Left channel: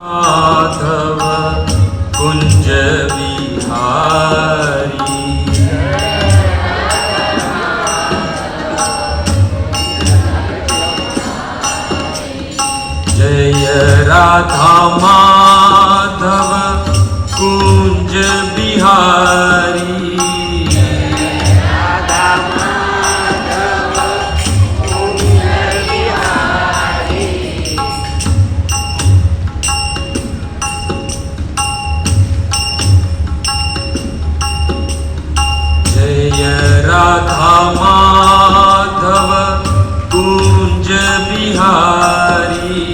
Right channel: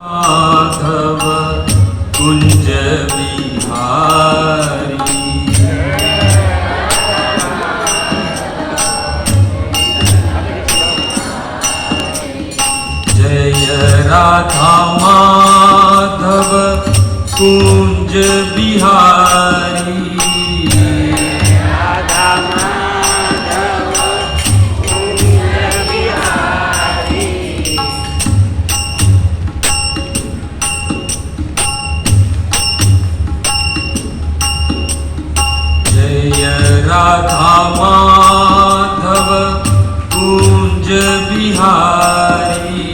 माधव कुंज बिहारी। जय राधा माधव कुंज बिहारी। राधा माधव कुंज बिहारी।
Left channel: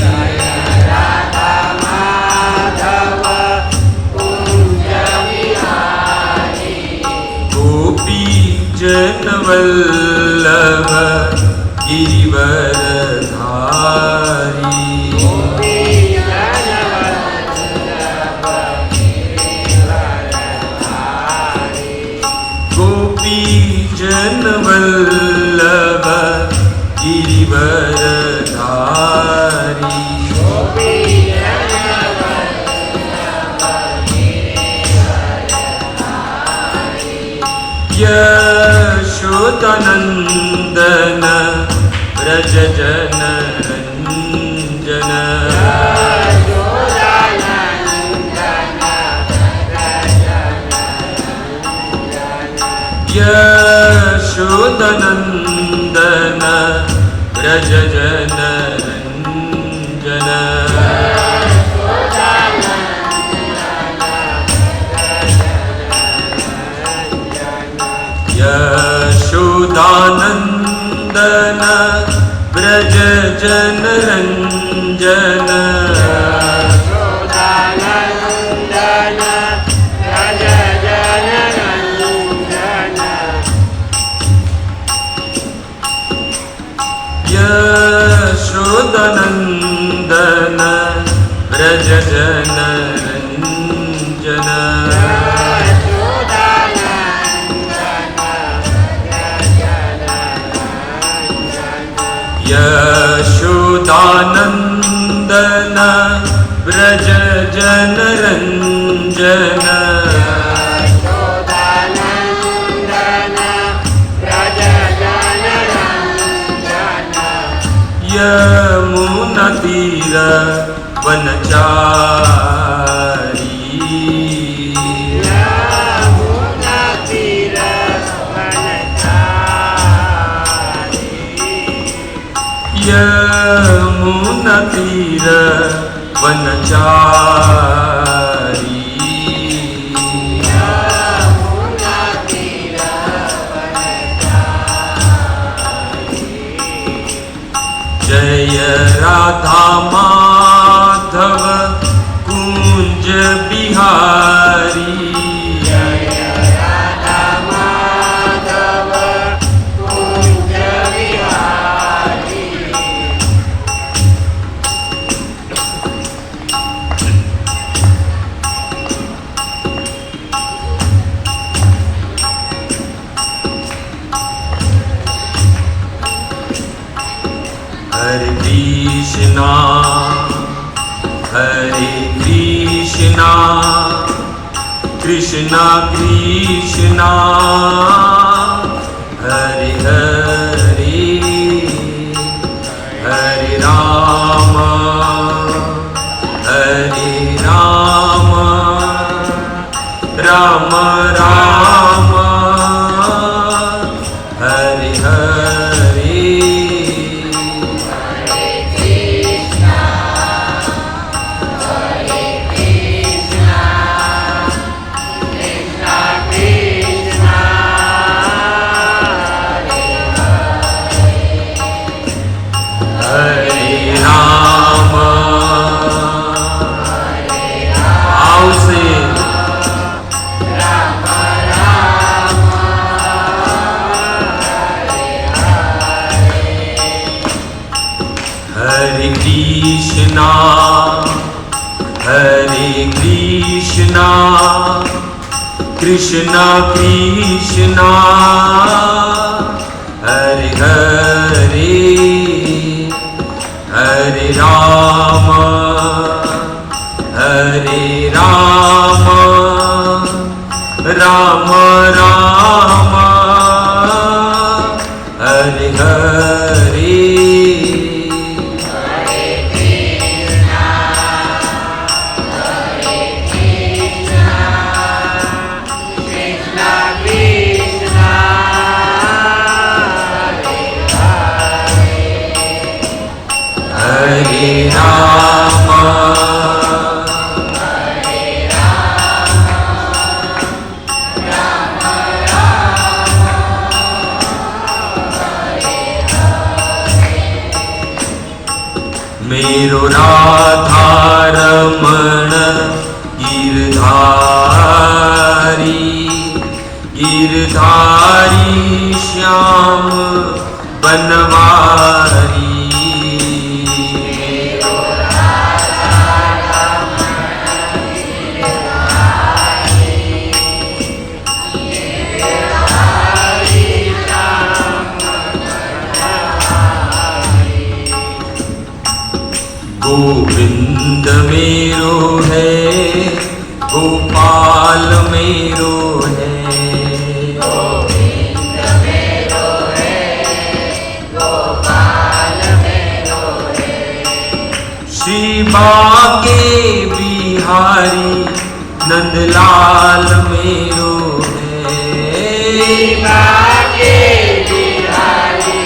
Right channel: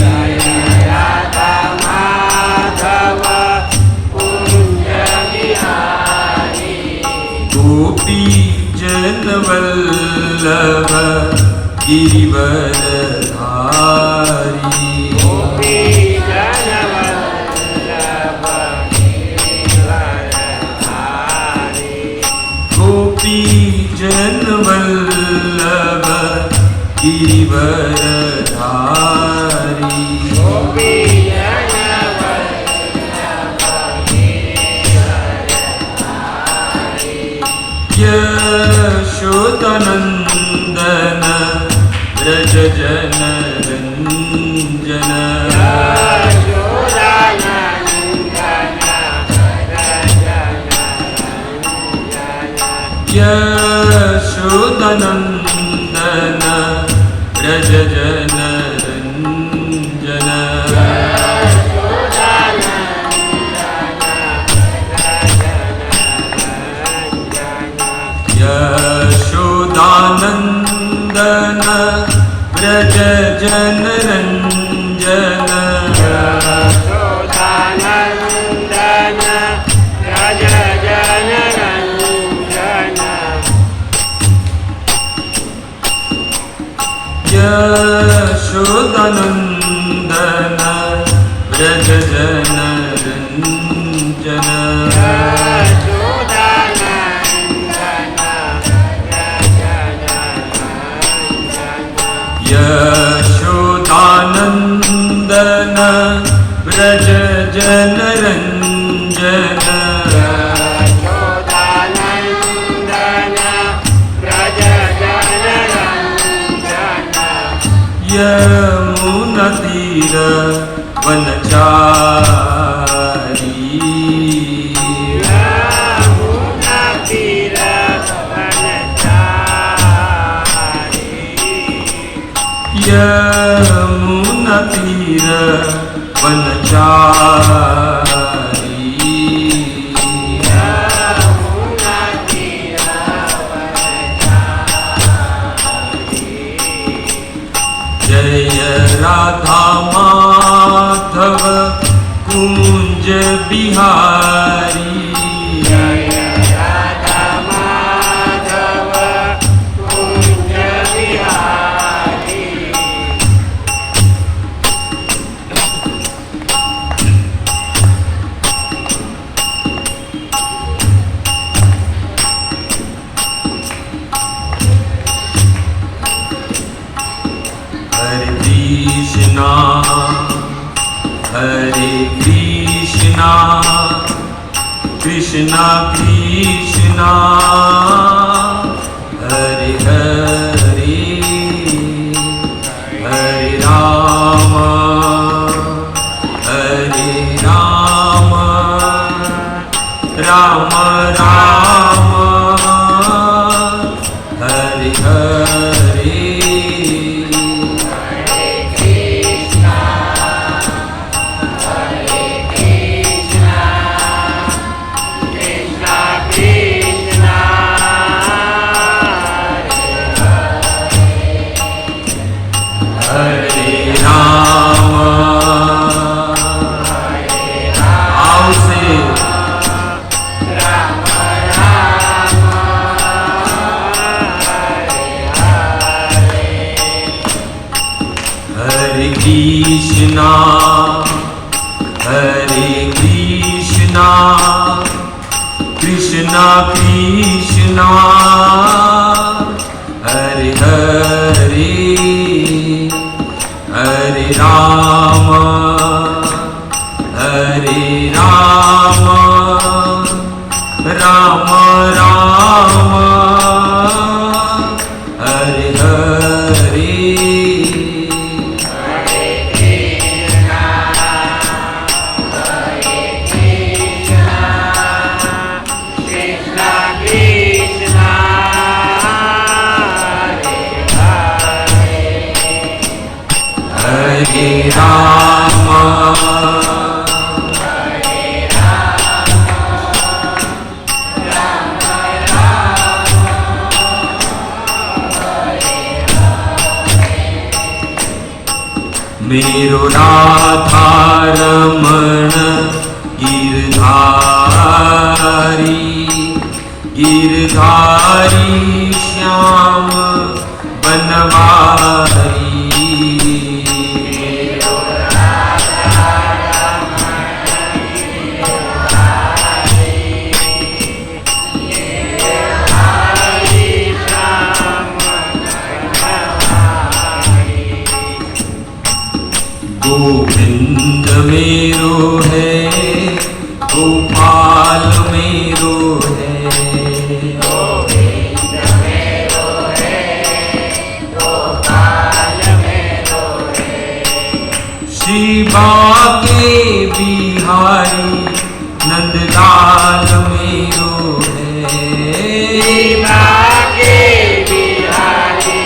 राधा माधव कुंज बिहारी। गोपी जन वल्लभ गिरिवरधारी। गोपी जन वल्लभ गिरिवरधारी। यशोदानंदन व्रज जन रंजन। यशोदानंदन व्रज जन रंजन। यशोदानंदन व्रज जन रंजन। यशोदानंदन व्रज जन रंजन। यशोदानंदन व्रज जन रंजन। यमुना तीर वनचारी। यमुना तीर वनचारी। जय राधा माधव कुंज बिहारी। राधा माधव कुंज बिहारी। हरे कृष्णा कृष्णा कृष्णा हरे हरे हरे राम राम राम हरे हरे। हरे कृष्णा कृष्णा कृष्णा हरे हरे हरे राम गोविंद मेरो है, गोपाल मेरो है। गोविंद मेरो है, गोपाल मेरो है। शिवा के बिहारी नंदलाल मेरो है। शिवा के बिहारी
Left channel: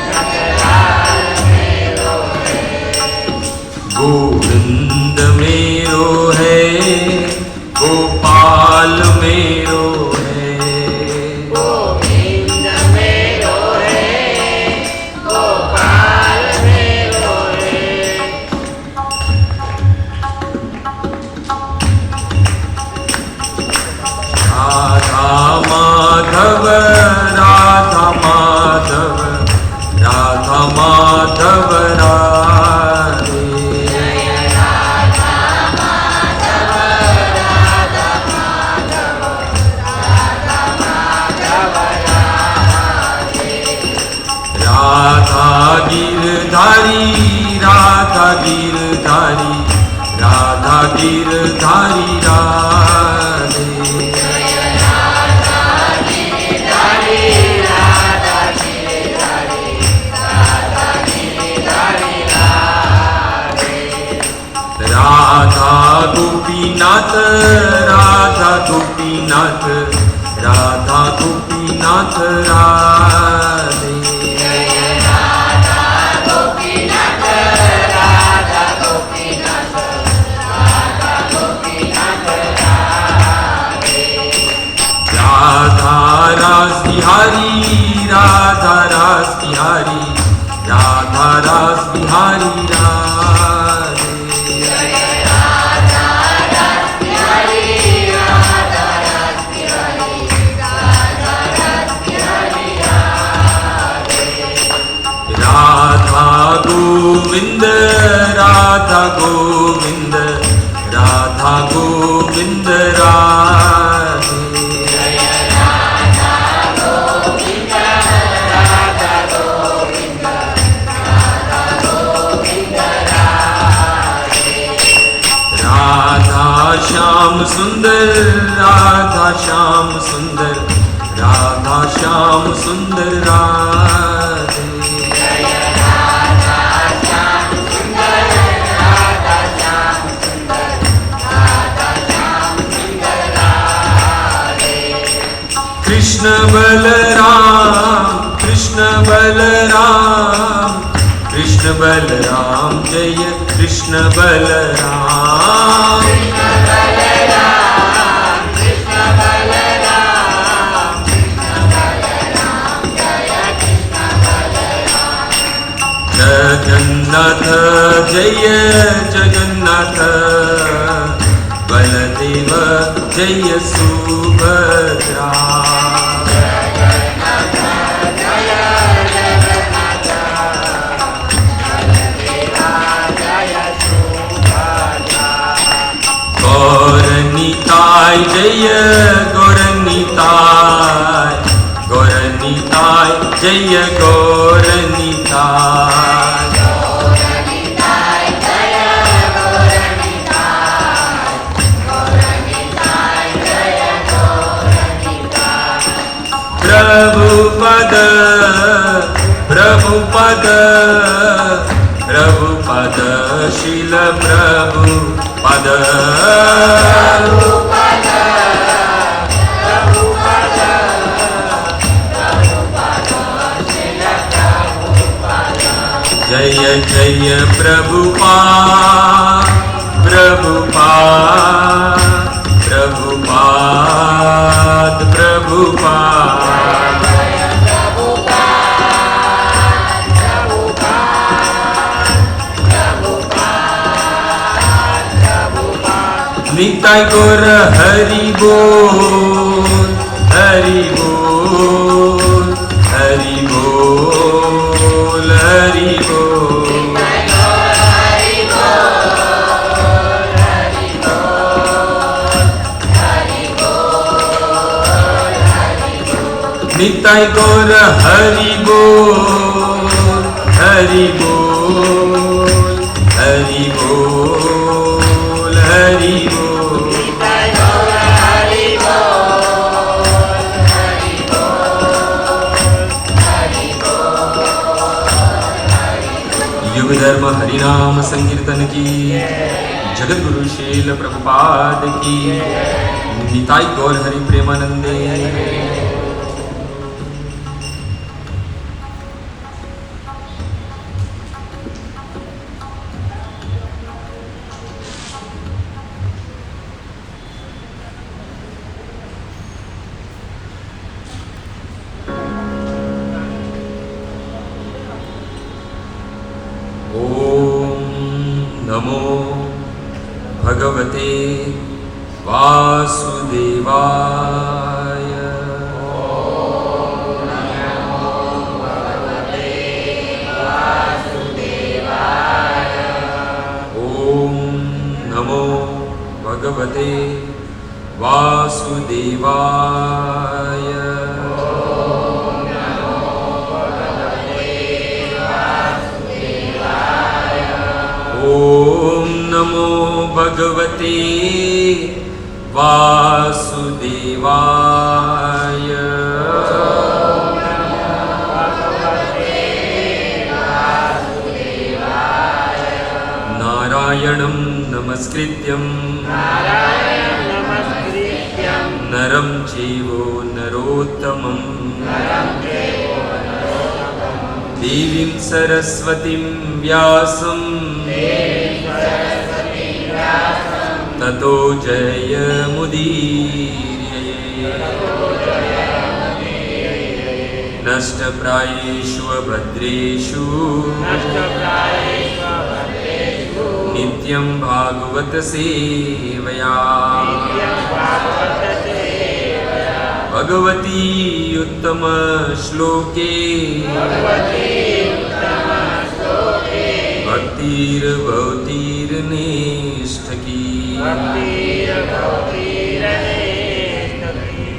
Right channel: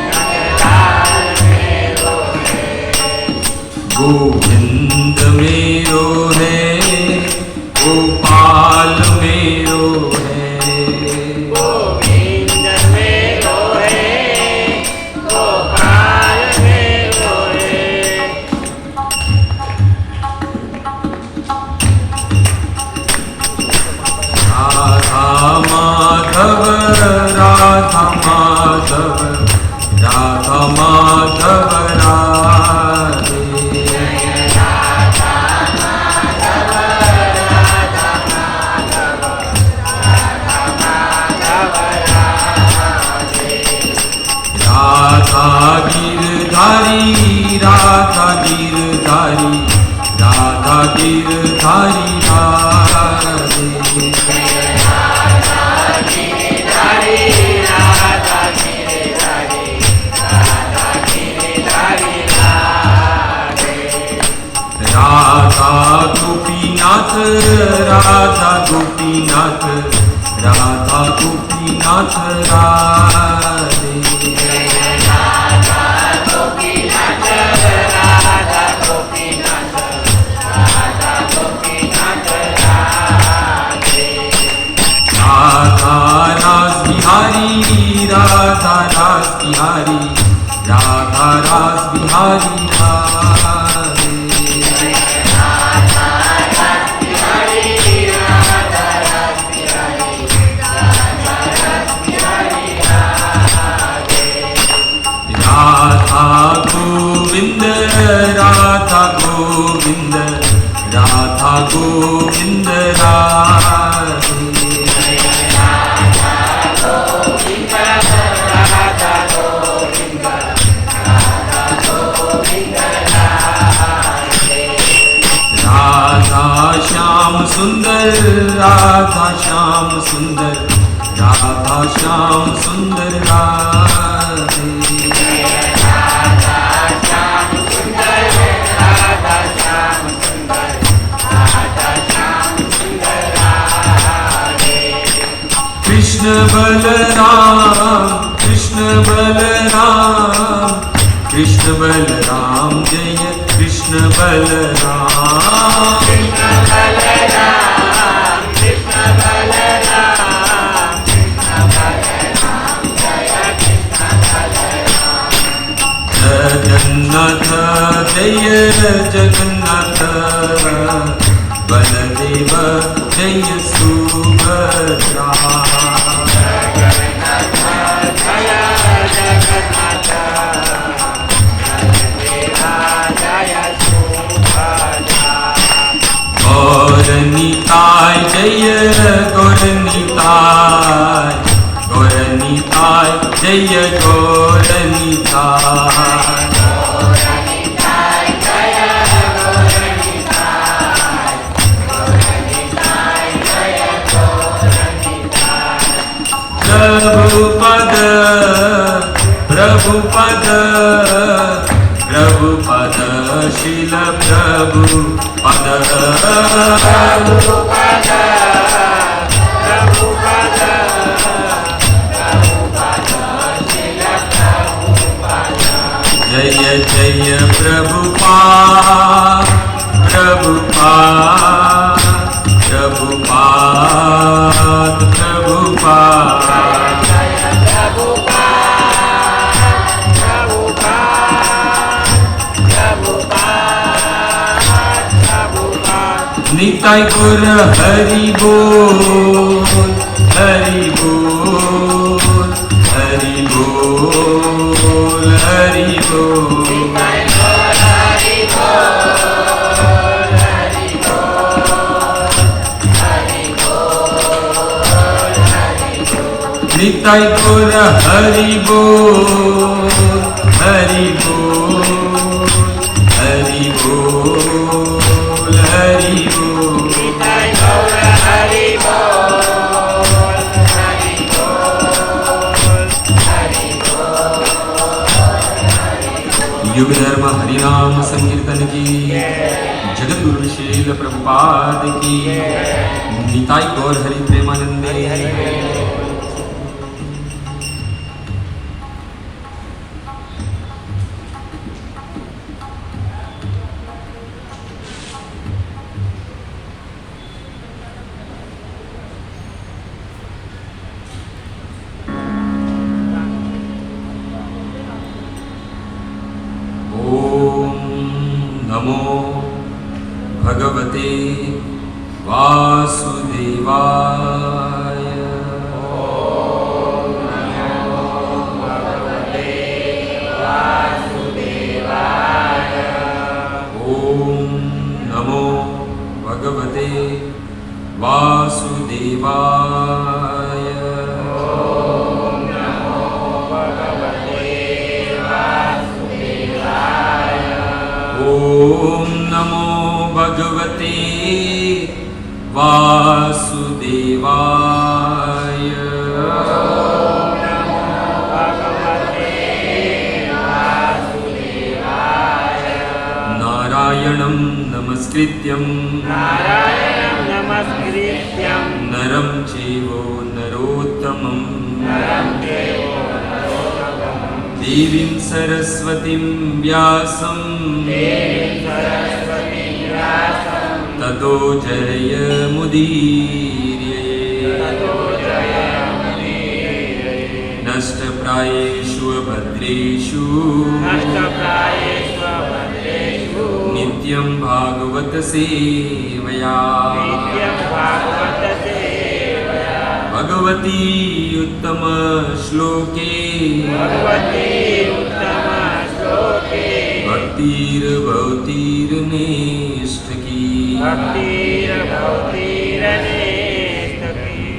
नंदलाल मेरो है। गोविंद मेरो है, गोपाल मेरो है। गोविंद मेरो है, गोपाल मेरो है। राधा माधव, राधा माधव, राधा माधव राधे। राधा गिरधारी, राधा गिरधारी, राधा गिरधारी राधे। राधा गोपीनाथ, राधा गोपीनाथ, राधा गोपीनाथ राधे। राधा रास बिहारी, राधा रास बिहारी, राधा रास बिहारी राधे। राधा गोविंद, राधा गोविंद, राधा गोविंद राधे। राधा श्याम सुंदर, राधा श्याम सुंदर, राधा श्याम सुंदर राधे। कृष्ण बलराम, कृष्ण बलराम, कृष्ण बलराम जय कृष्ण बलराम। जगन्नाथ जय जगन्नाथ, बलदेव जय सुभद्रा। गौरनिताय जय गौरनिताय, गौरनिताय जय गौरनिताय। प्रभुपद, प्रभुपद, प्रभुपद, शील प्रभुपद। जय जय प्रभुपाद, प्रभुपाद, प्रभुपाद, प्रभुपाद। निताय गौर हरि बोल, हरि बोल, हरि बोल, हरि बोल। निताय गौर हरि बोल, हरि बोल, हरि बोल। बोल हरि बोल। निताय गौर हरि बोल हरि बोल। युग धर्म हरिनाम संकीर्तन की, जगत गुरु शील प्रभुपाद की, निताई गौर हरि प्रेमानंदे। नमो भगवते वासुदेवाय। ओम नमो भगवते वासुदेवाय। ओम नमो भगवते वासुदेवाय। ओम नमो भगवते वासुदेवाय। ओम नमो भगवते वासुदेवाय। नारायणं नमस्कृत्यं नरं चैव नरोत्तमं देवीं सरस्वतीं व्यासं ततो जयमुदीरये। नष्टप्रायेषु भद्रेषु नित्यं भागवत सेवया। भगवती उत्तम श्लोके भक्तिर्भवतीर्निष्ठकी।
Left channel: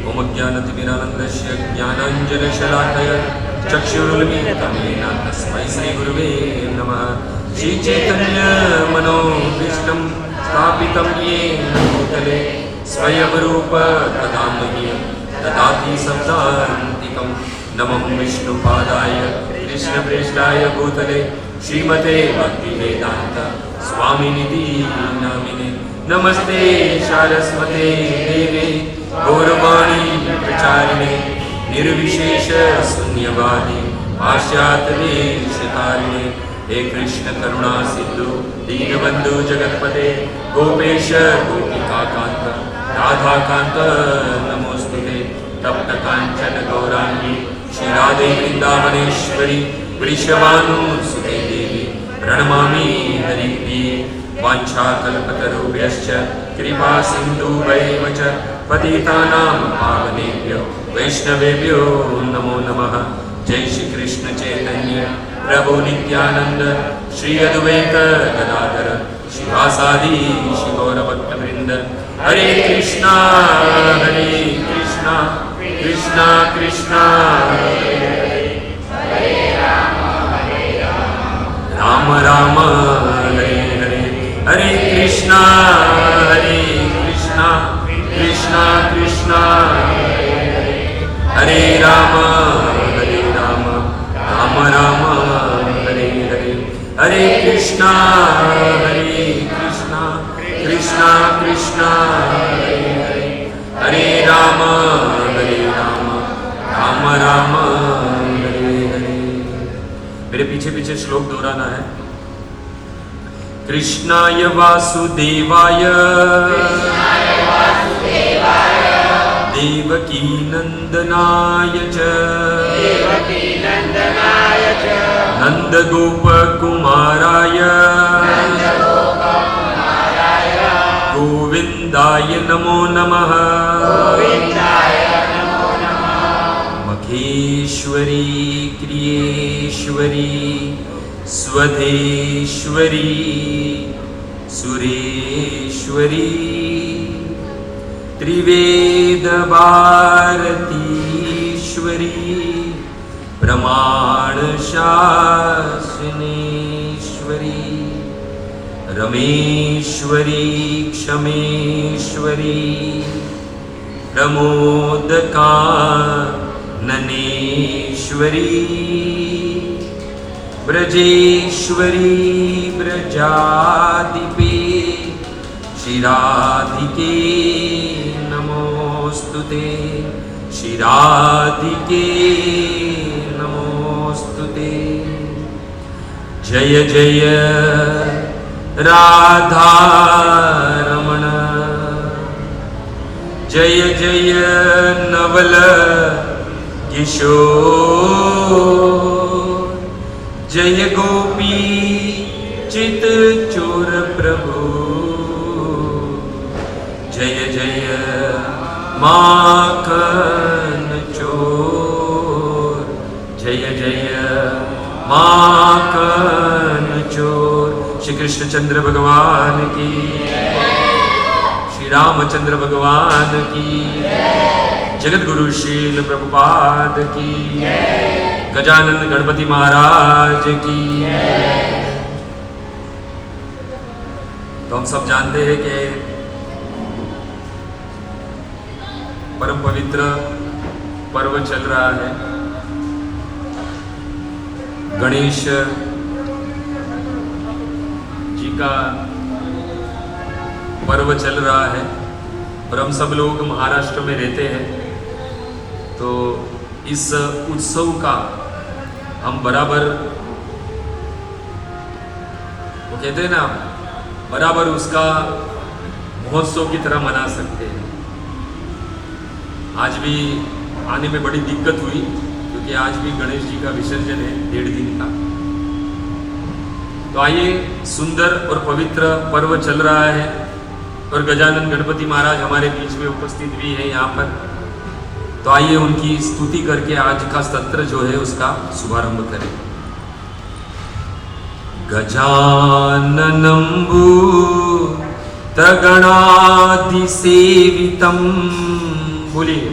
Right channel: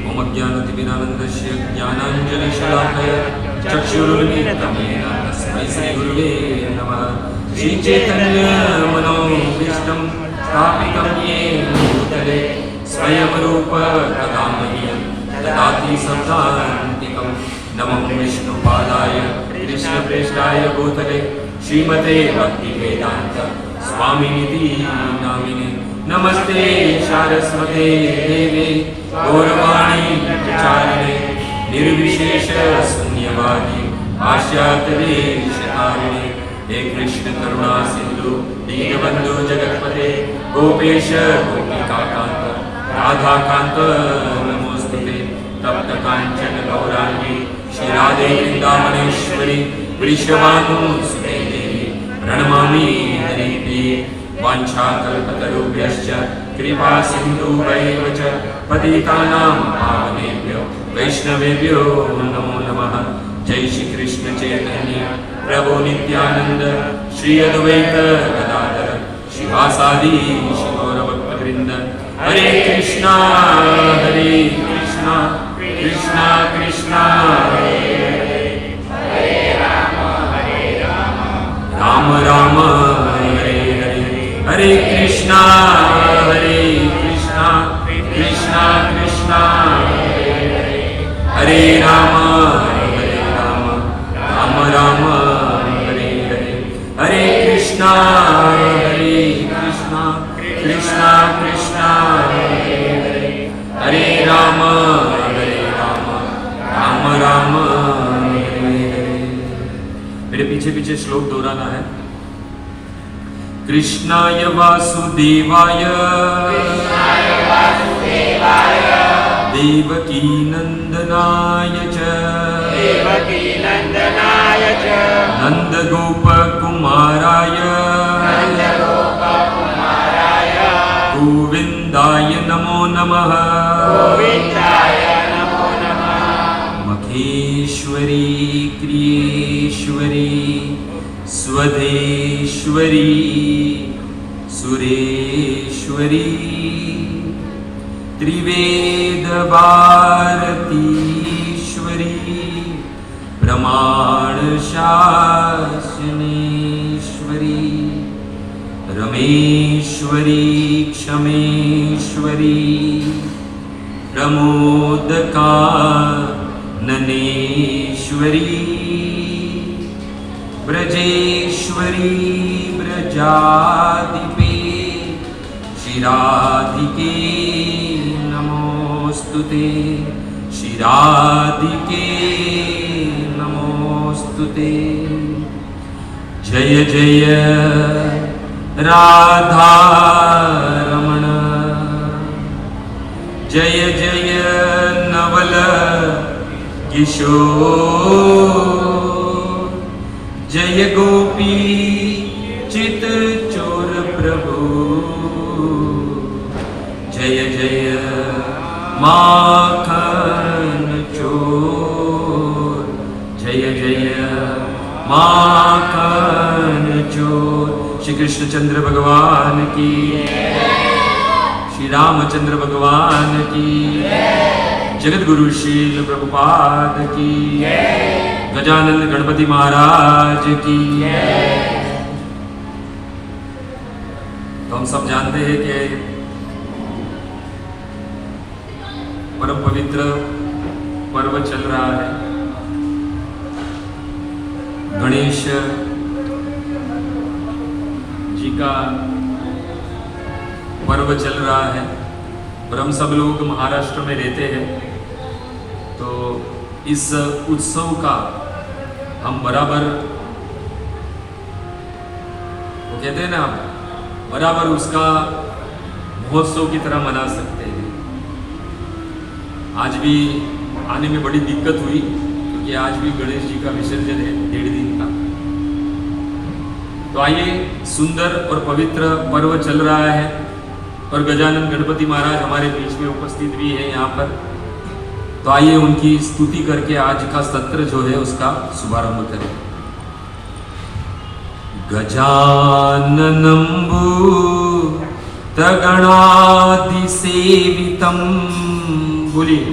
ओम ज्ञानतिमिरानन्दस्य ज्ञानाञ्जनशलाकया चक्षुरुन्मीलितं येन तस्मै श्रीगुरुवे नमः। श्रीचैतन्यमनोभीष्टं स्थापितं येन भूतले स्वयं रूप कदा मह्यं ददाति सदान्तिकं। नमो विष्णुपादाय कृष्णप्रेष्ठाय भूतले श्रीमते भक्तिवेदान्त स्वामिनिधि नामिने। नमस्ते सारस्वते देवे गौरवाणी प्रचारिणे निर्विशेष शून्यवादी पाश्चात्यदेशतारिणे। हे कृष्ण करुणा सिंधु दीनबंधु जगत्पते गोपेश गोपिकाकांत राधाकांत नमोस्तुते। तप्त कांचन गौरांगी श्रीराधे वृंदावनेश्वरी वृषभानुसुते देवी प्रणमामि हरिप्रिये। वाञ्छाकल्पतरुभ्यश्च कृपा सिन्धुभ्यैव च पतितानां पावनेभ्यो वैष्णवेभ्यो नमो नमः। जय श्री कृष्ण चैतन्य प्रभु नित्यानंद श्री अद्वैत गदाधर शिवासादि श्री गौरभक्तवृंद। हरे कृष्णा कृष्णा कृष्णा राम राम हरे हरे। हरे कृष्णा कृष्णा कृष्णा हरे राम राम राम हरे हरे। हरे कृष्णा कृष्णा कृष्णा हरे राम राम राम हरे हरे। मेरे पीछे पीछे श्लोक दोहराना है। कृष्णाय वासुदेवाय देवकी नंदनाय च नंदगोपकुमाराय गोविंदाय नमो नमः। मखेश्वरी क्रियेश्वरी स्वधेश्वरी सुरेश्वरी त्रिवेदभारतीश्वरी प्रमाणशासनेश्वरी रमेश्वरी क्षमेश्वरी प्रमोदका ननेश्वरी ब्रजेश्वरी ब्रजाधिपे श्रीराधिके नमोस्तुते श्रीराधिके नमोस्तुते। जय जय राधा रमण जय जय नवल किशोर जय गोपी चित चोर प्रभु जय जय माखन चोर जय जय माखन चोर। श्री कृष्णचंद्र भगवान की, श्री रामचंद्र भगवान की, जगत गुरु शील प्रभुपाद की, गजानंद गणपति महाराज की। तो हम सब जानते हैं कि परम पवित्र पर्व चल रहा है, गणेश जी का पर्व चल रहा है। और हम सब लोग महाराष्ट्र में रहते हैं, तो इस उत्सव का हम बराबर, वो कहते हैं ना, बराबर उसका महोत्सव की तरह मना सकते हैं। आज भी आने में बड़ी दिक्कत हुई, क्योंकि आज भी गणेश जी का विसर्जन है 1.5 दिन का। तो आइए, सुंदर और पवित्र पर्व चल रहा है और गजानन गणपति महाराज हमारे बीच में उपस्थित भी है यहाँ पर। तो आइए उनकी स्तुति करके आज का सत्र जो है उसका शुभारंभ करें। गजाननं भूतगणाधिसेवितं, बोलिए,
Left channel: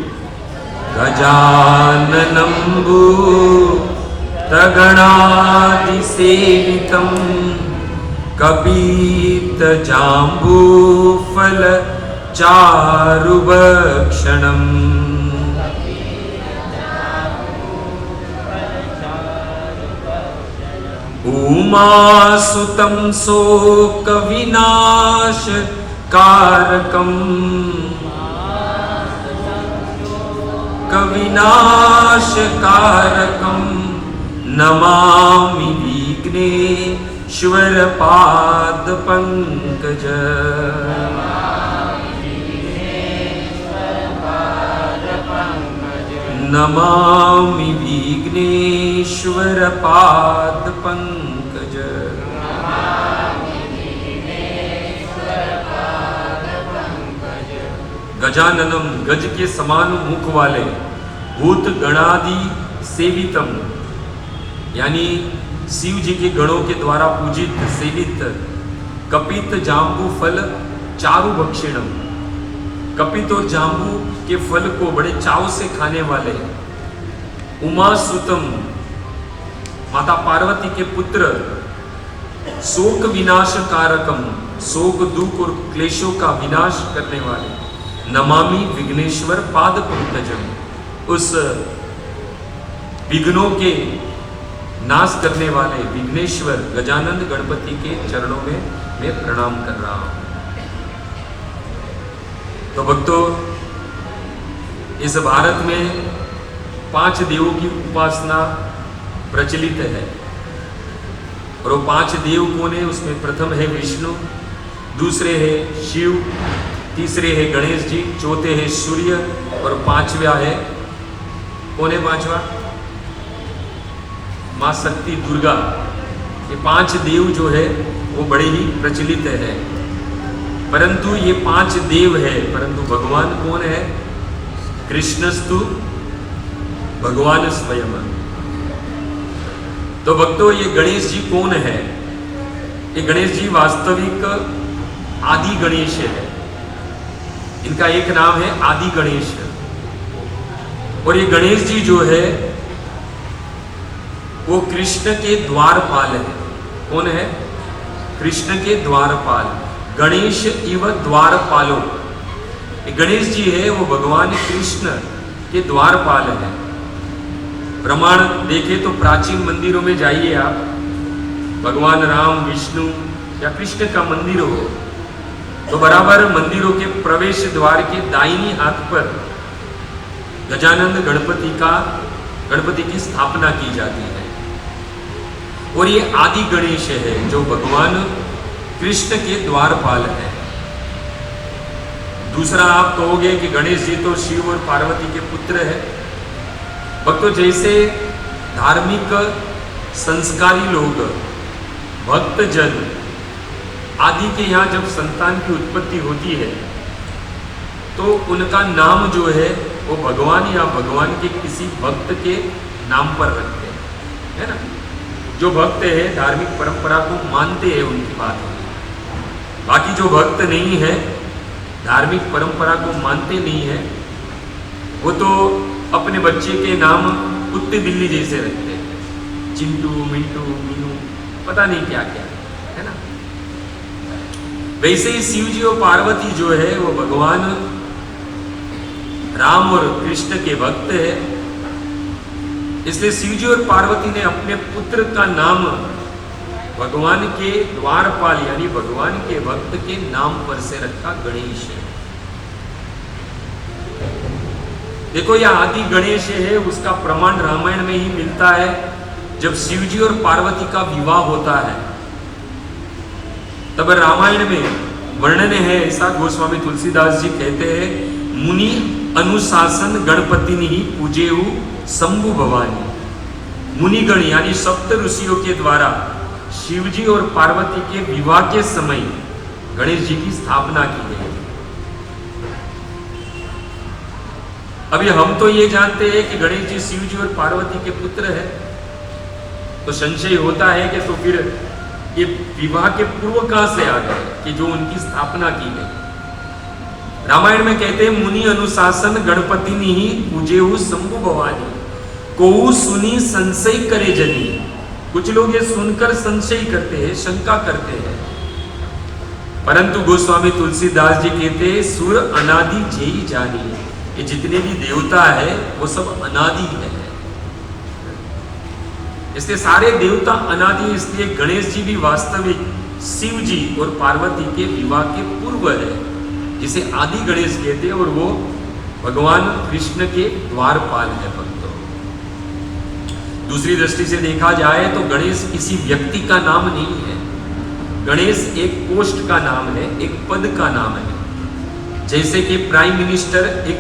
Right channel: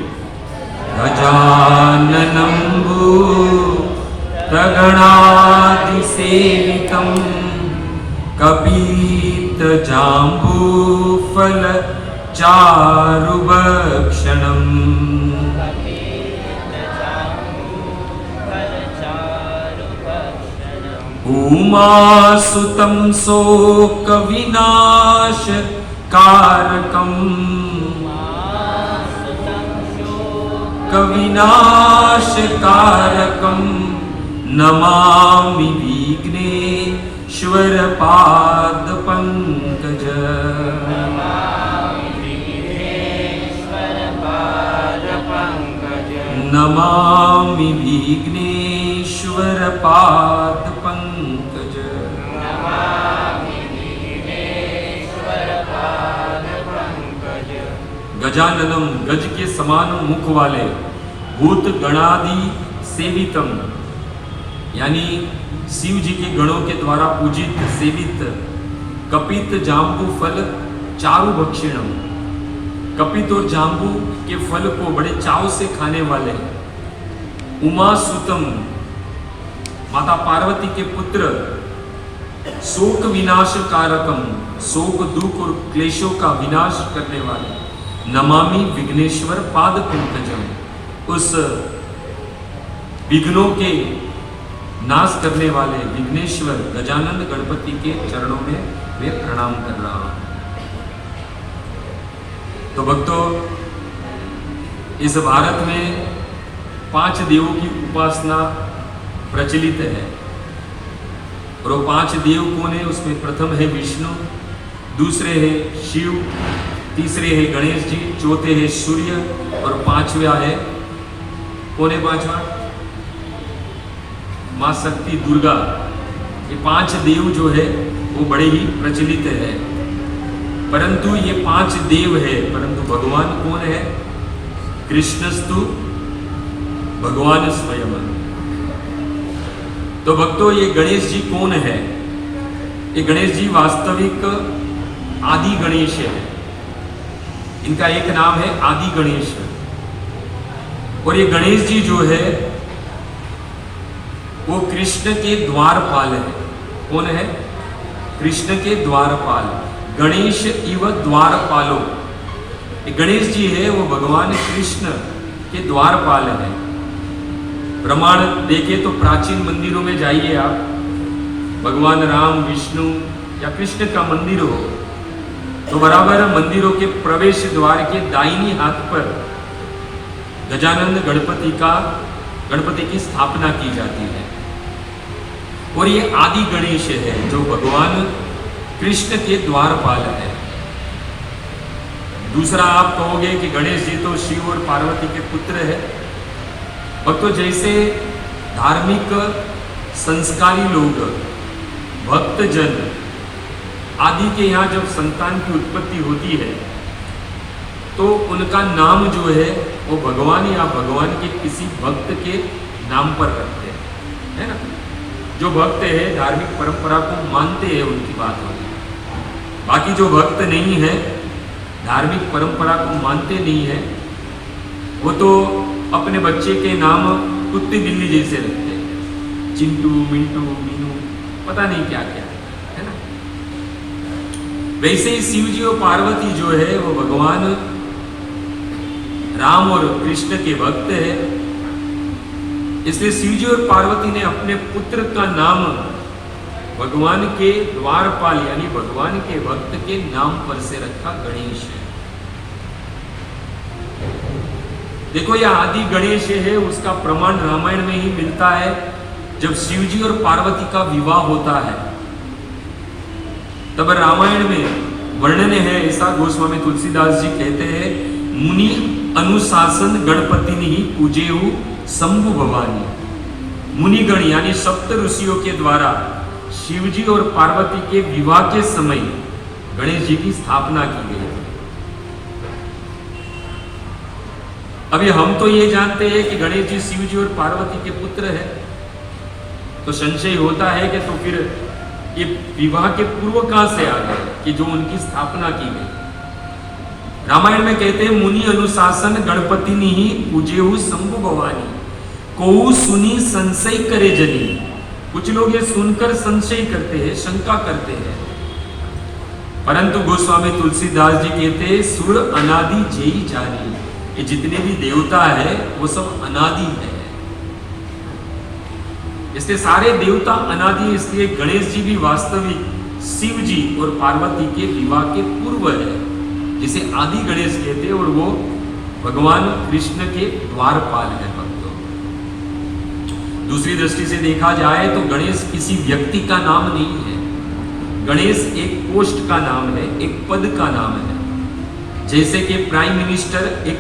गजाननं भूतगणाधिसेवितं कपित्थजाम्बूफलचारुभक्षणम् उमासुतं शोकविनाशकारकं कविनाशकारकं नमामि विघ्नेश्वरपादपङ्कज। नमामि विघ्नेश्वरपादपङ्कज। गजाननम, गज के समान मुख वाले, भूत गणादि सेवितम, यानी शिव जी के गणों के द्वारा पूजित सेवित, कपित जाम्बू फल चारु भक्षिणम, कपित और जाम्बू के फल को बड़े चाव से खाने वाले, उमा सुतम, माता पार्वती के पुत्र, शोक विनाश कारकम, शोक दुख और क्लेशों का विनाश करने वाले, नमामि विघ्नेश्वर पाद पंकजम, उस विघ्नों के नाश करने वाले विघ्नेश्वर गजानंद गणपति के चरणों में मैं प्रणाम कर रहा हूं। तो भक्तों, इस भारत में 5 देवों की उपासना प्रचलित है, और वो 5 देव कौन है? उसमें प्रथम है विष्णु, दूसरे है शिव, तीसरे है गणेश जी, चौथे है सूर्य, और 5वां है, कौन है 5वां? मां शक्ति दुर्गा। ये 5 देव जो है वो बड़े ही प्रचलित है, परंतु ये 5 देव है, परंतु भगवान कौन है? कृष्णस्तु भगवान स्वयं। तो भक्तों, ये गणेश जी कौन है? ये गणेश जी वास्तविक आदि गणेश है। इनका एक नाम है आदि गणेश, और ये गणेश जी जो है वो कृष्ण के द्वारपाल है। कौन है? कृष्ण के द्वारपाल, गणेश इव द्वारपालो। गणेश जी है वो भगवान कृष्ण के द्वारपाल है। प्रमाण देखे तो प्राचीन मंदिरों में जाइए आप, भगवान राम, विष्णु या कृष्ण का मंदिर हो तो बराबर मंदिरों के प्रवेश द्वार के दाहिनी हाथ पर गजानन गणपति की स्थापना की जाती है। और ये आदि गणेश है जो भगवान कृष्ण के द्वारपाल है। दूसरा आप कहोगे कि गणेश जी तो शिव और पार्वती के पुत्र है। भक्तों, जैसे धार्मिक संस्कारी लोग, भक्तजन आदि के यहाँ जब संतान की उत्पत्ति होती है तो उनका नाम जो है वो भगवान या भगवान के किसी भक्त के नाम पर रखते हैं, है ना। जो भक्त है धार्मिक परंपरा को मानते हैं उनकी बात है। बाकी जो भक्त नहीं है, धार्मिक परंपरा को मानते नहीं है, वो तो अपने बच्चे के नाम कुत्ते बिल्ली जैसे रखते हैं, चिंटू, मिंटू, मीनू, पता नहीं क्या क्या, है ना। वैसे ही शिव जी और पार्वती जो है वो भगवान राम और कृष्ण के भक्त है। इसलिए शिव जी और पार्वती ने अपने पुत्र का नाम भगवान के द्वारपाल यानी भगवान के भक्त के नाम पर से रखा, गणेश है। देखो यह आदि गणेश है, उसका प्रमाण रामायण में ही मिलता है। जब शिव जी और पार्वती का विवाह होता है तब रामायण में वर्णन है ऐसा, गोस्वामी तुलसीदास जी कहते हैं, मुनि अनुशासन गणपति ही पूजेहु शंभु भवानी। मुनिगण यानी सप्त ऋषियों के द्वारा शिवजी और पार्वती के विवाह के समय गणेश जी की स्थापना की गई। अभी हम तो ये जानते हैं कि गणेश जी शिव जी और पार्वती के पुत्र है, तो संशय होता है कि तो फिर ये विवाह के पूर्व कहां से आ गए कि जो उनकी स्थापना की गई। रामायण में कहते हैं, मुनि अनुशासन गणपति ही पूजेहु शंभु भवानी, को सुनी संशय करे जनी। कुछ लोग ये सुनकर संशय करते हैं, शंका करते हैं, परंतु गोस्वामी तुलसीदास जी कहते हैं, सुर अनादि जेई जानी, कि जितने भी देवता है वो सब अनादि है। इसलिए सारे देवता अनादि, इसलिए गणेश जी भी वास्तविक शिव जी और पार्वती के विवाह के पूर्व है, जिसे आदि गणेश कहते हैं, और वो भगवान कृष्ण के द्वारपाल है। भक्तों, दूसरी दृष्टि से देखा जाए तो गणेश किसी व्यक्ति का नाम नहीं है। गणेश एक पोस्ट का नाम है, एक पद का नाम है। जैसे कि प्राइम मिनिस्टर एक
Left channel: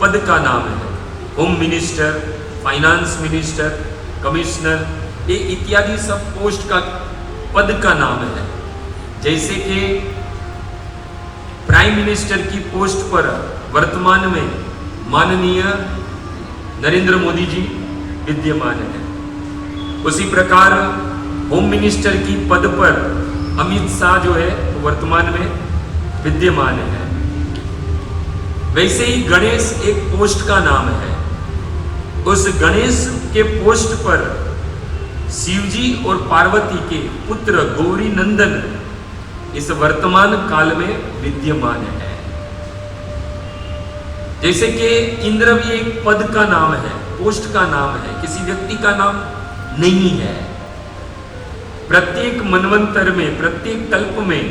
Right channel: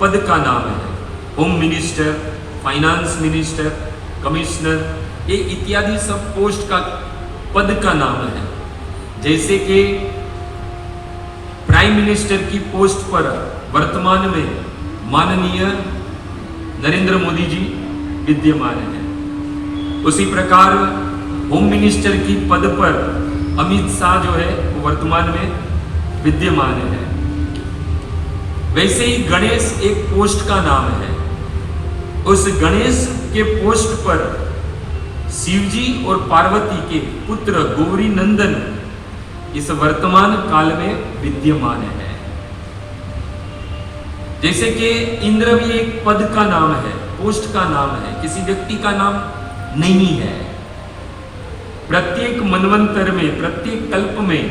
पद का नाम है, home minister, finance minister, commissioner, ये इत्यादि सब पोस्ट का पद का नाम है। जैसे कि प्राइम मिनिस्टर की पोस्ट पर वर्तमान में माननीय नरेंद्र मोदी जी विद्यमान है, उसी प्रकार होम मिनिस्टर की पद पर अमित शाह जो है वो वर्तमान में विद्यमान है। वैसे ही गणेश एक पोस्ट का नाम है। उस गणेश के पोस्ट पर शिवजी और पार्वती के पुत्र गौरी नंदन इस वर्तमान काल में विद्यमान है। जैसे कि इंद्र भी एक पद का नाम है, पोस्ट का नाम है, किसी व्यक्ति का नाम नहीं है। प्रत्येक मनवंतर में, प्रत्येक कल्प में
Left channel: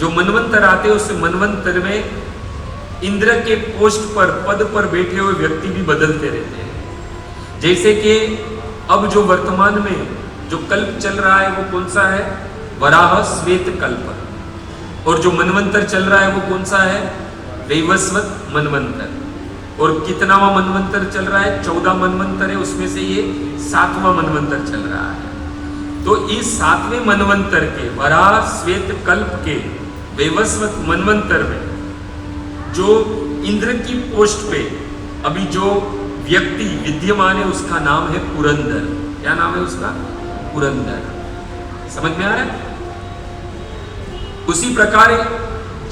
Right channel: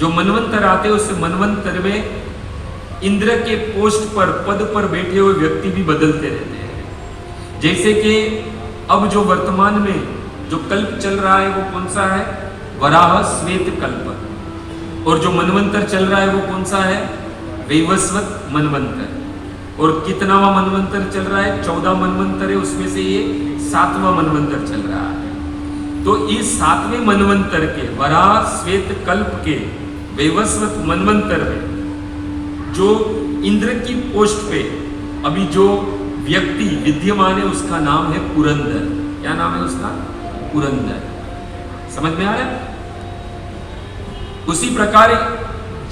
जो मनवंतर आते हैं उस मनवंतर में इंद्र के पोस्ट पर, पद पर बैठे हुए व्यक्ति भी बदलते रहते हैं। जैसे कि अब जो वर्तमान में जो कल्प चल रहा है वो कौन सा है? वराह श्वेत कल्प। और जो मनवंतर चल रहा है वो कौन सा है? वैवस्वत मनवंतर। और कितनावा मनवंतर चल रहा है? 14 मनवंतर है, उसमें से ये 7वां मनवंतर चल रहा है। तो इस 7वें मनवंतर के वराह श्वेत कल्प के वैवस्वत मनवंतर में जो इंद्र की पोस्ट पे अभी जो व्यक्ति विद्यमान है उसका नाम है पुरंदर। क्या नाम है उसका? पुरंदर। समझ में आ रहा है? उसी प्रकार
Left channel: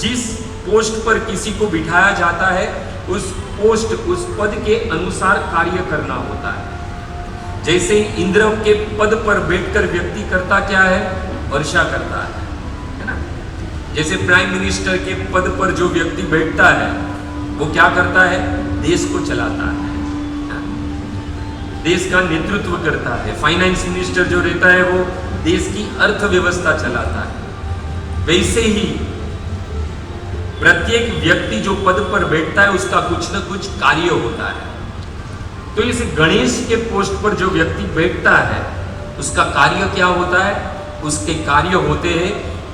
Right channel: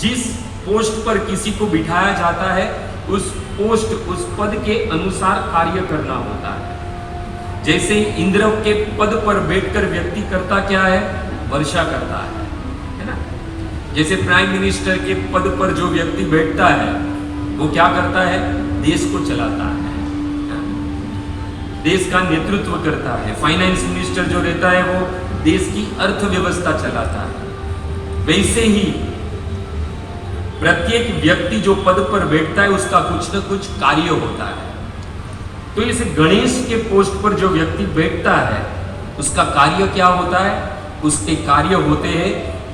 जिस पोस्ट पर किसी को बिठाया जाता है उस पोस्ट, उस पद के अनुसार कार्य करना होता है। जैसे इंद्र के पद पर बैठकर व्यक्ति करता क्या है? वर्षा करता है। जैसे प्राइम मिनिस्टर के पद पर जो व्यक्ति बैठता है वो क्या करता है? देश को चलाता है, देश का नेतृत्व करता है। फाइनेंस मिनिस्टर जो रहता है वो देश की अर्थव्यवस्था चलाता है। वैसे ही प्रत्येक व्यक्ति जो पद पर बैठता है उसका कुछ न कुछ कार्य होता है। तो इस गणेश के पोस्ट पर जो व्यक्ति बैठता है उसका कार्य क्या होता है? उसके कार्य होते हैं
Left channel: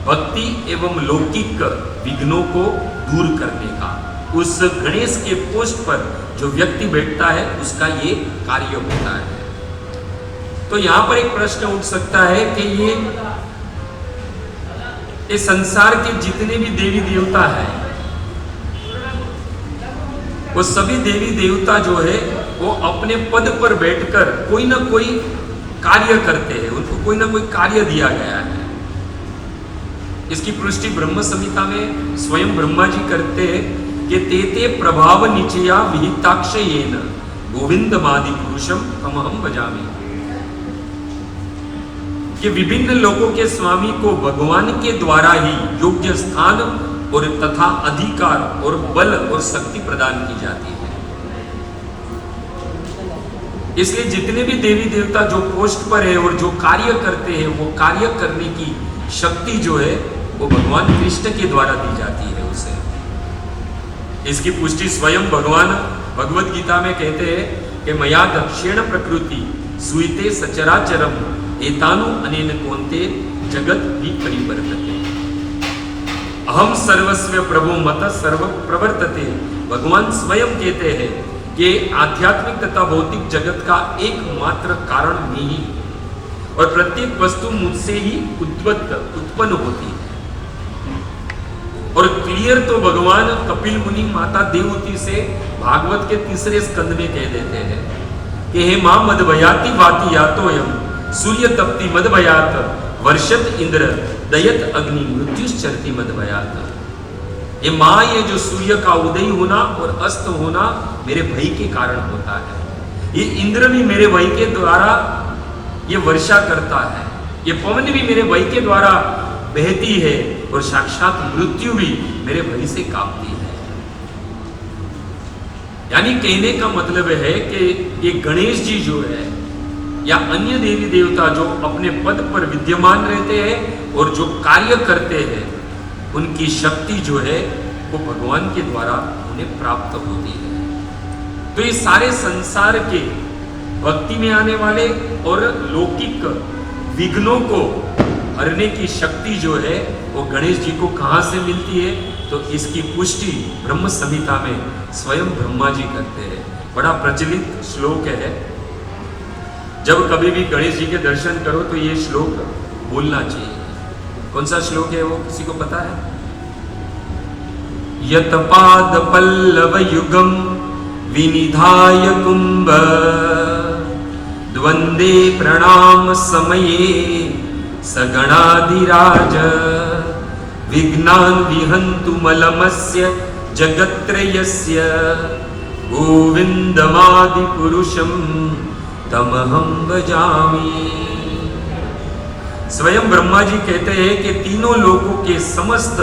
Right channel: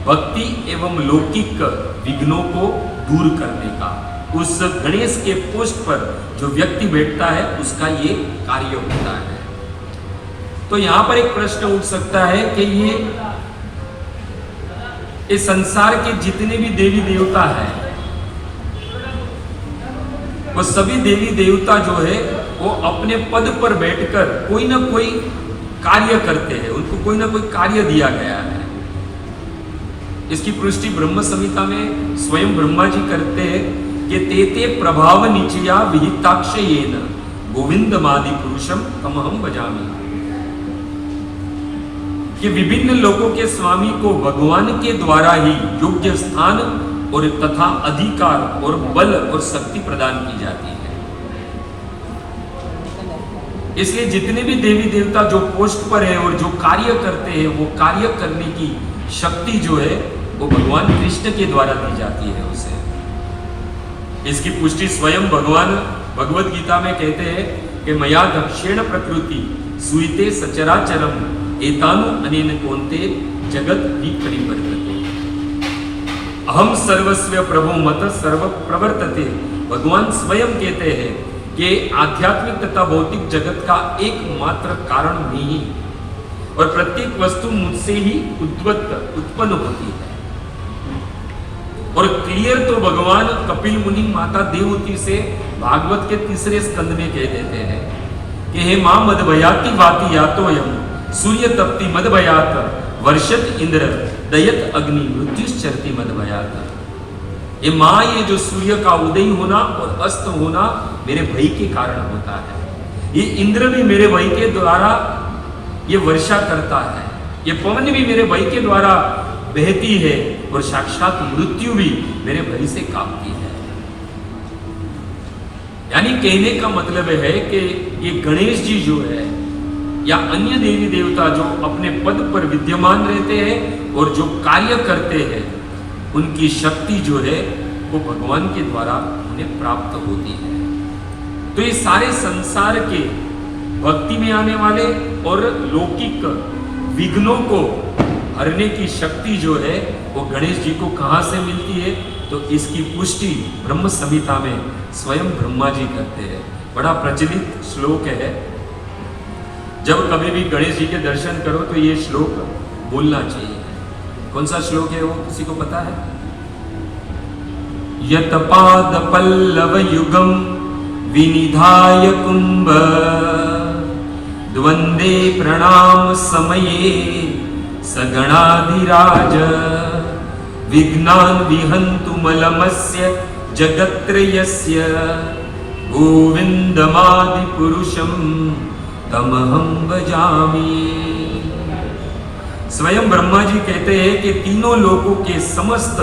भक्ति एवं लौकिक विघ्नों को दूर करने का। उस गणेश के पोस्ट पर जो व्यक्ति बैठता है उसका ये कार्य होता है। तो यहां पर एक प्रश्न उठ सकता है कि ये इस संसार के जितने भी देवी देवता हैं वो सभी देवी देवता जो है वो अपने पद पर बैठकर कोई ना कोई कार्य करते हैं, उनको कोई ना कोई कार्य दिया गया है। इसकी पुष्टि ब्रह्म संहिता में स्वयं ब्रह्मा जी करते हैं कि तेते प्रभाव निचया विहिताक्षयेन गोविंदमादि पुरुषम तमहम भजामि। कि विभिन्न लोगों के स्वामी को भगवान के द्वारा ही योग्य स्थान और तथा अधिकार और बल और शक्ति प्रदान की जाती है। इसलिए जितने भी देवी देवता जो पोस्ट पर है और जो कार्य करते हैं वो कार्य करने की शक्ति जो है वो भगवान कृष्ण के द्वारा दी जाती है उसे। इसकी पुष्टि स्वयं भगवान भगवद गीता में कहते हैं कि मया दक्षिण प्रकृति सुईते सचराचरम एतानु अनेन कोन्ते जगत ही परिवर्तते अहम सर्वस्व प्रभो मत सर्व प्रवर्तते। भगवान स्वयं कहते हैं कि आध्यात्मिक तथा भौतिक जगत का एकमात्र कारण मैं ही, और प्रत्येक वस्तु मुझसे ही उत्पन्न होती है। और क्लियर तो भगवान कपिल मुनि माता देवहूति से भागवत के 3 स्कंद में कह देते हैं कि हे मां मदभयाति भाति यातो यम सूर्य तप्ति मदभयात वर्षत इंद्र दयत अग्नि मृत्युश्चरति मदभयात। ये मां, ये जो सूर्य का उदय होना और अस्त होना मेरे भय के कारण होता है। ये इंद्र भी मेरे भय के द्वारा ये वर्षा करता है, ये पवन भी मेरे भय के द्वारा बहती है, और साक्षात मृत्यु भी मेरे भय से कांपती है। यानी कहने का मतलब है कि ये गणेश जी जो है या अन्य देवी देवता जो अपने पद पर विद्यमान रहते हैं और जो कार्य करते हैं उनकी शक्ति जो है वो भगवान के द्वारा उन्हें प्राप्त होती है। तो ये सारे संसार के भक्ति में आने वाले और लौकिक विघ्नों को हरने की शक्ति जो है वो गणेश जी को कहां से मिलती है? तो इसकी पुष्टि ब्रह्म संहिता में स्वयं ब्रह्मा जी करते हैं। बड़ा प्रचलित श्लोक है, जब कभी भी गणेश जी के दर्शन करो तो ये श्लोक बोलना चाहिए। कौन सा श्लोक है वो किसी को पता है? यत पाद पल्लव युगम विनिधाय कुंभ द्वंदे प्रणाम समये सगणाधिराज विघ्नान् विहन्तु मलमस्य जगत्त्रयस्य गोविंदमादि पुरुषम तमहं भजामि। स्वयं ब्रह्मा जी कहते हैं कि तीनों लोगों के समस्त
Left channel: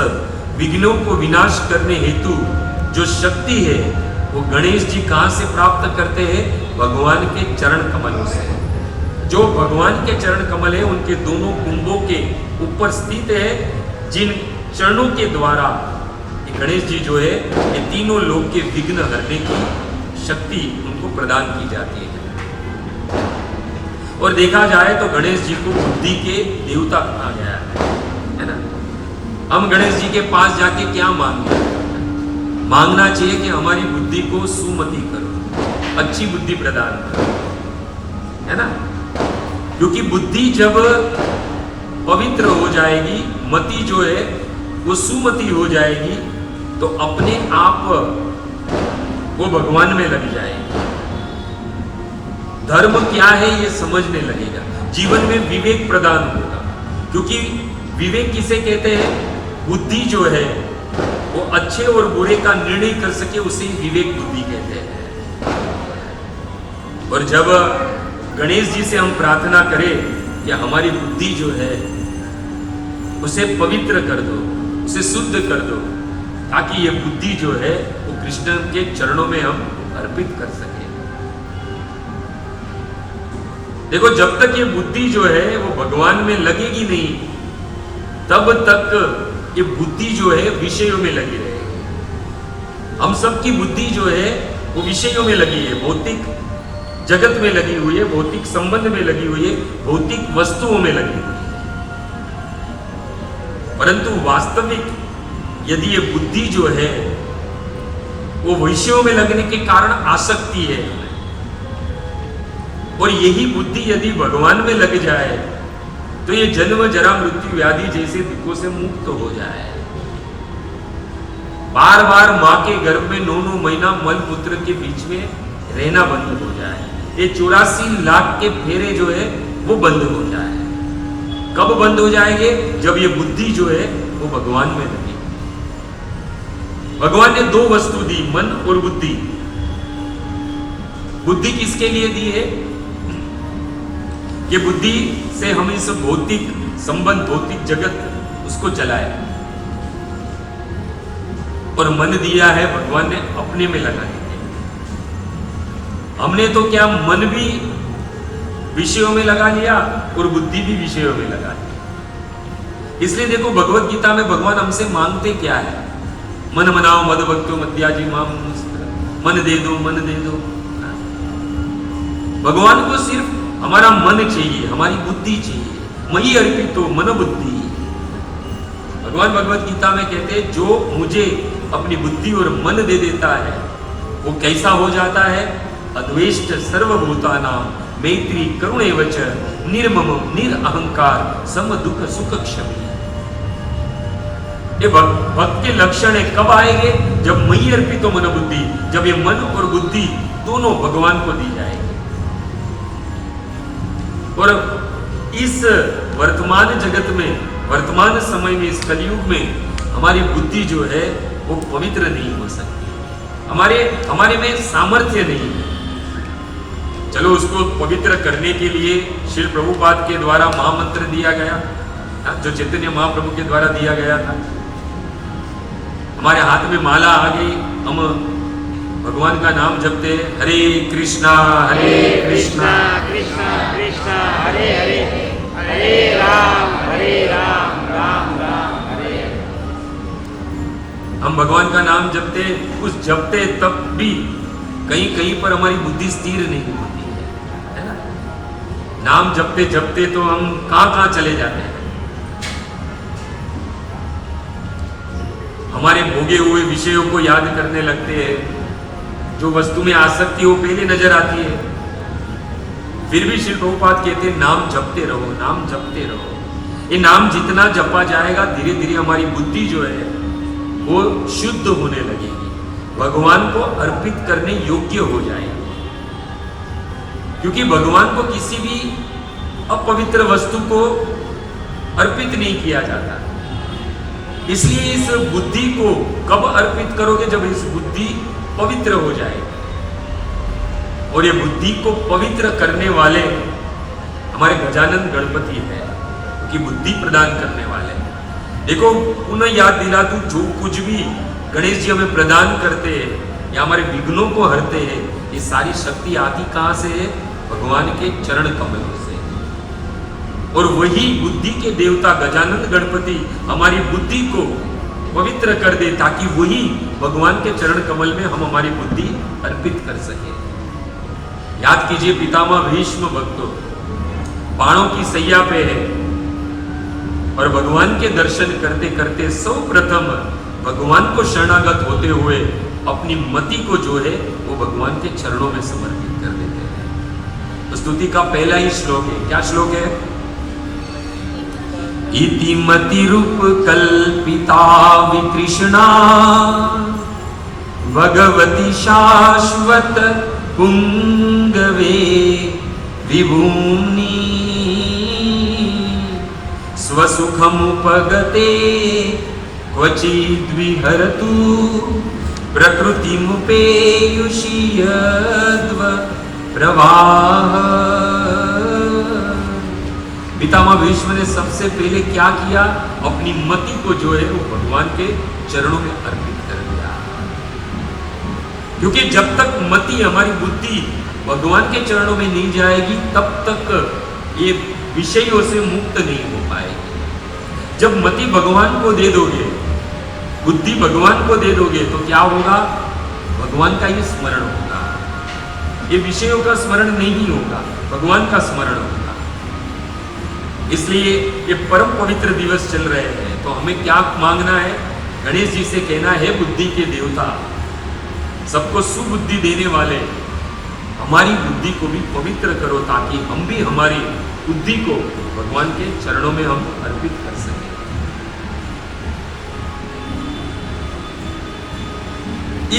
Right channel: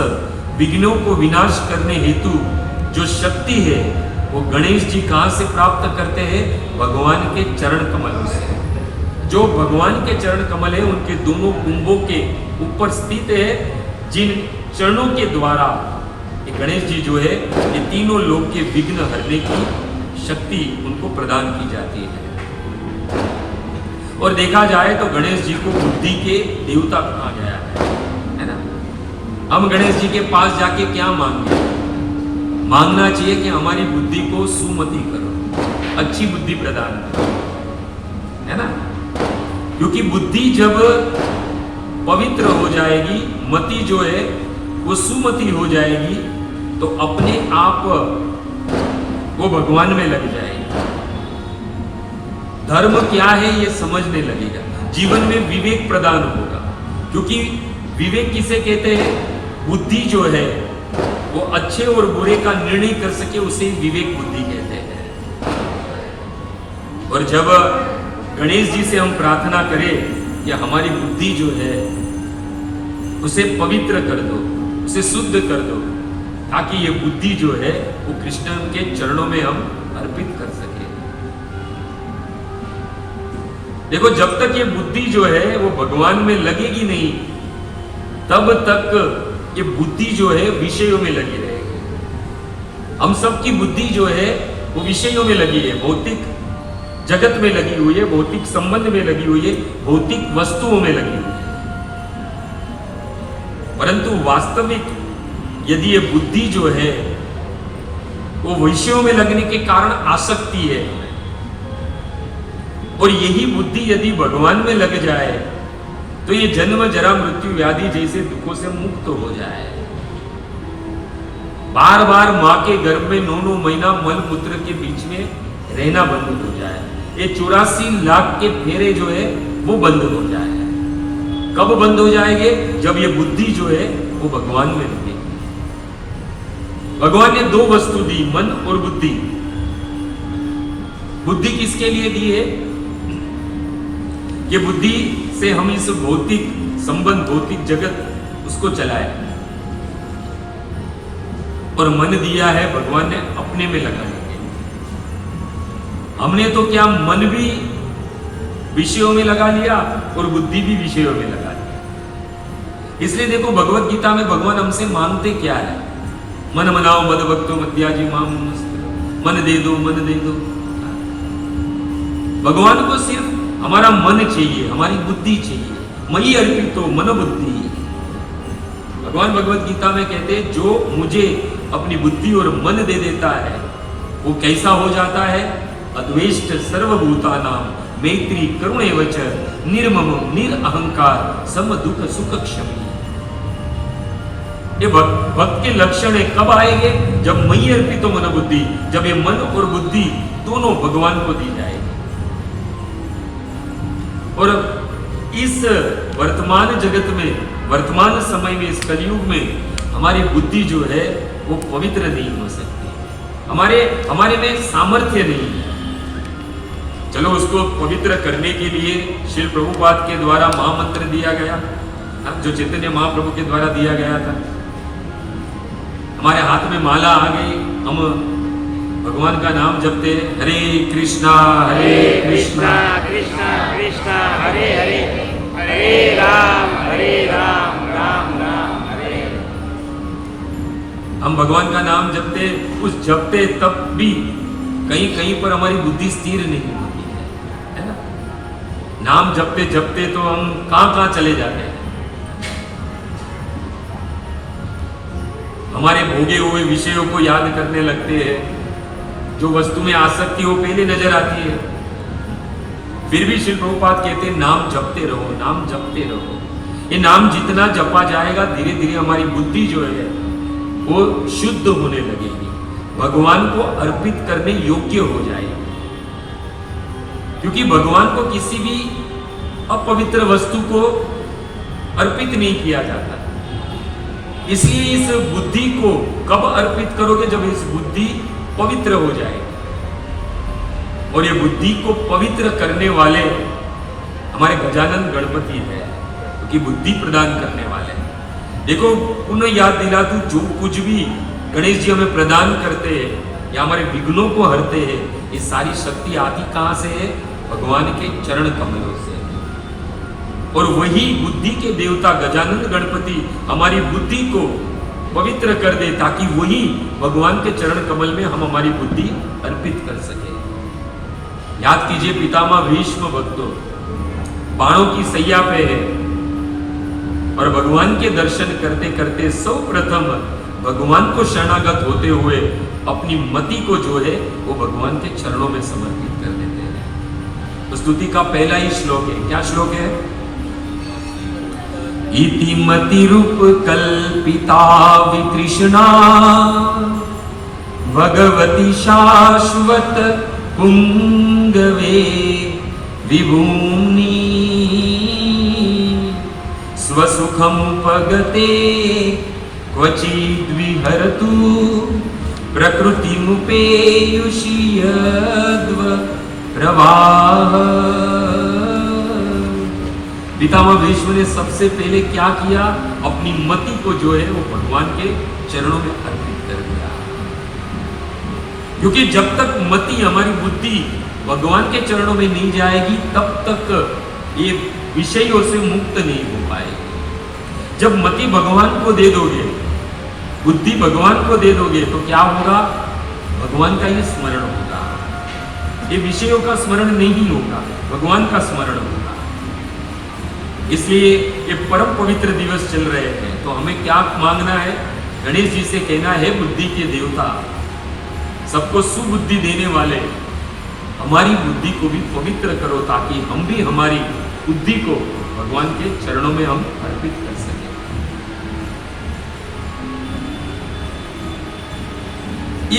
विघ्नों को विनाश करने हेतु जो शक्ति है वो गणेश जी कहां से प्राप्त करते हैं? भगवान के चरण कमलों से। जो भगवान के चरण कमल है उनके दोनों कुंभों के ऊपर स्थित है, जिन चरणों के द्वारा गणेश जी जो है ये तीनों लोग के विघ्न हरने की शक्ति उनको प्रदान की जाती है। और देखा जाए तो गणेश जी को बुद्धि के देवता कहा गया है ना। हम गणेश जी के पास जाके क्या मांगे? मांगना चाहिए कि हमारी बुद्धि को सुमति करो, अच्छी बुद्धि प्रदान करो, है ना। क्योंकि बुद्धि जब पवित्र हो जाएगी, मति जो है वो सुमति हो जाएगी, तो अपने आप वो भगवान में लग जाएगी। धर्म क्या है ये समझने लगेगा, जीवन में विवेक प्रदान होगा। क्योंकि विवेक किसे कहते हैं? बुद्धि जो है वो अच्छे और बुरे का निर्णय कर सके उसे विवेक बुद्धि कहते हैं। और जब गणेश जी से हम प्रार्थना करें कि हमारी बुद्धि जो है उसे पवित्र कर दो, उसे शुद्ध कर दो, ताकि ये बुद्धि जो है वो कृष्ण के चरणों में हम अर्पित कर सके। देखो, जब तक ये बुद्धि जो है वो भगवान में लगेगी नहीं, तब तक ये बुद्धि जो है विषयों में लगी रहेगी। हम सबकी बुद्धि जो है वो विषयों में लगी है, भौतिक जगत में लगी हुई है, भौतिक संबंध में लगी हुई है, भौतिक वस्तुओं में लगी हुई है। परंतु वास्तविक यदि ये बुद्धि जो है वो विषयों में लगने के कारण आसक्ति है, और यही बुद्धि यदि भगवान में लग जाए तो ये जन्म जरा मृत्यु व्याधि जैसे दुखों से मुक्त हो जाए। बार बार मां के गर्भ में 9 महीना मल मूत्र के बीच में रहना बंद हो जाए। ये 84 लाख के फेरे जो है वो बंद हो जाए। कब बंद हो जाएंगे? जब ये बुद्धि जो है वो भगवान में लगेगी। भगवान ने 2 वस्तु दी, मन और बुद्धि। बुद्धि किसके लिए दी है? ये बुद्धि से हम इस भौतिक संबंध, भौतिक जगत उसको चलाए, और मन दिया है भगवान ने अपने में लगाने के। हमने तो क्या मन भी विषयों में लगा लिया और बुद्धि भी विषयों में लगा लिया। इसलिए देखो, भगवत गीता में भगवान हमसे मांगते क्या है? मन मनाओ मद भक्तो मद्याजी माम, मन दे दो, मन दे दो। भगवान को सिर्फ हमारा मन चाहिए, हमारी बुद्धि चाहिए। मयि अर्पितो मन बुद्धि। भगवान भगवत गीता में कहते हैं, जो मुझे अपनी बुद्धि और मन दे देता है वो कैसा हो जाता है? अद्वेष्ट सर्वभूतानां मैत्री करुणैवच निर्ममो निरअहंकार सम दुख सुख क्षमी। ये भक्त के लक्षण है। कब आएंगे? जब मयि अर्पितो मन बुद्धि, जब ये मन और बुद्धि दोनों भगवान को दी जाएगी। और इस वर्तमान जगत में, वर्तमान समय में, इस कलयुग में हमारी बुद्धि जो है वो पवित्र नहीं हो सकती। हमारे में सामर्थ्य नहीं है। चलो, उसको पवित्र करने के लिए श्रील प्रभुपाद के द्वारा महामंत्र दिया गया, जो चैतन्य महाप्रभु के द्वारा दिया गया था। हमारे हाथ में माला आ गई, हम भगवान का नाम जपते, हरे कृष्णा कृष्णा कृष्णा कृष्णा हरे हरे, हरे राम राम राम हरे। हम भगवान का नाम जपते, उस जपते तब भी कहीं कहीं पर हमारी बुद्धि स्थिर नहीं होती है ना? नाम जपते जपते तो हम कहां चले जाते हैं। हमारे भोगे हुए विषयों को याद करने लगते हैं। जो वस्तु में आसक्ति हो पहले नजर आती है। फिर भी श्री प्रभुपाद कहते हैं, नाम जपते रहो, नाम जपते रहो। ये नाम जितना जपा जाएगा, धीरे धीरे हमारी बुद्धि जो है वो शुद्ध होने लगेगी, भगवान को अर्पित करने योग्य हो जाएगी। क्योंकि भगवान को किसी भी अपवित्र वस्तु को अर्पित नहीं किया जाता। इसलिए इस बुद्धि को कब अर्पित करोगे? जब इस बुद्धि पवित्र हो जाएगी। और ये बुद्धि को पवित्र करने वाले हमारे गजानन गणपति है, कि बुद्धि प्रदान करने वाले। देखो, उन्हें याद दिला दूं, जो कुछ भी गणेश जी हमें प्रदान करते हैं या हमारे विघ्नों को हरते हैं, ये सारी शक्ति आती कहां से है? भगवान के चरण कमलों से। और वही बुद्धि के देवता गजानन गणपति हमारी बुद्धि को पवित्र कर दे, ताकि वही भगवान के चरण कमल में हम हमारी बुद्धि अर्पित कर सके। याद कीजिए, पितामह भीष्म भक्तों बाणों की सैया पे है, और भगवान के दर्शन करते करते सर्वप्रथम भगवान को शरणागत होते हुए अपनी मति को जो है वो भगवान के चरणों में समर्पित कर देते हैं। तो स्तुति का पहला ही श्लोक है। क्या श्लोक है? इति मति रूप कल्पिता वितृष्णा भगवती शाश्वत पुंगवे विभूमि स्वसुखमुपगते क्वचिद्विहरतु प्रकृतिमुपेयुषि यद्व प्रवाह पितामह भीष्म ने सबसे पहले क्या किया? अपनी मति को जो है वो भगवान के चरणों में अर्पित कर दिया। क्योंकि जब तक मति, हमारी बुद्धि भगवान के चरणों में नहीं जाएगी, तब तक ये विषयों से मुक्त नहीं हो पाएगी। जब मति भगवान को दे दोगे, बुद्धि भगवान को दे दोगे, तो क्या होगा? भगवान का ही स्मरण होगा। ये विषयों का स्मरण नहीं होगा, भगवान का स्मरण होगा। इसलिए ये परम पवित्र दिवस चल रहे हैं, तो हमें क्या मांगना है? गणेश जी से कहना है, बुद्धि के देवता, सबको सुबुद्धि देने वाले, हमारी बुद्धि को भी पवित्र करो, ताकि हम भी हमारी बुद्धि को भगवान के चरणों में हम अर्पित कर सकें।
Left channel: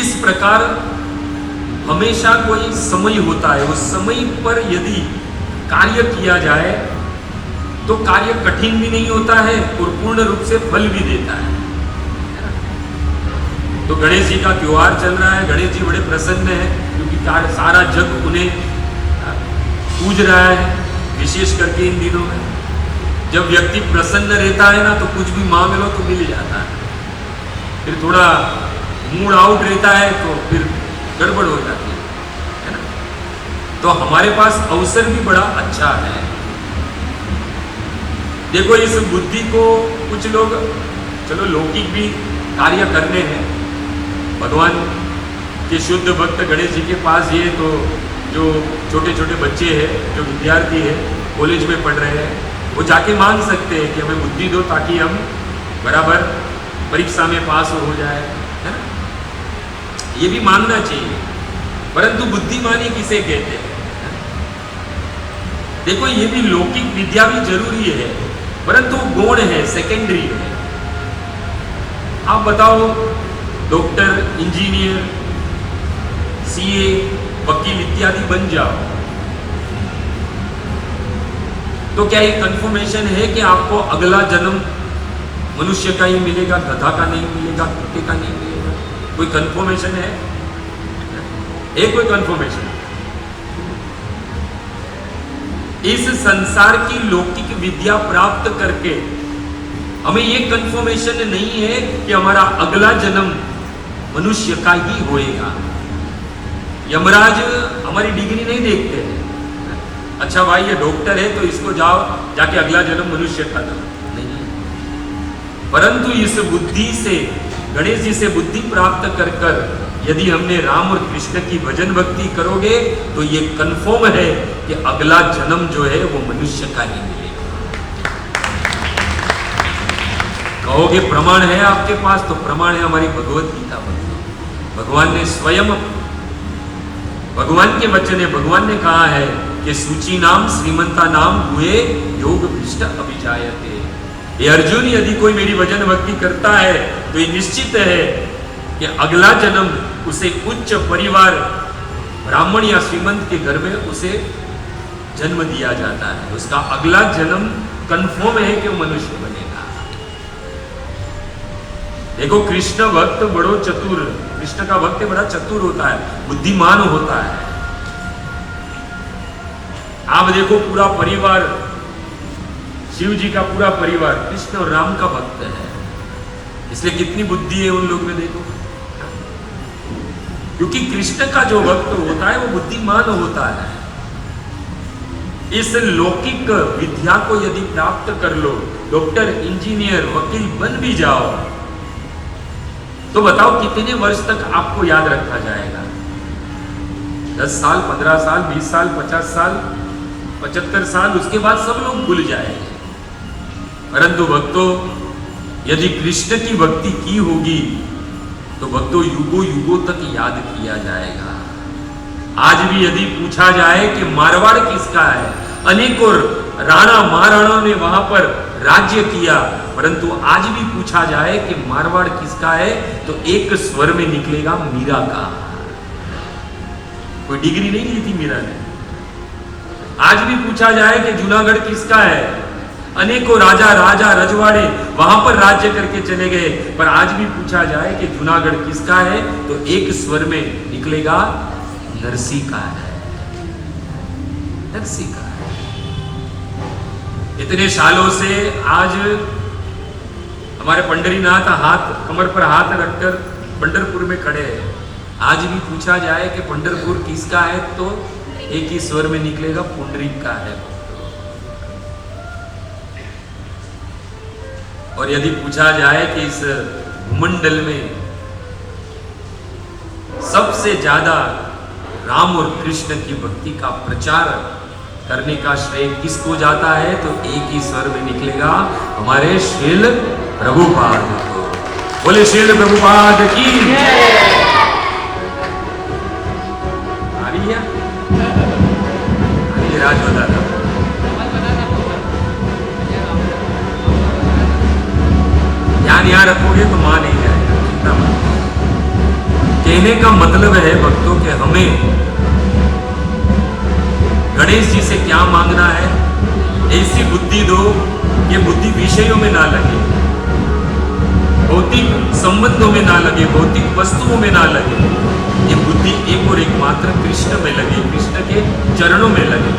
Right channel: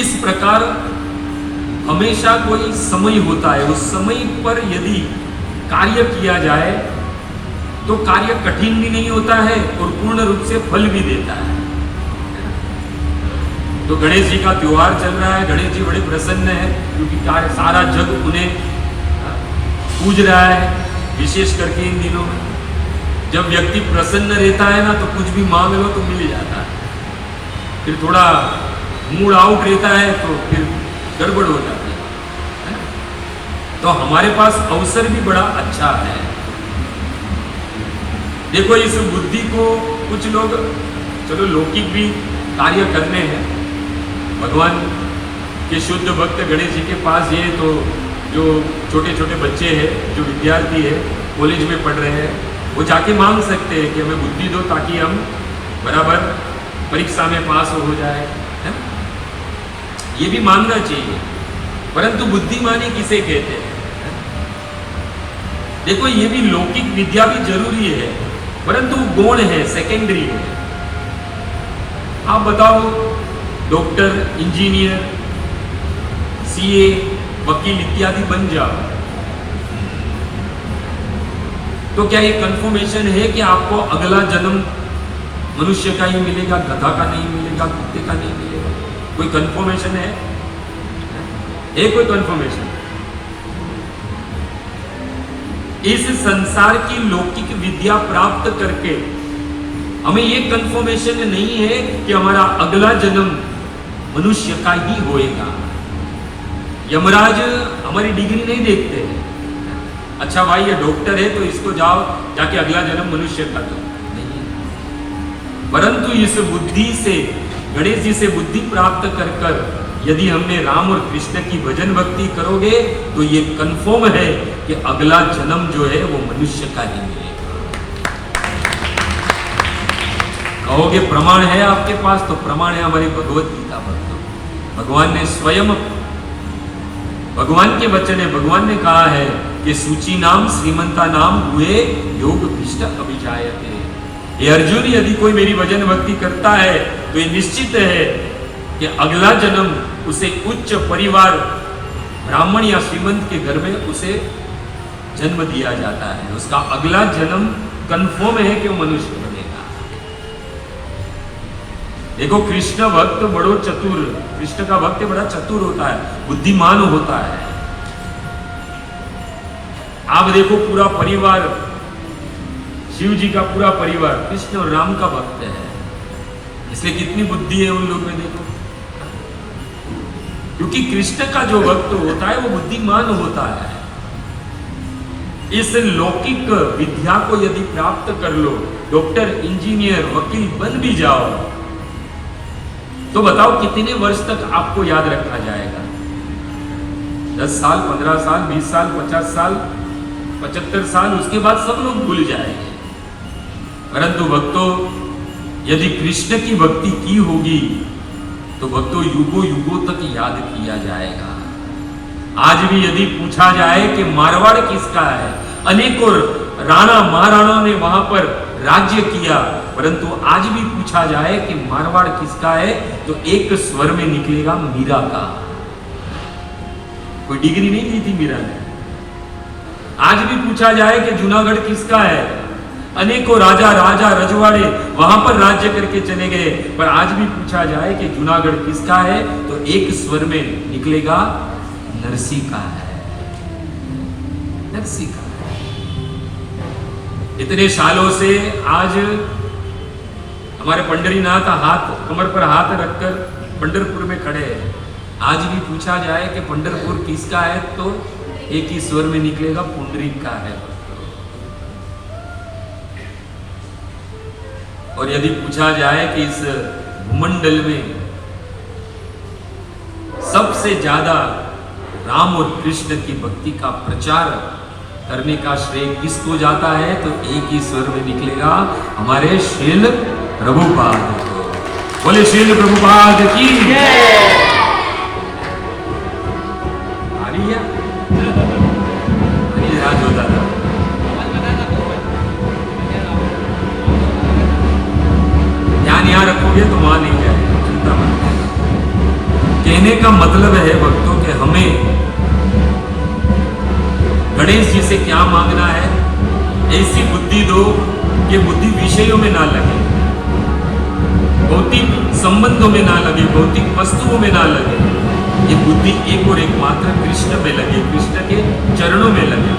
इस प्रकार हमेशा कोई समय होता है, उस समय पर यदि कार्य किया जाए तो कार्य कठिन भी नहीं होता है और पूर्ण रूप से फल भी देता है। तो गणेश जी का त्योहार चल रहा है, गणेश जी बड़े प्रसन्न है, क्योंकि सारा जग उन्हें पूज रहा है। विशेष करके इन दिनों में जब व्यक्ति प्रसन्न रहता है ना, तो कुछ भी मांग लो तो मिल जाता है। फिर थोड़ा मूड आउट रहता है तो फिर गड़बड़ हो जाती है ना। तो हमारे पास अवसर भी बड़ा अच्छा है। देखो, इस बुद्धि को कुछ लोग, चलो लौकिक भी कार्य करने हैं, भगवान के शुद्ध भक्त गणेश जी के पास ये, तो जो छोटे छोटे बच्चे हैं, जो विद्यार्थी है, कॉलेज में पढ़ रहे हैं, वो जाके मांग सकते हैं कि हमें बुद्धि दो, ताकि हम बराबर परीक्षा में पास हो जाए, है ना? ये भी मांगना चाहिए। परंतु बुद्धिमानी किसे कहते हैं? देखो, ये भी लौकिक विद्या भी जरूरी है, परंतु गौण है, सेकेंडरी है। आप बताओ, डॉक्टर, इंजीनियर, सीए, वकील इत्यादि बन जाओ, तो क्या ये कंफर्मेशन है कि आपको अगला जन्म मनुष्य का ही मिलेगा, गधा का नहीं मिलेगा, कुत्ते का नहीं मिलेगा? कोई कंफर्मेशन है? कोई कंफर्मेशन? इस संसार की लौकिक विद्या प्राप्त करके हमें ये कंफर्मेशन नहीं है कि हमारा अगला जन्म मनुष्य का ही होएगा। यमराज हमारी डिग्री नहीं देखते हैं, अच्छा भाई ये डॉक्टर है तो इसको जाओ जाके अगला जन्म मनुष्य का दो, नहीं। परंतु इस बुद्धि से, गणेश जी से बुद्धि प्राप्त कर कर यदि हमने राम और कृष्ण की भजन भक्ति करोगे, तो ये कंफर्म है कि अगला जन्म जो है वो मनुष्य का ही मिलेगा। कहोगे प्रमाण है आपके पास, तो प्रमाण है हमारी भगवत गीता पर। भगवान ने स्वयं, भगवान के वचन है, भगवान ने कहा है कि सूची नाम श्रीमंता नाम हुए योग भ्रष्ट अभिजायते। ये अर्जुन, यदि कोई मेरी भजन भक्ति करता है तो ये निश्चित है कि अगला जन्म उसे उच्च परिवार, ब्राह्मण या श्रीमंत के घर में उसे जन्म दिया जाता है। उसका अगला जन्म कंफर्म है कि वो मनुष्य बनेगा। देखो, कृष्ण भक्त बड़ो चतुर, कृष्ण का भक्त बड़ा चतुर होता है, बुद्धिमान होता है। आप देखो, पूरा परिवार, शिव जी का पूरा परिवार कृष्ण और राम का भक्त है, इसलिए कितनी बुद्धि है उन लोगों में। देखो, क्योंकि कृष्ण का जो भक्त होता है वो बुद्धिमान होता है। इस लौकिक विद्या को यदि प्राप्त कर लो, डॉक्टर, इंजीनियर, वकील बन भी जाओ, तो बताओ कितने वर्ष तक आपको याद रखा जाएगा? 10 साल, 15 साल, 20 साल, 50 साल, 75 साल, उसके बाद सब लोग भूल जाएंगे। परंतु भक्तों, यदि कृष्ण की भक्ति की होगी तो भक्तों युगों युगों तक याद किया जाएगा। आज भी यदि पूछा जाए कि मारवाड़ किसका है, अनेकों राणा महाराणा ने वहां पर राज्य किया, परंतु आज भी पूछा जाए कि मारवाड़ किसका है, तो एक स्वर में निकलेगा मीरा का। कोई डिग्री नहीं ली थी मीरा ने। आज भी पूछा जाए कि जूनागढ़ किसका है, अनेकों राजा राजा रजवाड़े वहां पर राज्य करके चले गए, पर आज भी पूछा जाए कि जूनागढ़ किसका है, तो एक स्वर में निकलेगा नरसी का है, नरसी का है। इतने सालों से आज हमारे पंडरीनाथ हाथ कमर पर हाथ रखकर पंढरपुर में खड़े हैं। आज भी पूछा जाए कि पंढरपुर किसका है तो एक ही स्वर में निकलेगा, पुंडरीक का है। और यदि पूछा जाए कि इस मंडल में सबसे ज्यादा राम और कृष्ण की भक्ति का प्रचार करने का श्रेय किसको जाता है, तो एक ही स्वर में निकलेगा, हमारे श्रील प्रभुपाद को। बोले श्रील प्रभुपाद की आ रही है, राज होता था। ध्यान यहाँ रखोगे तो वहां नहीं जाएगा, चिंता मत। कहने का मतलब है भक्तों के हमें गणेश जी से क्या मांगना है, ऐसी बुद्धि दो कि बुद्धि विषयों में ना लगे, भौतिक संबंधों में ना लगे, भौतिक वस्तुओं में ना लगे। ये बुद्धि एक और एक मात्र कृष्ण में लगे, कृष्ण के चरणों में लगे।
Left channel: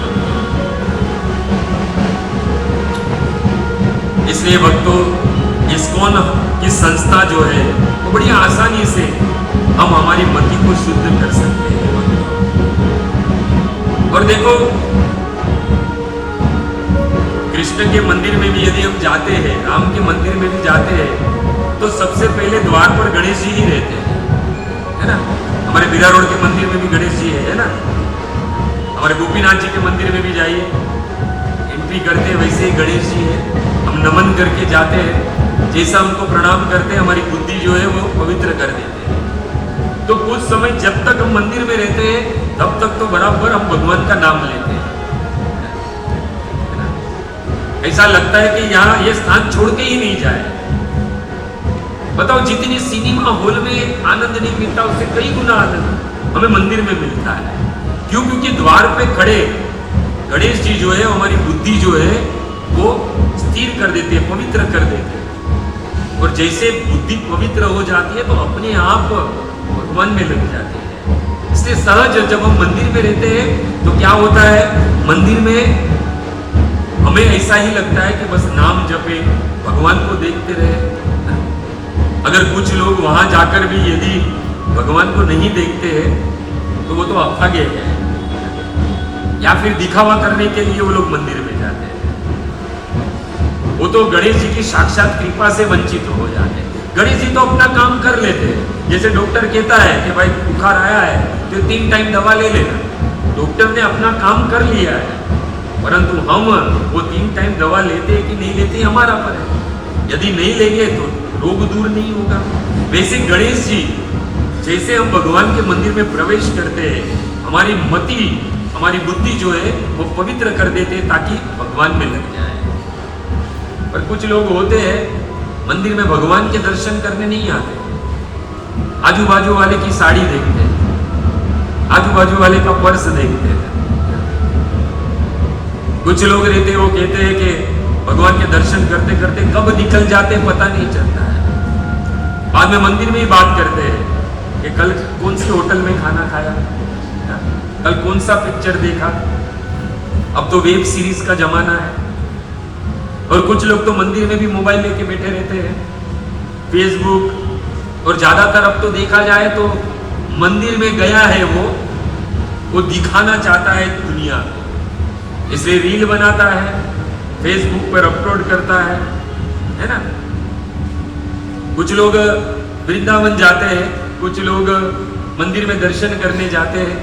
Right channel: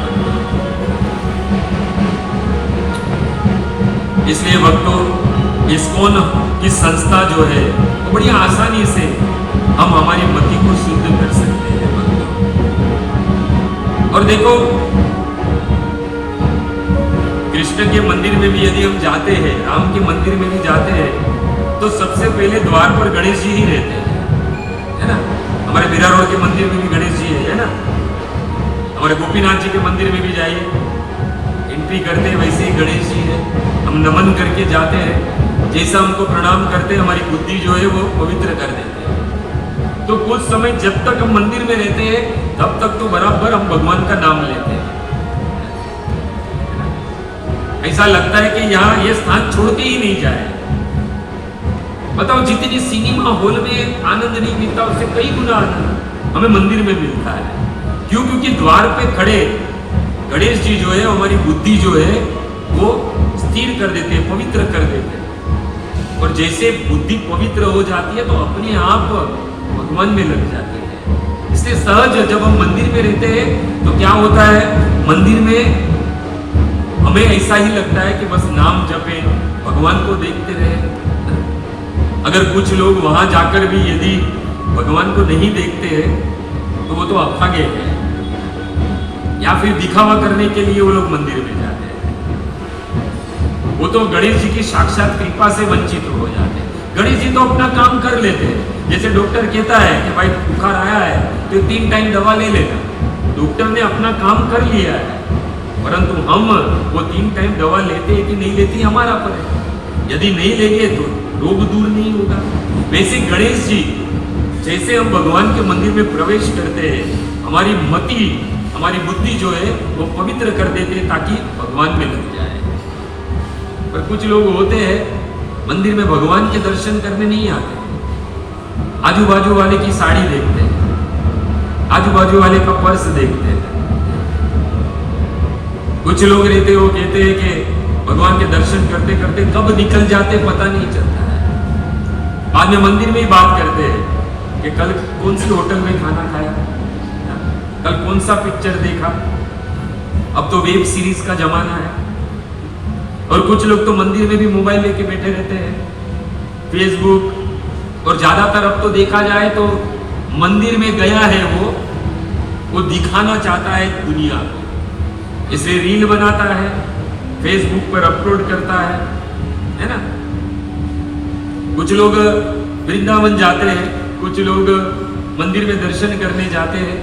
इसलिए भक्तों, इस्कॉन की संस्था जो है वो बड़ी आसानी से हम हमारी मति को शुद्ध कर सकते हैं। और देखो, कृष्ण के मंदिर में भी यदि हम जाते हैं, राम के मंदिर में भी जाते हैं, तो सबसे पहले द्वार पर गणेश जी ही रहते हैं, है ना। हमारे बिरा रोड के मंदिर में भी गणेश जी है ना। हमारे गोपीनाथ जी के मंदिर में भी जाइए, एंट्री करते हैं वैसे ही गणेश जी है। हम नमन करके जाते हैं, जैसा हमको प्रणाम करते हैं हमारी बुद्धि जो है वो पवित्र कर देते हैं। तो कुछ समय जब तक हम मंदिर में रहते हैं तब तक तो बराबर हम भगवान का नाम लेते हैं। ऐसा लगता है कि यहाँ ये स्थान छोड़ के ही नहीं जाए। बताओ, जितनी सिनेमा हॉल में आनंद नहीं मिलता उससे कई गुना आनंद हमें मंदिर में मिलता है। क्यों? क्योंकि द्वार पे खड़े गणेश जी जो है हमारी बुद्धि जो है वो स्थिर कर देते हैं, पवित्र कर देते हैं। और जैसे बुद्धि पवित्र हो जाती है तो अपने आप भगवान में लग जाती है। इसलिए सहज जब हम मंदिर में रहते हैं तो क्या होता है, मंदिर में हमें ऐसा ही लगता है कि बस नाम जपे, भगवान को देखते रहे। अगर कुछ लोग वहां जाकर भी यदि भगवान को नहीं देखते हैं तो वो तो अभागे हैं, या फिर दिखावा करने के लिए वो लोग मंदिर में जाते हैं। वो तो गणेश जी की साक्षात कृपा से वंचित हो जाते हैं। गणेश जी तो अपना काम कर लेते हैं। जैसे डॉक्टर कहता है कि भाई बुखार आया है तो 3 टाइम दवा ले लेना, डॉक्टर ने अपना काम कर लिया है। परंतु हम वो 3 टाइम दवा लेते हैं कि नहीं लेते हमारा पर है। यदि नहीं लेंगे तो रोग दूर नहीं होगा। वैसे गणेश जी जैसे हम भगवान के मंदिर में प्रवेश करते हैं, हमारी मति, हमारी बुद्धि जो है वो पवित्र कर देते हैं ताकि भगवान में लग जाए। पर कुछ लोग होते हैं मंदिर में भगवान के दर्शन करने नहीं आते, आजू बाजू वाले की साड़ी देखते हैं, आजू बाजू वाले का पर्स देखते हैं। कुछ लोग रहते वो कहते हैं कि भगवान के दर्शन करते करते कब निकल जाते पता नहीं चलता है। बाद में मंदिर में ही बात करते हैं कि कल कौन सी होटल में खाना खाया, कल कौन सा पिक्चर देखा। अब तो वेब सीरीज का जमाना है। और कुछ लोग तो मंदिर में भी मोबाइल लेके बैठे रहते हैं, फेसबुक। और ज्यादातर अब तो देखा जाए तो मंदिर में गया है वो दिखाना चाहता है दुनिया को, इसलिए रील बनाता है, फेसबुक पर अपलोड करता है ना। कुछ लोग वृंदावन जाते हैं, कुछ लोग मंदिर में दर्शन करने जाते हैं,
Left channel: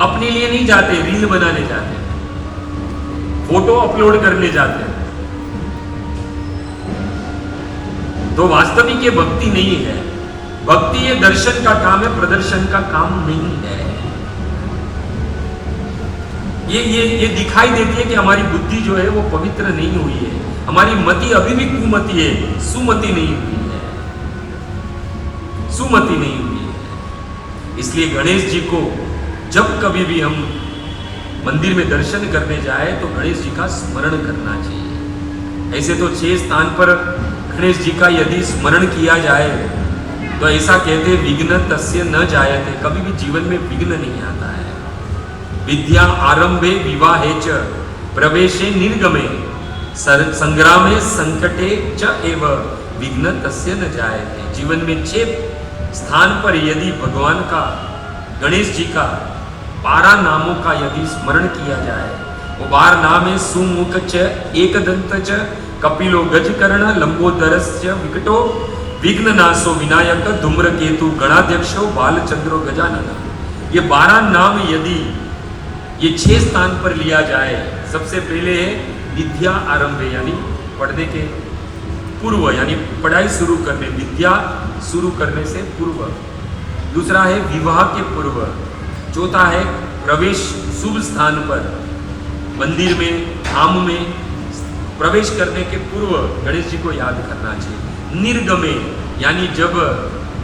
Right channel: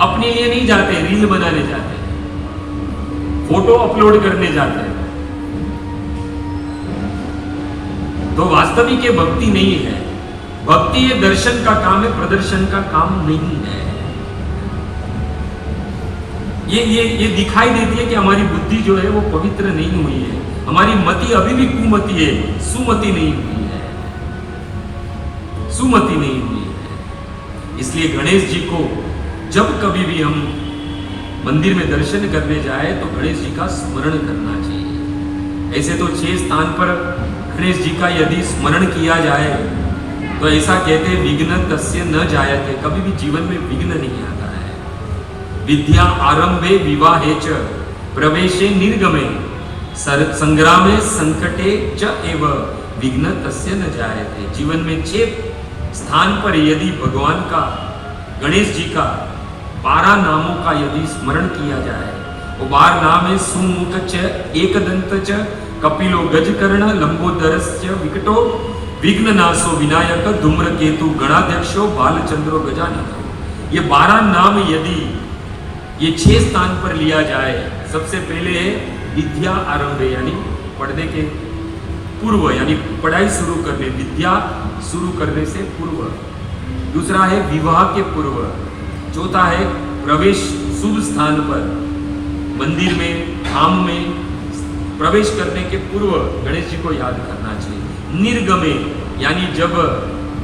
अपने लिए नहीं जाते, रील बनाने जाते हैं, फोटो अपलोड करने जाते हैं। तो वास्तविक ये भक्ति नहीं है। भक्ति ये दर्शन का काम है, प्रदर्शन का काम नहीं है। ये दिखाई देती है कि हमारी बुद्धि जो है वो पवित्र नहीं हुई है, हमारी मति अभी भी कुमति है, सुमति नहीं हुई है, सुमति नहीं हुई है। इसलिए गणेश जी को जब कभी भी हम मंदिर में दर्शन करने जाए तो गणेश जी का स्मरण करना चाहिए। ऐसे तो 6 स्थान पर गणेश जी का यदि स्मरण किया जाए तो ऐसा कहते विघ्न तस्य न जायते, कभी भी जीवन में विघ्न नहीं आता है। विद्या आरंभे विवाहे च प्रवेशे निर्गमे संग्रामे संकटे च एव विघ्न तस्य न जायते। जीवन में 6 स्थान पर यदि भगवान का, गणेश जी का 12 नामों का यदि स्मरण किया जाए, वो 12 नाम है सुमुख च, एकदंत च, कपिलो गजकर्ण, लंबोदरश्च विकटो, विघ्ननाशो विनायक, धूम्रकेतु गणाध्यक्षो, बालचंद्रो गजानन। ये 12 नाम यदि ये 6 स्थान पर लिया जाए, सबसे पहले है विद्या आरंभे, यानी पढ़ने के पूर्व, यानी पढ़ाई शुरू करने, विद्या शुरू करने से पूर्व। दूसरा है विवाह के पूर्व। चौथा है प्रवेश शुभ स्थान पर, मंदिर में, धाम में प्रवेश करने के पूर्व गणेश जी को याद करना चाहिए। निर्गमे, यानी जब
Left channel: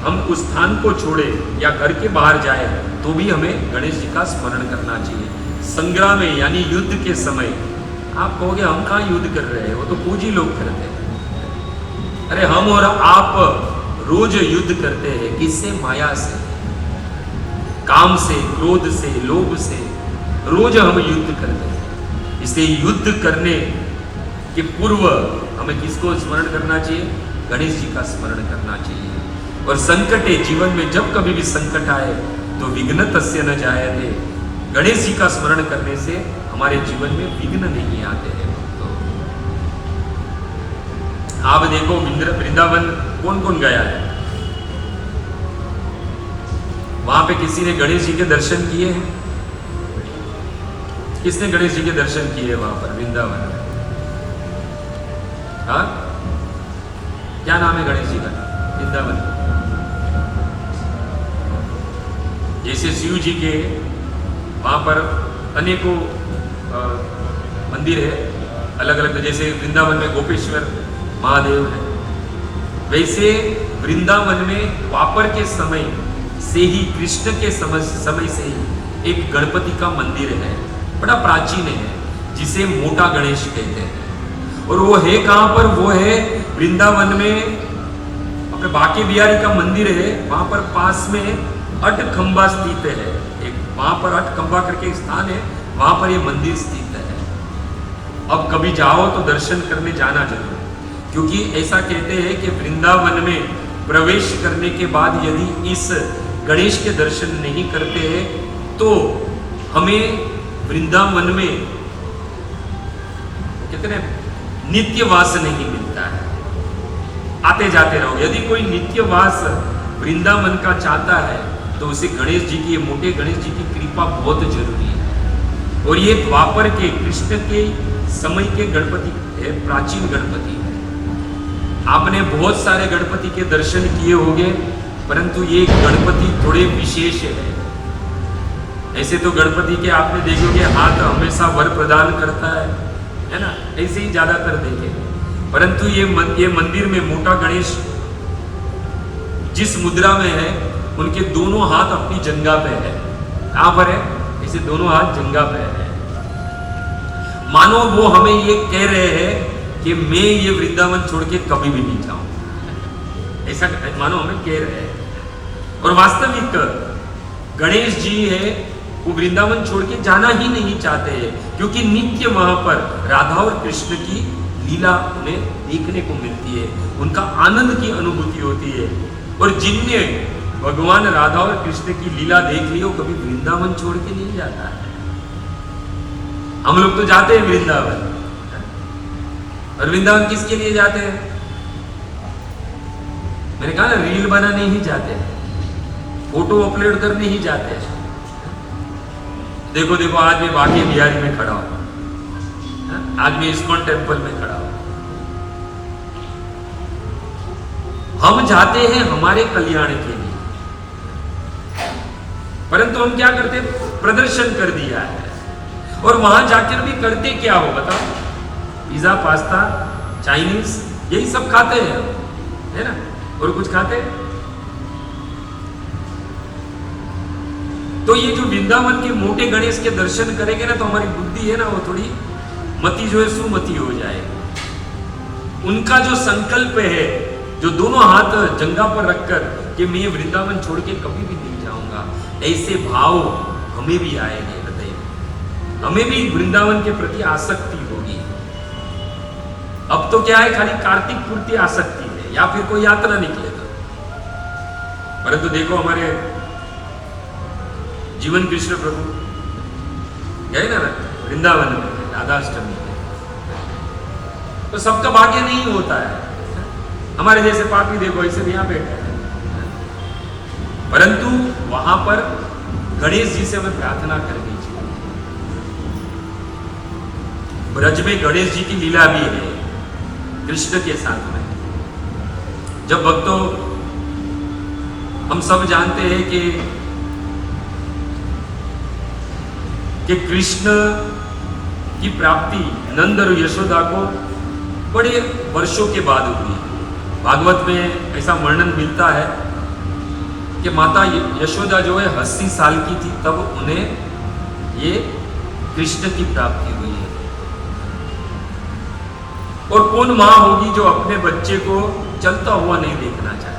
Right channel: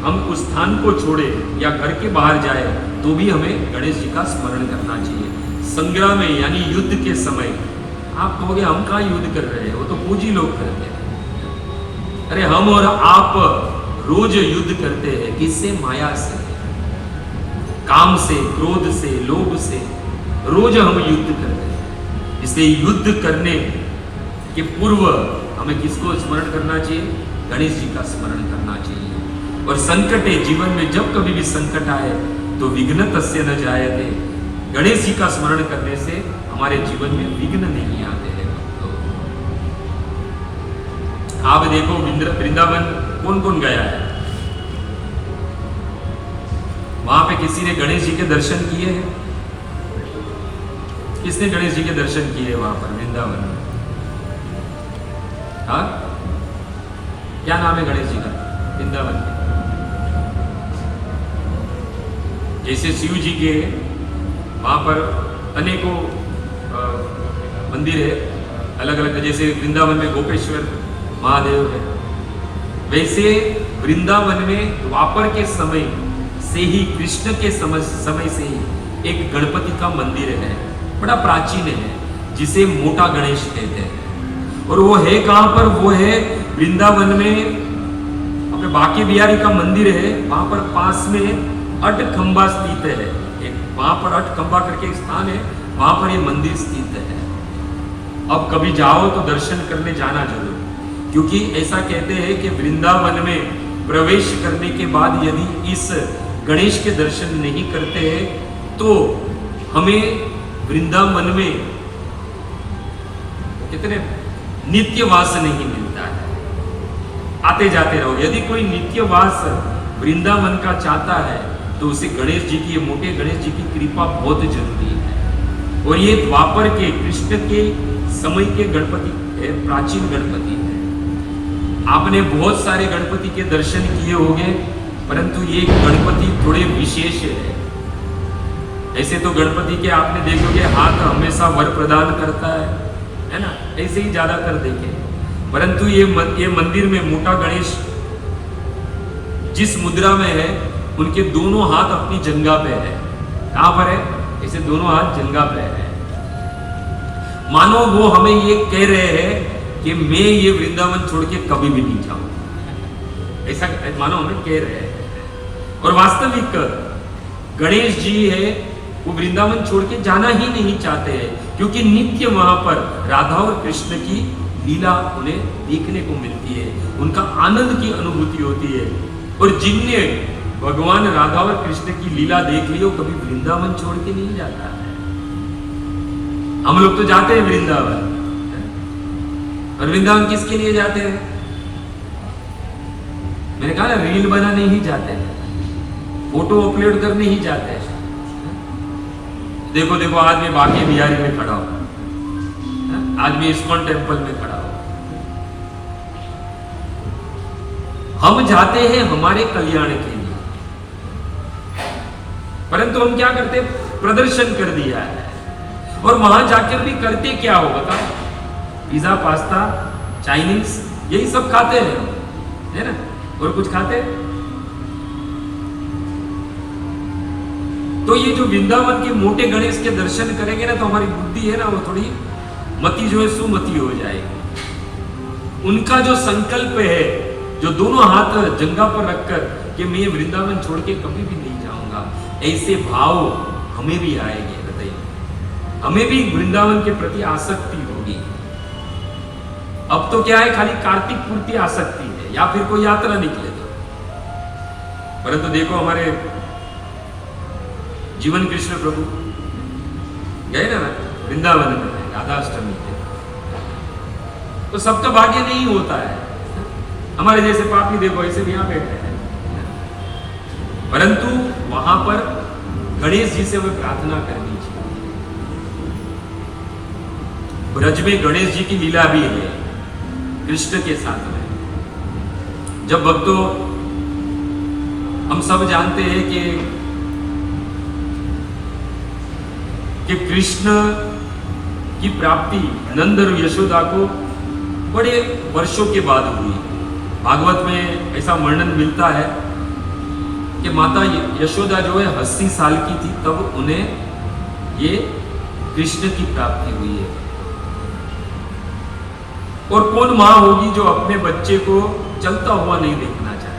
हम उस स्थान को छोड़े या घर के बाहर जाए तो भी हमें गणेश जी का स्मरण करना चाहिए। संग्राम में, यानी युद्ध के समय, आप कहोगे हम कहाँ युद्ध कर रहे हैं, वो तो पूजी लोग करते हैं। अरे हम और आप रोज युद्ध करते हैं, किससे? माया से, काम से, क्रोध से, लोभ से, रोज हम युद्ध करते हैं। इसलिए युद्ध करने के पूर्व हमें किसको स्मरण करना चाहिए? गणेश जी का स्मरण करना चाहिए। और संकटे, जीवन में जब कभी भी संकट आए तो विघ्न तस्य न जायते, गणेश जी का स्मरण करने से हमारे जीवन में विघ्न नहीं आते हैं। आप देखो वृंदावन कौन कौन गया है? वहां पे किसी ने गणेश जी के दर्शन किए हैं? किसने गणेश जी के दर्शन किए वहां पर वृंदावन में? हाँ, क्या नाम है गणेश जी का वृंदावन में? जैसे शिव जी के वहां पर अनेकों मंदिर है अलग अलग, जैसे वृंदावन में गोपेश्वर महादेव है, वैसे वृंदावन में द्वापर के समय से ही, कृष्ण के समय से ही एक गणपति का मंदिर है, बड़ा प्राचीन है, जिसे मोटा गणेश कहते हैं। और वो है कहां पर? वो है वृंदावन में, अपने बांके बिहारी का मंदिर है, वहां पर पास में अटखंबा स्थित है, एक वहां पर अटखंबा करके एक स्थान है, वहां पर ये मंदिर स्थित है। अब कभी जाओ तो दर्शन करने जाना जरूर, क्योंकि ऐसा कहते हैं कि वृंदावन में प्रवेश करने के बाद यदि इस गणेश के दर्शन नहीं करते हैं तो हमें वृंदावन में कितने नित्यवास नहीं मिलता है। आते जाते रहो, यदि कोई नित्यवास वृंदावन का चाहता है तो उसे गणेश जी की, मोटे गणेश जी की कृपा बहुत जरूरी है। और ये द्वापर के, कृष्ण के समय के गणपति है, प्राचीन गणपति है। आपने बहुत सारे गणपति के दर्शन किए होंगे, परंतु ये गणपति थोड़े विशेष है। ऐसे तो गणपति के आपने देखोगे हाथ हमेशा वर प्रदान करता है ना, ऐसे ही ज्यादातर देखे, परंतु ये मंदिर में मोटा गणेश जिस मुद्रा में है, उनके दोनों हाथ अपनी जंघा पे है। कहां पर है? ऐसे दोनों हाथ जंघा पे है। मानो वो हमें ये कह रहे हैं कि मैं ये वृंदावन छोड़ के कभी भी नहीं जाऊं, ऐसा मानो हमें कह रहे हैं। और वास्तविक गणेश जी है, वो वृंदावन छोड़ के जाना ही नहीं चाहते हैं, क्योंकि नित्य वहां पर राधा और कृष्ण की लीला उन्हें देखने को मिलती है, उनका आनंद की अनुभूति होती है। और जिनने भगवान राधा और कृष्ण की लीला देख ली, वो कभी वृंदावन छोड़ के नहीं जाता है। हम लोग तो जाते हैं वृंदावन, और वृंदावन किसके लिए जाते हैं? मैंने कहा ना, रील बनाने ही जाते हैं, फोटो अपलोड करने ही जाते हैं। देखो देखो, आज मैं बांके बिहारी में खड़ा हूं, आज मैं इस्कॉन टेम्पल में खड़ा हूं। हम जाते हैं हमारे कल्याण के लिए, परंतु हम क्या करते? प्रदर्शन कर दिया है। और वहां जाकर भी करते क्या हो बताओ? पिज्जा, पास्ता, चाइनीज, यही सब खाते हैं, है ना? और कुछ खाते? तो ये जो वृंदावन के मोटे गणेश के दर्शन करेंगे ना, तो हमारी बुद्धि है ना, वो थोड़ी मति जो है सुमति हो जाएगी। उनका जो संकल्प है, जो दोनों हाथ जंघा पर रखकर कि मैं वृंदावन छोड़ के कभी भी नहीं जाऊंगा, ऐसे भाव हमें भी आएंगे। बताइए, हमें भी वृंदावन के प्रति आसक्ति होगी। अब तो क्या है, खाली कार्तिक पूर्ति आसक्ति है या फिर कोई यात्रा निकले तो। परंतु देखो हमारे जीवन कृष्ण प्रभु गए ना वृंदावन में राधाष्टमी में, तो सबका भाग्य नहीं होता है। हमारे जैसे पापी देखो ऐसे भी यहां बैठे हैं, परंतु वहां पर गणेश जी से हमें प्रार्थना करनी चाहिए। ब्रज में गणेश जी की लीला भी है कृष्ण के साथ में। जब भक्तों हम सब जानते हैं कि कृष्ण की प्राप्ति नंद और यशोदा को बड़े वर्षों के बाद हुई। भागवत में ऐसा वर्णन मिलता है कि माता यशोदा जो है 80 साल की थी तब उन्हें ये कृष्ण की प्राप्ति हुई है। और कौन मां होगी जो अपने बच्चे को चलता हुआ नहीं देखना चाहे?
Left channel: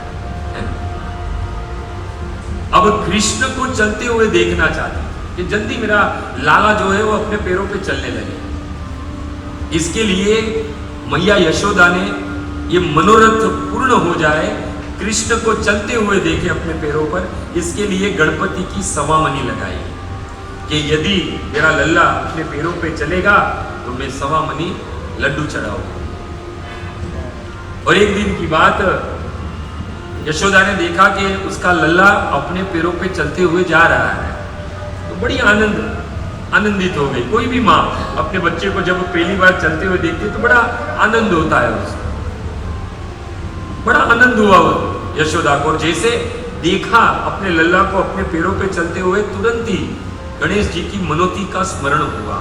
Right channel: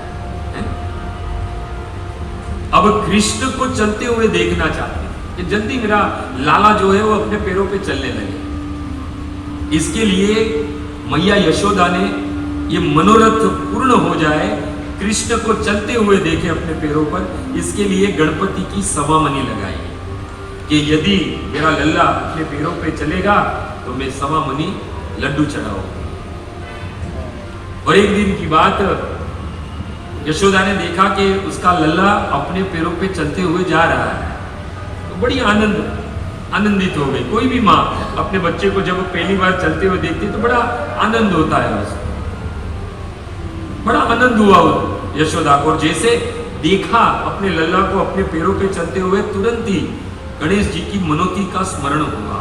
अब कृष्ण को चलते हुए देखना चाहते कि जल्दी मेरा लाला जो है वो अपने पैरों पे चलने लगे। इसके लिए मैया यशोदा ने ये मनोरथ पूर्ण हो जाए, कृष्ण को चलते हुए देखे अपने पैरों पर। इसके लिए गणपति की सवामनी लगाई कि यदि मेरा लल्ला अपने पैरों पे चलेगा तो मैं सवामनी लड्डू चढ़ाऊंगा। और एक दिन की बात, यशोदा ने देखा कि उसका लल्ला अपने पैरों पे चलते हुए जा रहा है, तो बड़ी आनंदित हो गई। कोई भी माँ अपने बच्चे को जब पहली बार चलते हुए देखती है तो बड़ा आनंद होता है उसको। बड़ा आनंद हुआ यशोदा को, और जैसे देखा अपने लल्ला को अपने पैरों पे चलते हुए, तुरंत ही गणेश जी की मनोती का स्मरण हुआ।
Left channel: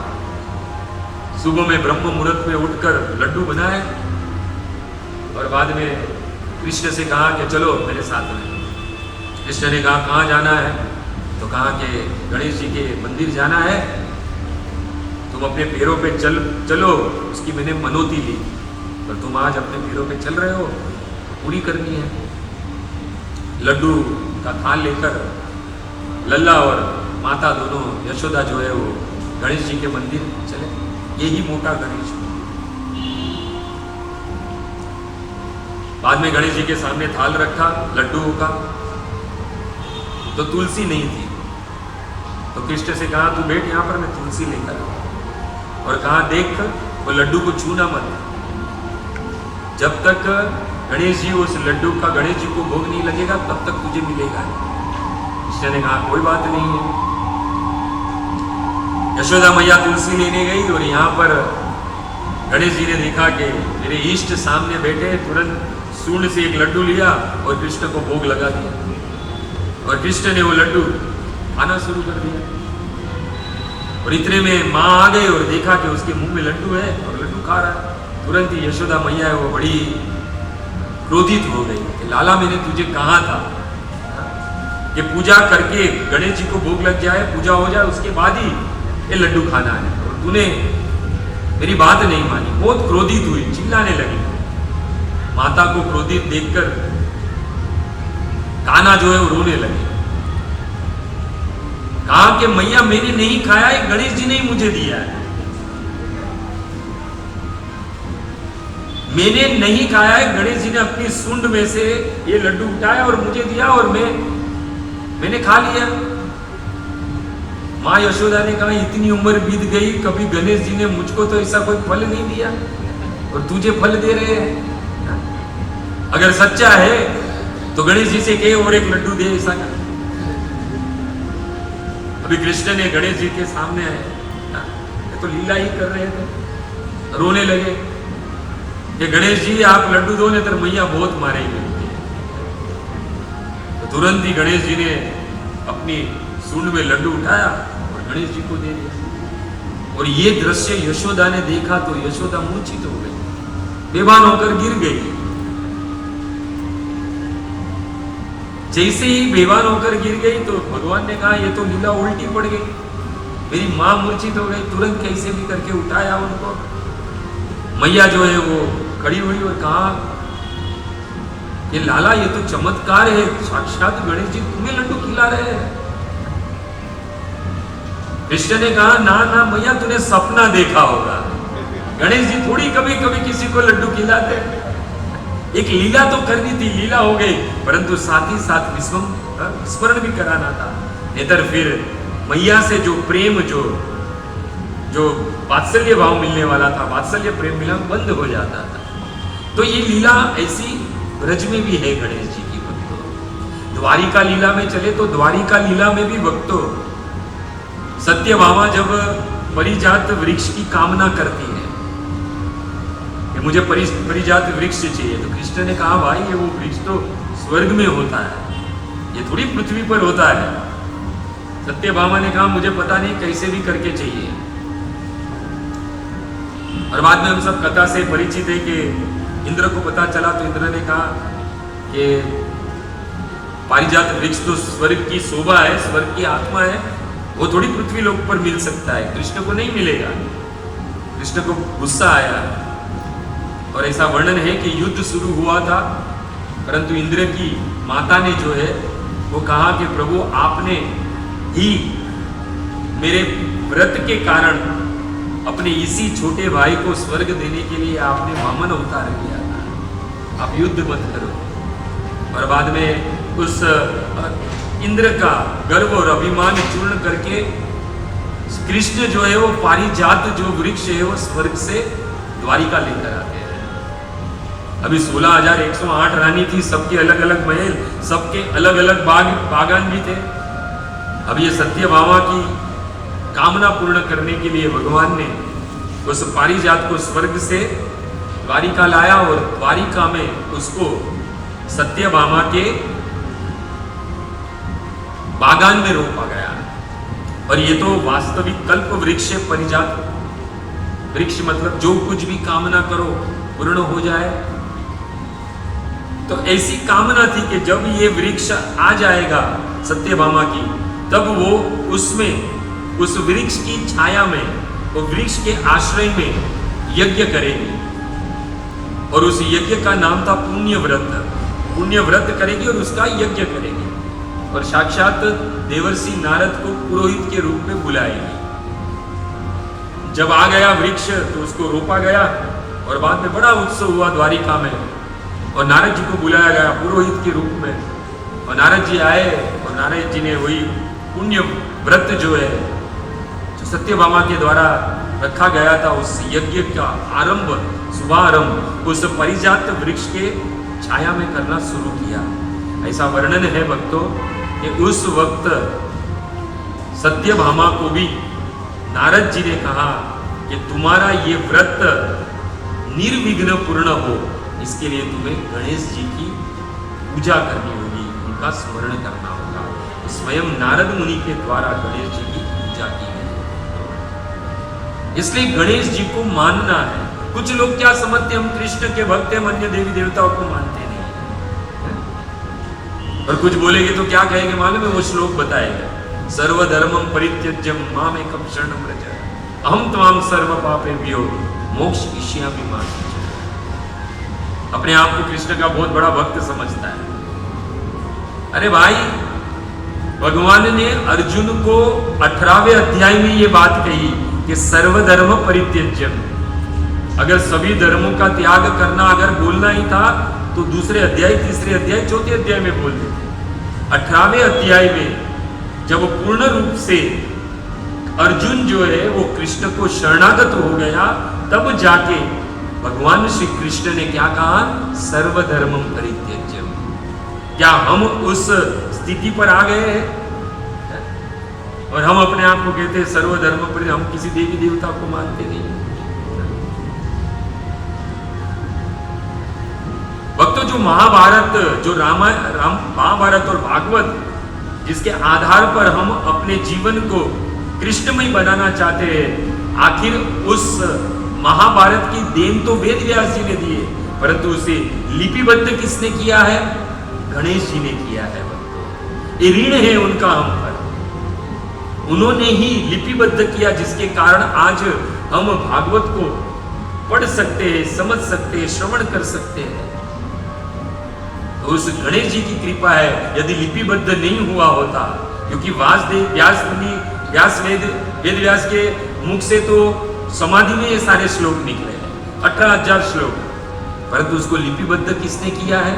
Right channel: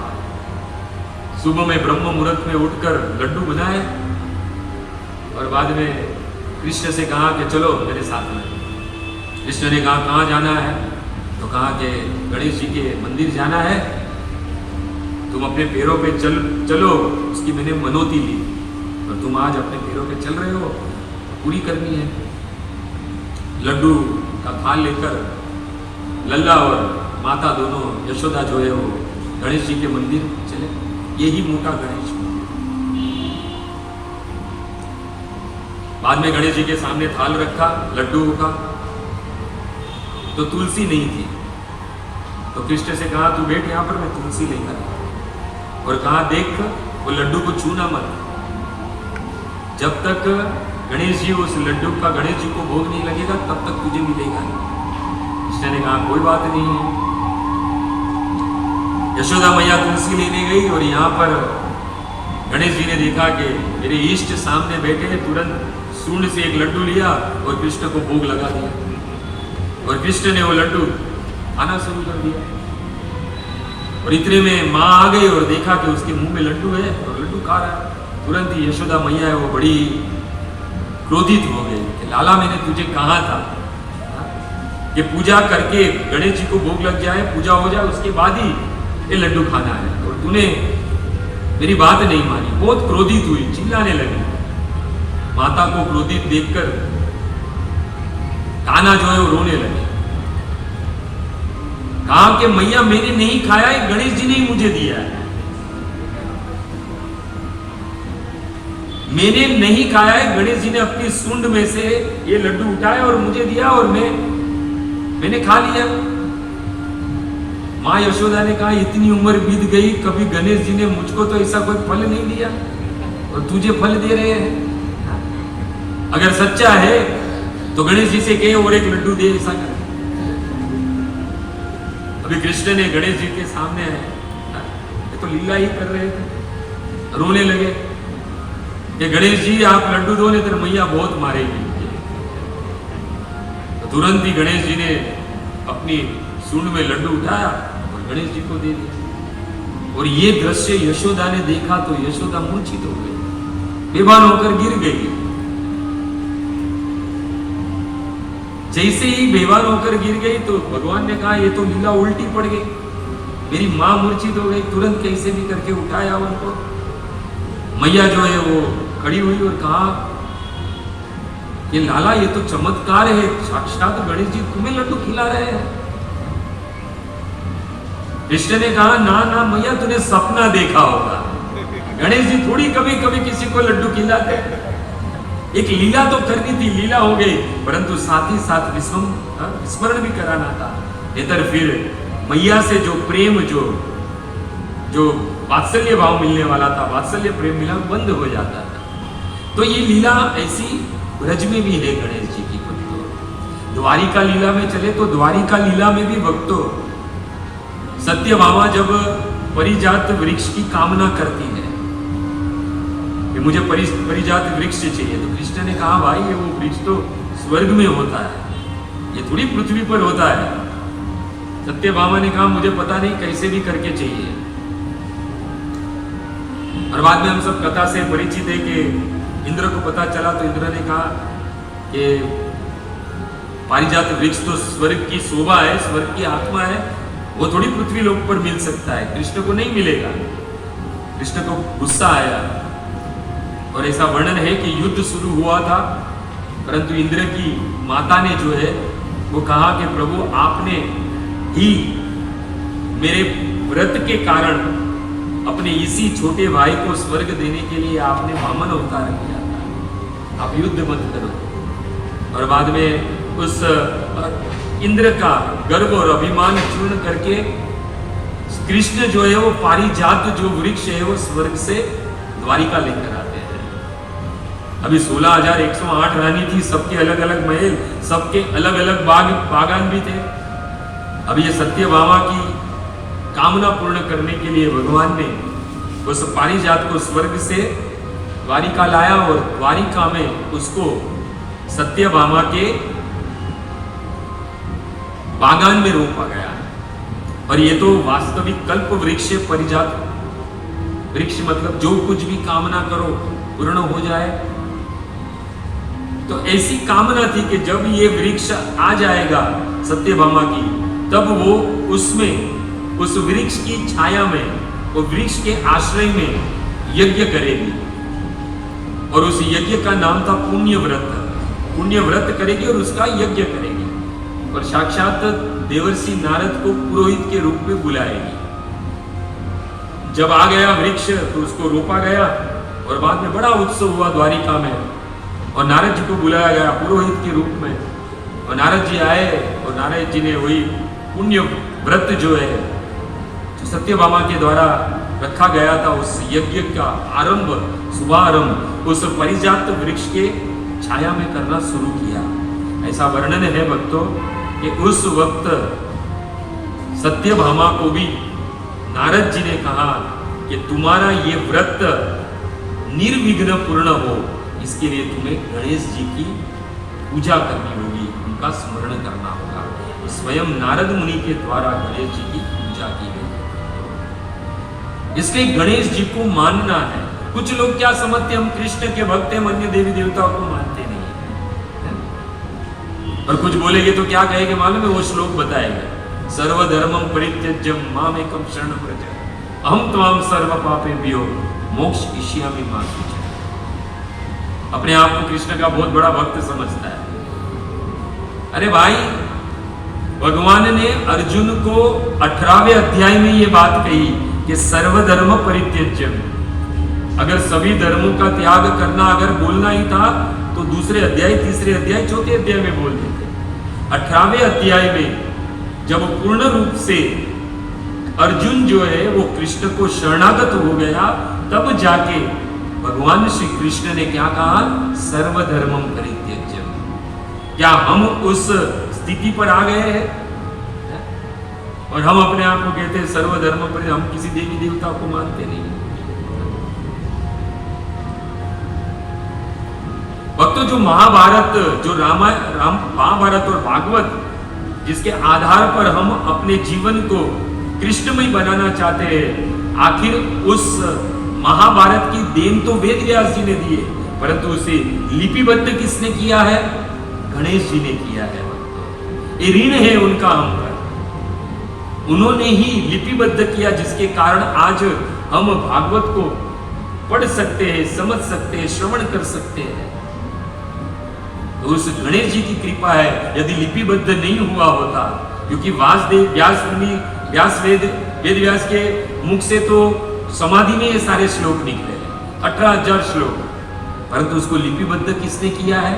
सुबह में ब्रह्म मुहूर्त में उठकर लड्डू बनाए और बाद में कृष्ण से कहा कि चलो मेरे साथ में। कृष्ण ने कहा कहाँ जाना है? तो कहा कि गणेश जी के मंदिर जाना है, तुम अपने पैरों पे चलो। उसकी मैंने मनोती ली और तुम आज अपने पैरों पे चल रहे हो, पूरी करनी है। लड्डू का थाल लेकर लल्ला और माता दोनों यशोदा जो है वो गणेश जी के मंदिर चले। यही मोटा गणेश मंदिर। बाद में गणेश जी के सामने थाल रखा लड्डू का, तो तुलसी नहीं थी। तो कृष्ण से कहा तू बैठ यहाँ पर, मैं तुलसी लेकर आता हूं। और कहा देख वो लड्डू को छूना मत, जब तक गणेश जी उस लड्डू का गणेश जी को भोग नहीं लगेगा तब तक तुझे मिलेगा नहीं। कृष्ण ने कहा कोई बात नहीं है। यशोदा मैया तुलसी लेने गई और यहाँ पर गणेश जी ने देखा कि मेरे इष्ट सामने बैठे हैं, तुरंत सूंड से एक लड्डू लिया और कृष्ण को भोग लगा दिया। और कृष्ण ने वो लड्डू खाना शुरू कर दिया। और इतने में माँ आ गई और देखा कि उसके मुंह में लड्डू है और लड्डू खा रहा है। तुरंत ही यशोदा मैया है वो बड़ी क्रोधित हो गई कि लाला मैंने तुझे कहा था कि पूजा करके गणेश जी को भोग लग जाए, पूजा हो जाए, उसके बाद ही ये लड्डू खाना है, और तूने मेरी बात नहीं मानी। बहुत क्रोधित हुई, चिल्लाने लगी। माता को क्रोधित देखकर कान्हा जो है वो रोने लगे। कहा कि मैया मैंने नहीं खाया है, गणेश जी ने ही मुझे दिया है। मैंने नहीं खाया है, गणेश जी ने अपनी सूंड में से ये लड्डू उठाया और मुझे दिया और मैंने खा लिया। माँ यशोदा ने कहा इतनी उम्र बीत गई, कभी गणेश जी ने मुझको तो ऐसा कोई फल नहीं दिया और तुझे फल दे रहे हैं। अगर सच्चा है तो गणेश जी से कहे और एक लड्डू दे, ऐसा कर। अभी कृष्ण ने गणेश जी के सामने ये तो लीला ही कर रहे थे, रोने लगे कि गणेश जी आप लड्डू दो, नहीं तो मैया बहुत मारेगी। तो तुरंत ही गणेश जी ने अपनी सूंड में लड्डू उठाया और गणेश जी को दे दिया। और ये दृश्य यशोदा ने देखा तो यशोदा मूर्छित हो गई, बेभान होकर गिर गई। जैसे ही बेवान होकर गिर गई तो भगवान ने कहा ये तो लीला उल्टी पड़ गई, मेरी मां मूर्छित हो गई। तुरंत कैसे भी करके उठाया उनको। मैया जो है वो खड़ी हुई और कहा कि लाला ये तो चमत्कार है, साक्षात गणेश जी तुम्हें लड्डू खिला रहे हैं। कृष्ण ने कहा ना ना मैया तूने सपना देखा होगा। गणेश जी थोड़ी कभी कभी किसी को लड्डू खिलाते, एक लीला तो करनी थी, लीला हो गई, परंतु साथ ही साथ विस्मरण भी कराना था। इधर फिर मैया से जो प्रेम, जो वात्सल्य भाव मिलने वाला था, वात्सल्य प्रेम मिला, बंद हो जाता था। तो ये लीला ऐसी ब्रज में भी है गणेश जी की। भक्तों द्वारिका लीला में चले तो द्वारिका लीला में भी भक्तों सत्यभामा जब परिजात वृक्ष की कामना करती है कि मुझे परिजात वृक्ष चाहिए, तो कृष्ण ने कहा भाई ये वो वृक्ष तो स्वर्ग में होता है, ये थोड़ी पृथ्वी पर होता है। सत्यभामा ने कहा मुझे पता नहीं, कैसे भी करके चाहिए। और बाद में हम सब कथा से परिचित है कि इंद्र को पता चला, तो इंद्र ने कहा कि पारिजात वृक्ष तो स्वर्ग की शोभा है, स्वर्ग की आत्मा है, वो थोड़ी पृथ्वी लोक पर मिल सकता है, कृष्ण को नहीं मिलेगा। कृष्ण को गुस्सा आया और ऐसा वर्णन है कि युद्ध शुरू हुआ था, परंतु इंद्र की माता ने जो है वो कहा कि प्रभु आपने ही मेरे व्रत के कारण अपने इसी छोटे भाई को स्वर्ग देने के लिए आपने वामन अवतार किया था, आप युद्ध मत करो। और बाद में उस इंद्र का गर्व और अभिमान चूर्ण करके कृष्ण जो है वो पारिजात जो वृक्ष है वो स्वर्ग से द्वारिका लेकर आते हैं। अभी 16,108 रानी थी, सबके अलग अलग महल, सबके अलग अलग बागान भी थे। अब ये सत्यभामा की कामना पूर्ण करने के लिए भगवान ने उस पारिजात को स्वर्ग से द्वारिका लाया और द्वारिका में उसको सत्यभामा के बागान में रोपा गया। और ये तो वास्तविक कल्प वृक्ष है, परिजात वृक्ष मतलब जो कुछ भी कामना करो पूर्ण हो जाए। तो ऐसी कामना थी कि जब ये वृक्ष आ जाएगा सत्यभामा की, तब वो उसमें उस वृक्ष की छाया में, वो वृक्ष के आश्रय में यज्ञ करेगी। और उस यज्ञ का नाम था पुण्य व्रत। पुण्य व्रत करेगी और उसका यज्ञ करेगी और साक्षात देवर्षि नारद को पुरोहित के रूप में बुलाएगी। जब आ गया वृक्ष तो उसको रोपा गया और बाद में बड़ा उत्सव हुआ द्वारिका में और नारद जी को बुलाया गया पुरोहित के रूप में। और नारद जी आए और नारद जी ने वही पुण्य व्रत जो है जो सत्यभामा के द्वारा रखा गया था, उस यज्ञ का आरंभ, शुभारंभ उस परिजात वृक्ष के छाया में करना शुरू किया। ऐसा वर्णन है भक्तों कि उस वक्त सत्यभामा को भी नारद जी ने कहा कि तुम्हारा ये व्रत निर्विघ्न पूर्ण हो, इसके लिए तुम्हें गणेश जी की पूजा करनी होगी, उनका स्मरण करना होगा। तो स्वयं नारद मुनि के द्वारा गणेश जी की पूजा की गई। इसलिए गणेश जी को मानना है। कुछ लोग क्या समझते, हम कृष्ण के भक्त हैं, अन्य देवी देवताओं को मानते नहीं है। और कुछ बोलेंगे तो क्या कहेंगे मालूम है, वो श्लोक बताएगा, सर्वधर्मं परित्यज्य मामेकं शरणं व्रज अहं त्वां सर्व पापेभ्यो मोक्षयिष्यामि मा शुचः। अपने आप को कृष्ण का बहुत बड़ा भक्त समझता है। अरे भाई, भगवान ने अर्जुन को 18वें अध्याय में ये बात कही कि सर्वधर्म परित्यज्यम, अगर सभी धर्मों का त्याग करना अगर बोलना ही था तो दूसरे अध्याय, तीसरे अध्याय, चौथे अध्याय में बोल देते। 18वें अध्याय में जब पूर्ण रूप से अर्जुन जो है वो कृष्ण को शरणागत हो गया, तब जाके भगवान श्री कृष्ण ने क्या कहा, सर्वधर्मं परित्यज्यम। क्या हम उस स्थिति पर आ गए हैं और हम अपने आप को कहते हैं सर्वधर्म पर, हम किसी देवी देवता को मानते नहीं। भक्तों, जो महाभारत, जो महाभारत और भागवत, जिसके आधार पर हम अपने जीवन को कृष्णमय बनाना चाहते हैं, आखिर उस महाभारत की देन तो वेद व्यास जी ने दी है, परंतु उसे लिपिबद्ध किसने किया है, गणेश जी ने किया है। ये ऋण है उनका हम पर, उन्होंने ही लिपिबद्ध किया, जिसके कारण आज हम भागवत को पढ़ सकते हैं, समझ सकते हैं, श्रवण कर सकते हैं। उस गणेश जी की कृपा है। यदि लिपिबद्ध नहीं हुआ होता, क्योंकि व्यास वेद व्यास के मुख से तो समाधि में ये सारे श्लोक निकले हैं, 18,000 श्लोक, परंतु उसको लिपिबद्ध किसने किया है?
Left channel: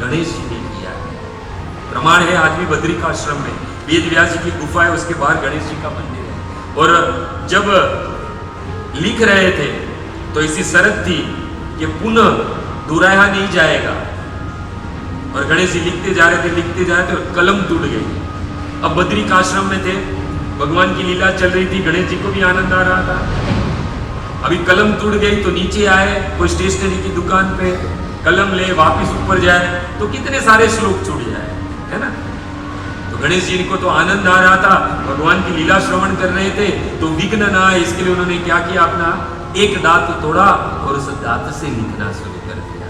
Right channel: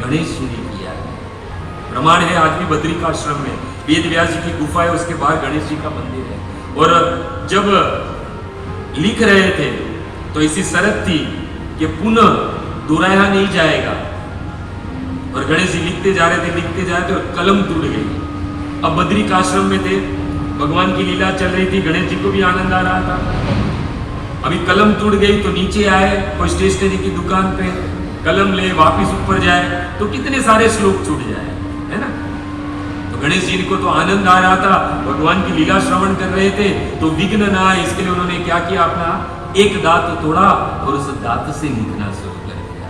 गणेश जी ने किया है। प्रमाण है आज भी बद्रिकाश्रम में वेद व्यास जी की गुफा है, उसके बाहर गणेश जी का मंदिर है। और जब लिख रहे थे तो ऐसी शर्त थी कि पुनः दोहराया नहीं जाएगा, और गणेश जी लिखते जा रहे थे और कलम टूट गई। अब बद्रिकाश्रम में थे, भगवान की लीला चल रही थी, गणेश जी को भी आनंद आ रहा था। अभी कलम टूट गई तो नीचे आए कोई स्टेशनरी की दुकान पे, कलम ले वापिस ऊपर जाए तो कितने सारे श्लोक छूट जाए, है ना। तो गणेश जी को तो आनंद आ रहा था, भगवान की लीला श्रवण कर रहे थे, तो विघ्न ना आए इसके लिए उन्होंने क्या किया, अपना एक दांत तोड़ा और उस दांत से लिखना शुरू कर दिया।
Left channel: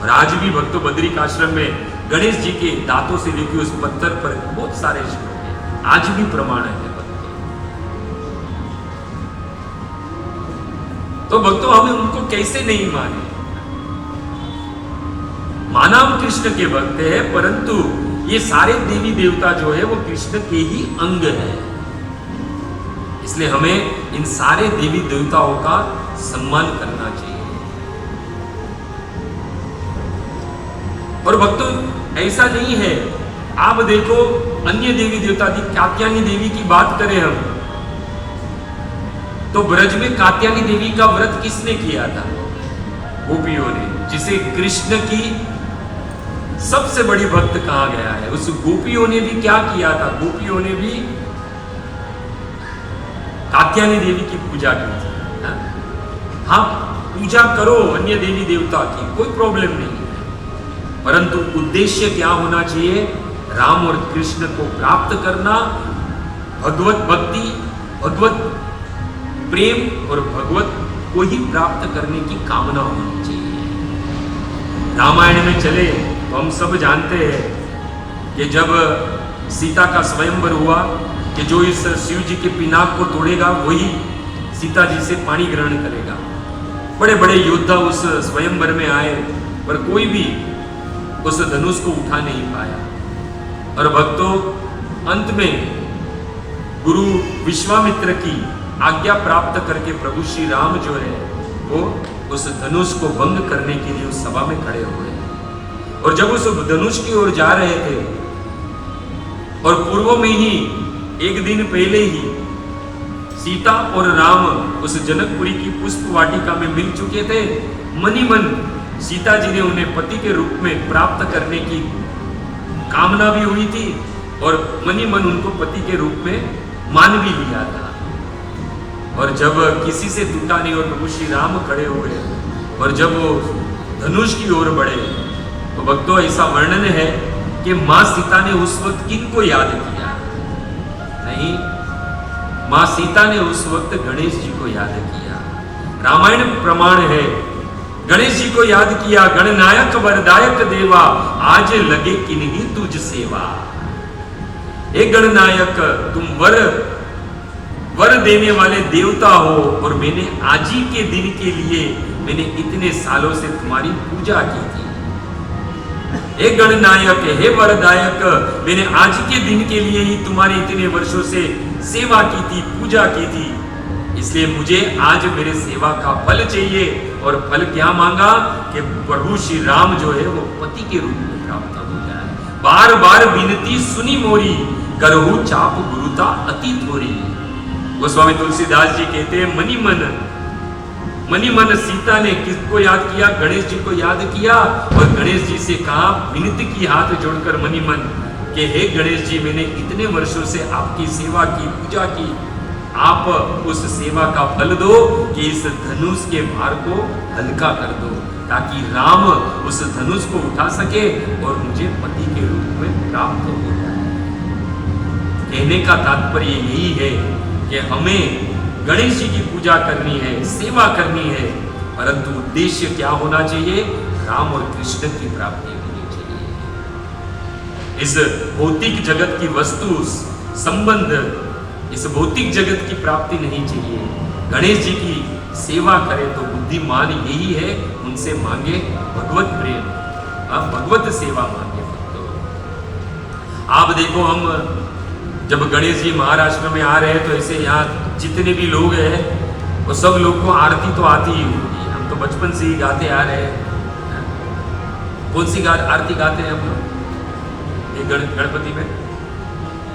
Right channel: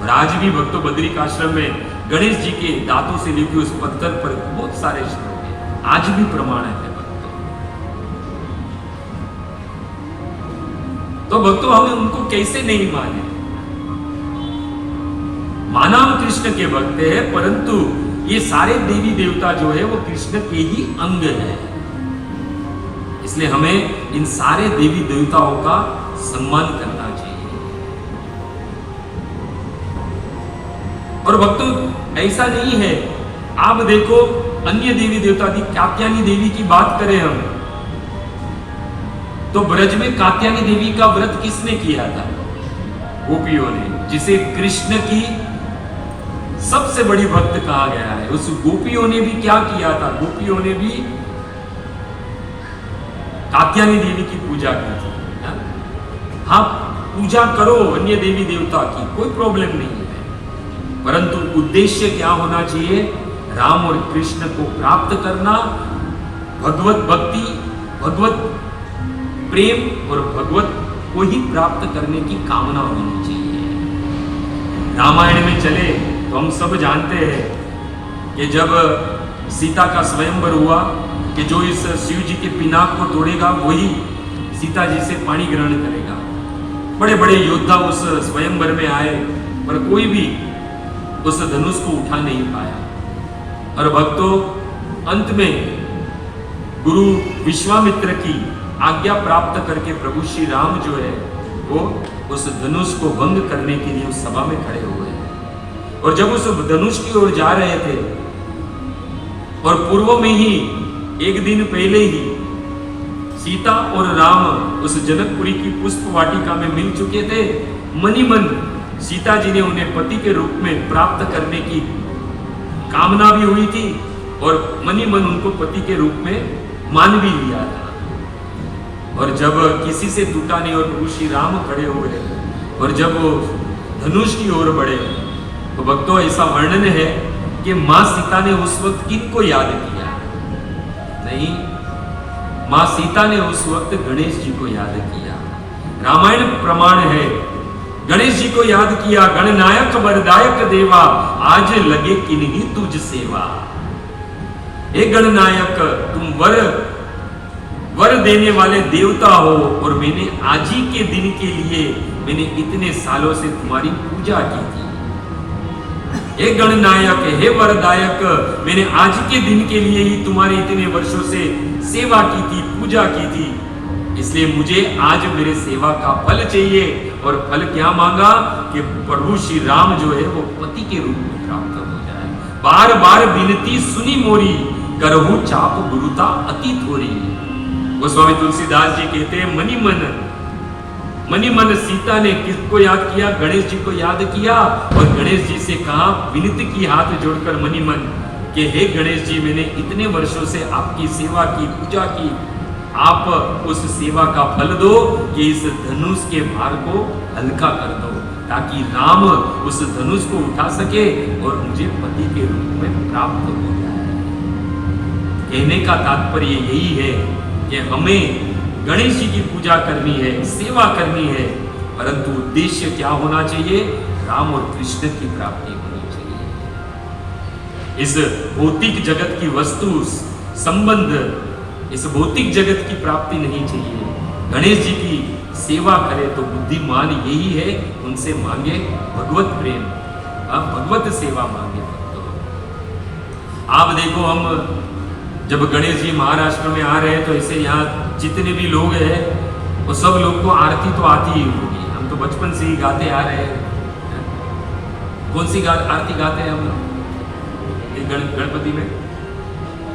और आज भी भक्तों बद्रिकाश्रम में गणेश जी के दांतों से लिखे उस पत्थर पर बहुत सारे श्लोक हैं, आज भी प्रमाण है भक्तों। तो भक्तों हमें उनको कैसे नहीं माने? माना हम कृष्ण के भक्त है, परंतु ये सारे देवी देवता जो है वो कृष्ण के ही अंग है, इसलिए हमें इन सारे देवी देवताओं का सम्मान करना चाहिए। और भक्तों ऐसा नहीं है, आप देखो अन्य देवी देवता की कात्यायनी देवी की बात करें हम, तो ब्रज में कात्यायनी देवी का व्रत किसने किया था? गोपियों ने, जिसे कृष्ण की सबसे बड़ी भक्त कहा गया है। उस गोपियों ने भी क्या किया था? गोपियों ने भी कात्यायनी देवी की पूजा की थी। हाँ, पूजा करो अन्य देवी देवता की, कोई प्रॉब्लम नहीं है, परंतु उद्देश्य क्या होना चाहिए? राम और कृष्ण को प्राप्त करना, भगवत भक्ति, भगवत प्रेम और भगवत को ही प्राप्त करने की कामना होनी चाहिए। रामायण में चले तो हम सब जानते हैं कि जब सीता का स्वयंवर हुआ कि जो इस शिव जी के पिनाक को तोड़ेगा वही सीता जी से पानी ग्रहण करेगा। बड़े बड़े योद्धा उस स्वयंवर में आए, पर कोई भी उस धनुष को उठा नहीं पाया। और भक्तों अंत में गुरु विश्वामित्र की आज्ञा प्राप्त करके प्रभु श्री राम जो है वो उस धनुष को भंग करने के लिए उस सभा में खड़े हुए। और जब उस धनुष की ओर जा रहे थे और पूर्व में ही एक दिन पहले ही सीता और राम उस जनकपुरी की पुष्प वाटिका में मिल चुके थे, मनी मन सीता जी ने उन्हें पति के रूप में प्राप्त करने की कामना भी हुई थी और मनी मन उनको पति के रूप में मान भी लिया था। और जब किसी से टूटा नहीं और प्रभु श्री राम खड़े हुए और जब वो धनुष की ओर बढ़े, तो भक्तों ऐसा वर्णन है कि मां सीता ने उस वक्त किनको याद किया? नहीं, मां सीता ने उस वक्त गणेश जी को याद किया। रामायण प्रमाण है, गणेश जी को याद किया। गणनायक वरदायक देवा, आज लगे किन्हीं तुझ सेवा। हे गणनायक, तुम वर देने वाले देवता हो और मैंने आज ही के दिन के लिए मैंने इतने सालों से तुम्हारी पूजा की थी। हे गणनायक, हे वरदायक, मैंने आज के दिन के लिए ही तुम्हारी इतने वर्षों से सेवा की थी, पूजा की थी, इसलिए मुझे आज मेरे सेवा का फल चाहिए। और फल क्या मांगा कि प्रभु श्री राम जो है वो पति के रूप में प्राप्त हो जाए। बार बार विनती सुनी मोरी, करहु चाप गुरुता अति थोरी। गोस्वामी तुलसीदास जी कहते हैं मनी मन सीता ने किसको याद किया? गणेश जी को याद किया और गणेश जी से कहा, विनती की हाथ जोड़कर मनी मन कि हे गणेश जी, मैंने इतने वर्षों से आपकी सेवा की, पूजा की, आप उस सेवा का फल दो कि इस धनुष के भार को हल्का कर दो, ताकि राम उस धनुष को उठा सके और मुझे पति के रूप में प्राप्त हो जाए। कहने का तात्पर्य यही है कि हमें गणेश जी की पूजा करनी है, सेवा करनी है, परंतु उद्देश्य क्या होना चाहिए? राम और कृष्ण की प्राप्ति होनी चाहिए। इस भौतिक जगत की वस्तु संबंध, इस भौतिक जगत की प्राप्ति नहीं चाहिए। गणेश जी की सेवा करें तो बुद्धिमान यही है, उनसे मांगे भगवत प्रेम, भगवत सेवा मांगे। आप देखो, हम जब गणेश जी महाराष्ट्र में आ रहे हैं तो ऐसे यहाँ जितने भी लोग हैं वो सब लोग को आरती तो आती ही होगी। हम तो बचपन से ही गाते आ रहे हैं। कौन सी आरती गाते हैं हम लोग ये गणपति में?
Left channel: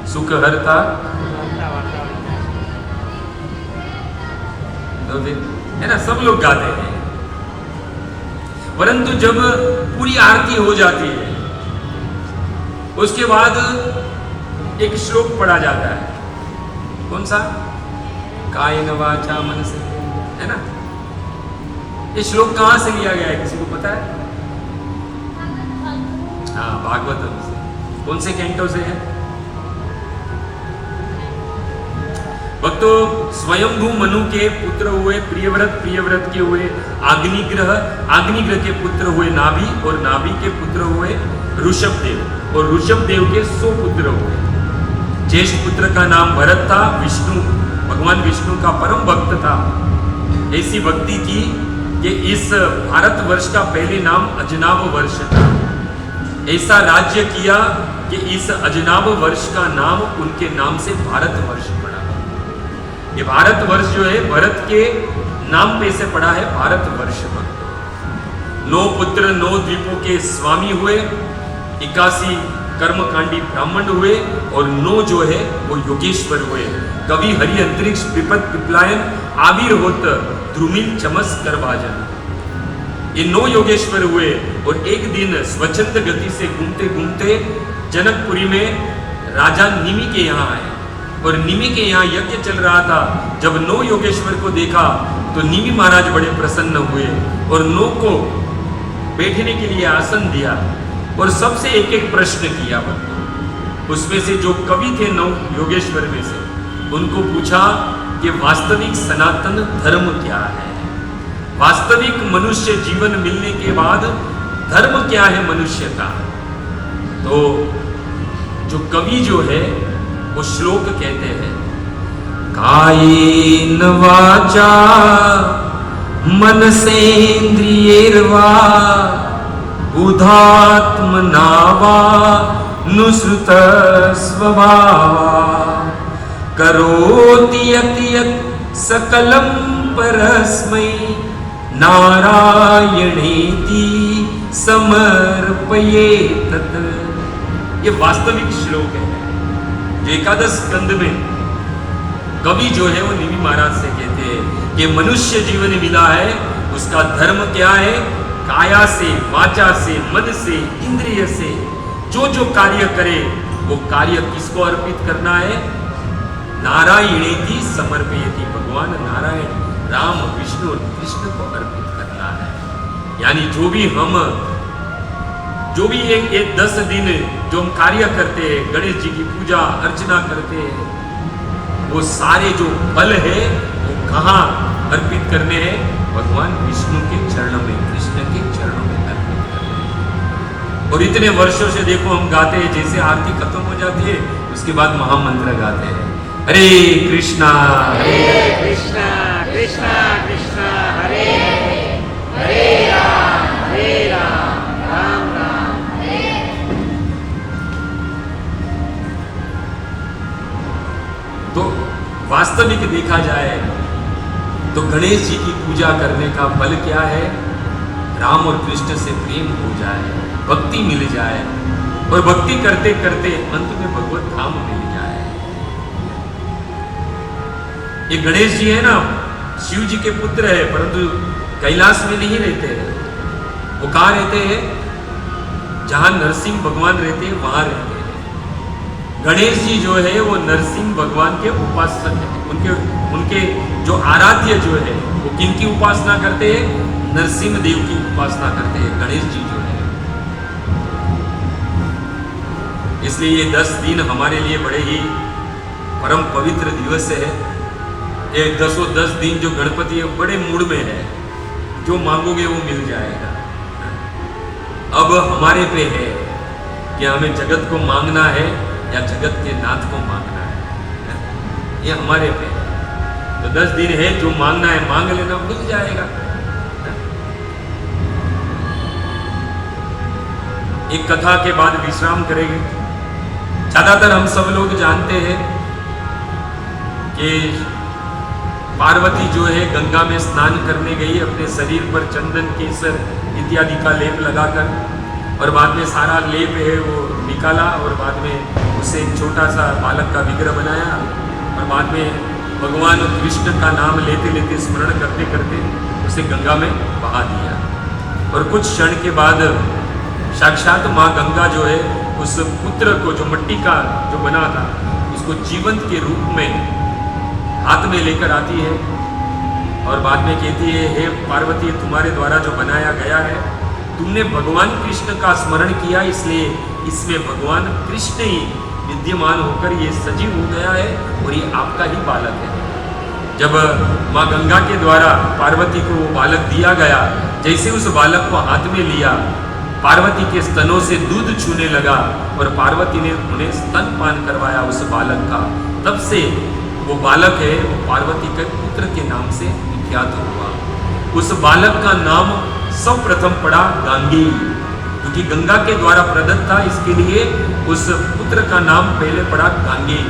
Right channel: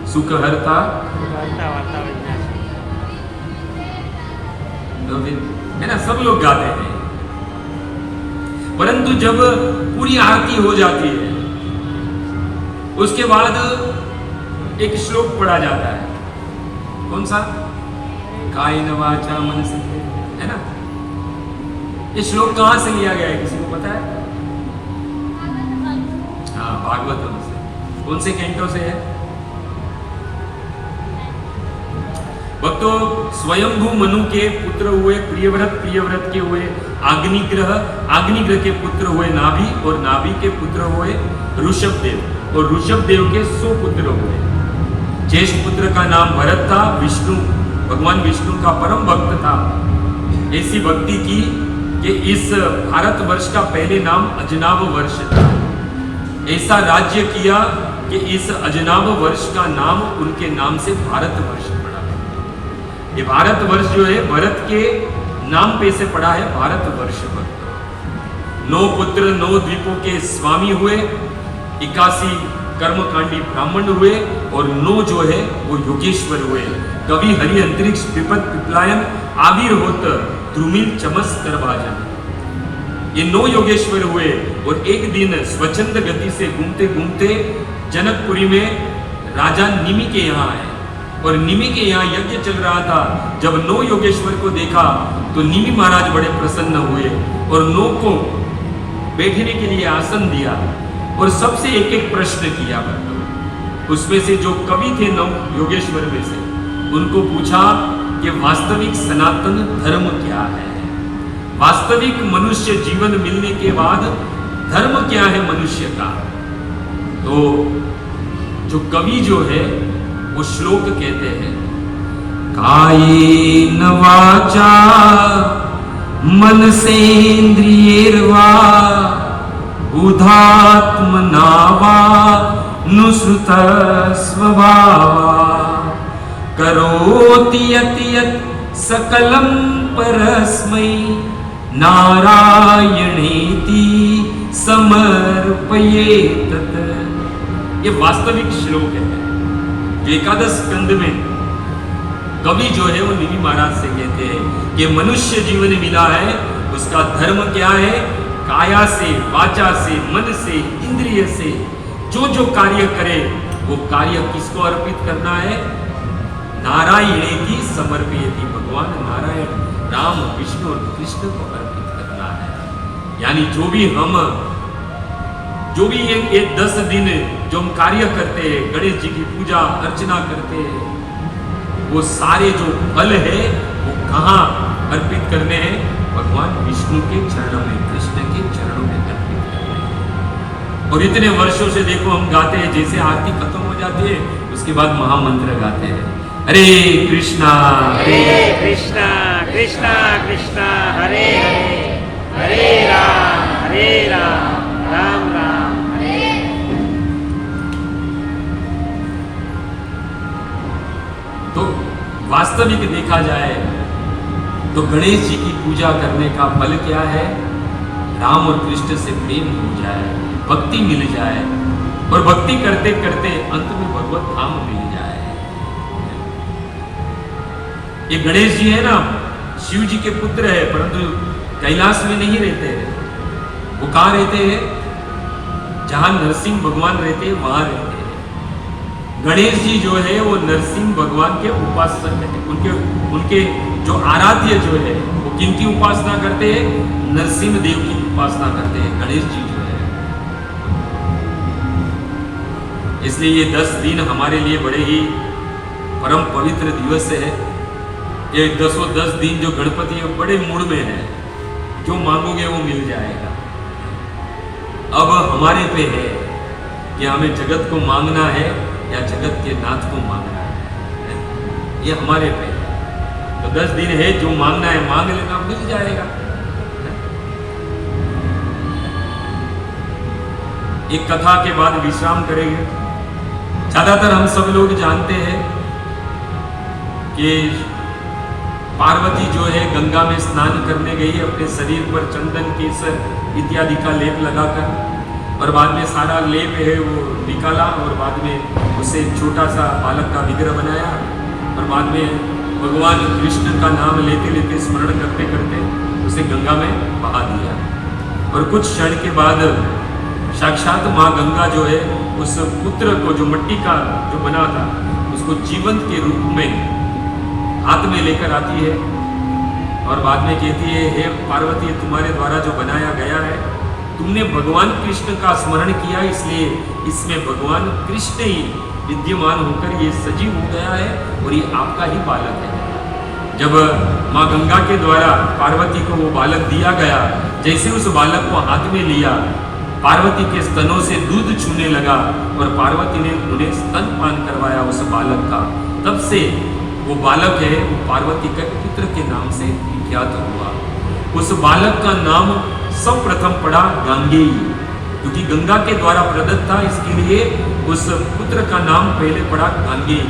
सुख हरता, तो है ना, सब लोग गाते हैं। परंतु जब पूरी आरती हो जाती है उसके बाद एक श्लोक पढ़ा जाता है। कौन सा? कायेन वाचा मनसा, है ना? ये श्लोक कहां से लिया गया है, किसी को पता है? हाँ, भागवतम से। कौन से कैंटो से है? भक्तों, स्वयंभू मनु के पुत्र हुए प्रियव्रत के हुए अग्निग्रह के पुत्र हुए नाभि, और नाभि के पुत्र हुए ऋषभदेव, और ऋषभदेव के 100 पुत्र हुए। ज्येष्ठ पुत्र का नाम भरत था। विष्णु, भगवान विष्णु का परम भक्त था। ऐसी भक्ति की कि इस भारतवर्ष का पहले नाम अजनाब वर्ष था। ऐसा राज्य किया कि इस अजनाब वर्ष का नाम उनके नाम से भारतवर्ष पड़ा। ये भारतवर्ष जो है भरत के नाम पे से पड़ा है भारतवर्ष पर। 9 पुत्र 9 द्वीपों के स्वामी हुए, 81 कर्मकांडी ब्राह्मण हुए, और 9 जो है वो योगेश्वर हुए। कवि हरि अंतरिक्ष पिपत पिपलायन आविर होत द्रुमिल चमस करभाजन। ये 9 योगेश्वर हुए। और एक दिन स्वच्छंद गति से घूमते घूमते जनकपुरी में राजा निमि के यहाँ आए, और निमि के यहाँ यज्ञ चल रहा था। जब 9 योगेश्वर को देखा तो निमि महाराज बड़े प्रसन्न हुए और 9 को बैठने के लिए आसन दिया और सबसे एक एक प्रश्न किया। उसमें से जो कवि थे 9 योगेश्वर में से, उनको पूछा कि वास्तविक सनातन धर्म क्या है, वास्तविक मनुष्य जीवन मिलने के बाद धर्म क्या है मनुष्य का। तो जो कवि जो है वो श्लोक कहते हैं, कायेन वाचा मनसेन्द्रियैर्वा बुधात्मना वा नुसृत स्वभावा करोति यत् यत् सकलं परस्मै नारायणेति समर्पयेत् तत्। ये वास्तविक श्लोक है जो एकादश स्कंद में कवि जो है वो निमि महाराज से कहते हैं कि मनुष्य जीवन मिला है, उसका धर्म क्या है? काया से, वाचा से, मन से, इंद्रिय से जो जो कार्य करे वो कार्य किसको अर्पित करना है? नारायणेति समर्पयेति, भगवान नारायण राम विष्णु और कृष्ण को अर्पित करना है। यानी जो भी ये 10 दिन जो हम कार्य करते हैं, गणेश जी की पूजा अर्चना करते हैं, वो सारे जो फल है वो कहाँ अर्पित करने हैं? भगवान विष्णु के चरणों में, कृष्ण के चरणों में अर्पित करने हैं। और इतने वर्षों से देखो हम गाते हैं, जैसे आरती खत्म हो जाती है उसके बाद महामंत्र गाते हैं, हरे कृष्णा कृष्णा कृष्णा कृष्णा हरे हरे राम राम राम हरे। तो वास्तविक देखा जाए तो गणेश जी की पूजा करने का फल क्या है? राम और कृष्ण से प्रेम हो जाए, भक्ति मिल जाए, और भक्ति करते करते अंत में भगवत धाम मिल जाए। ये गणेश जी है ना, शिव जी के पुत्र है, परंतु कैलाश में नहीं रहते हैं। वो कहाँ रहते हैं? जहां नरसिंह भगवान रहते हैं वहां रहते हैं। गणेश जी जो है वो नरसिंह भगवान के उपासक है। उनके जो आराध्य जो है वो किनकी उपासना करते हैं? नरसिंह देव की उपासना करते हैं गणेश जी जो है। इसलिए ये 10 दिन हमारे लिए बड़े ही परम पवित्र दिवस है। ये 10 दिन जो गणपति है बड़े मूड में है, जो मांगोगे वो मिल जाएगा। अब हमारे पे है कि हमें जगत को मांगना है या जगत के नाथ को मांगना है, ये हमारे पे है। तो 10 दिन है, जो मांगना है मांग लेना, मिल जाएगा। एक कथा के बाद विश्राम करेंगे। ज्यादातर हम सब लोग जानते हैं कि पार्वती जो है गंगा में स्नान करने गई, अपने शरीर पर चंदन केसर इत्यादि का लेप लगाकर, और बाद में सारा लेप है वो निकाला और बाद में उससे एक छोटा सा बालक का विग्रह बनाया और बाद में भगवान कृष्ण का नाम लेते लेते स्मरण करते करते उसे गंगा में बहा दिया। और कुछ क्षण के बाद साक्षात माँ गंगा जो है उस पुत्र को, जो मिट्टी का जो बना था, उसको जीवंत के रूप में हाथ में लेकर आती है और बाद में कहती है, हे पार्वती, तुम्हारे द्वारा जो बनाया गया है, तुमने भगवान कृष्ण का स्मरण किया, इसलिए इसमें भगवान कृष्ण ही विद्यमान होकर ये सजीव हो गया है और ये आपका ही बालक है। जब माँ गंगा के द्वारा पार्वती को वो बालक दिया गया, जैसे उस बालक को हाथ में लिया, पार्वती के स्तनों से दूध छूने लगा और पार्वती ने उन्हें स्तनपान करवाया उस बालक का। तब से वो बालक है वो पार्वती के पुत्र के नाम से विख्यात हुआ। उस बालक का नाम सर्वप्रथम पड़ा गांगेय, क्योंकि गंगा के द्वारा प्रदत्त था, इसके लिए उस पुत्र का नाम पहले पड़ा गांगेय।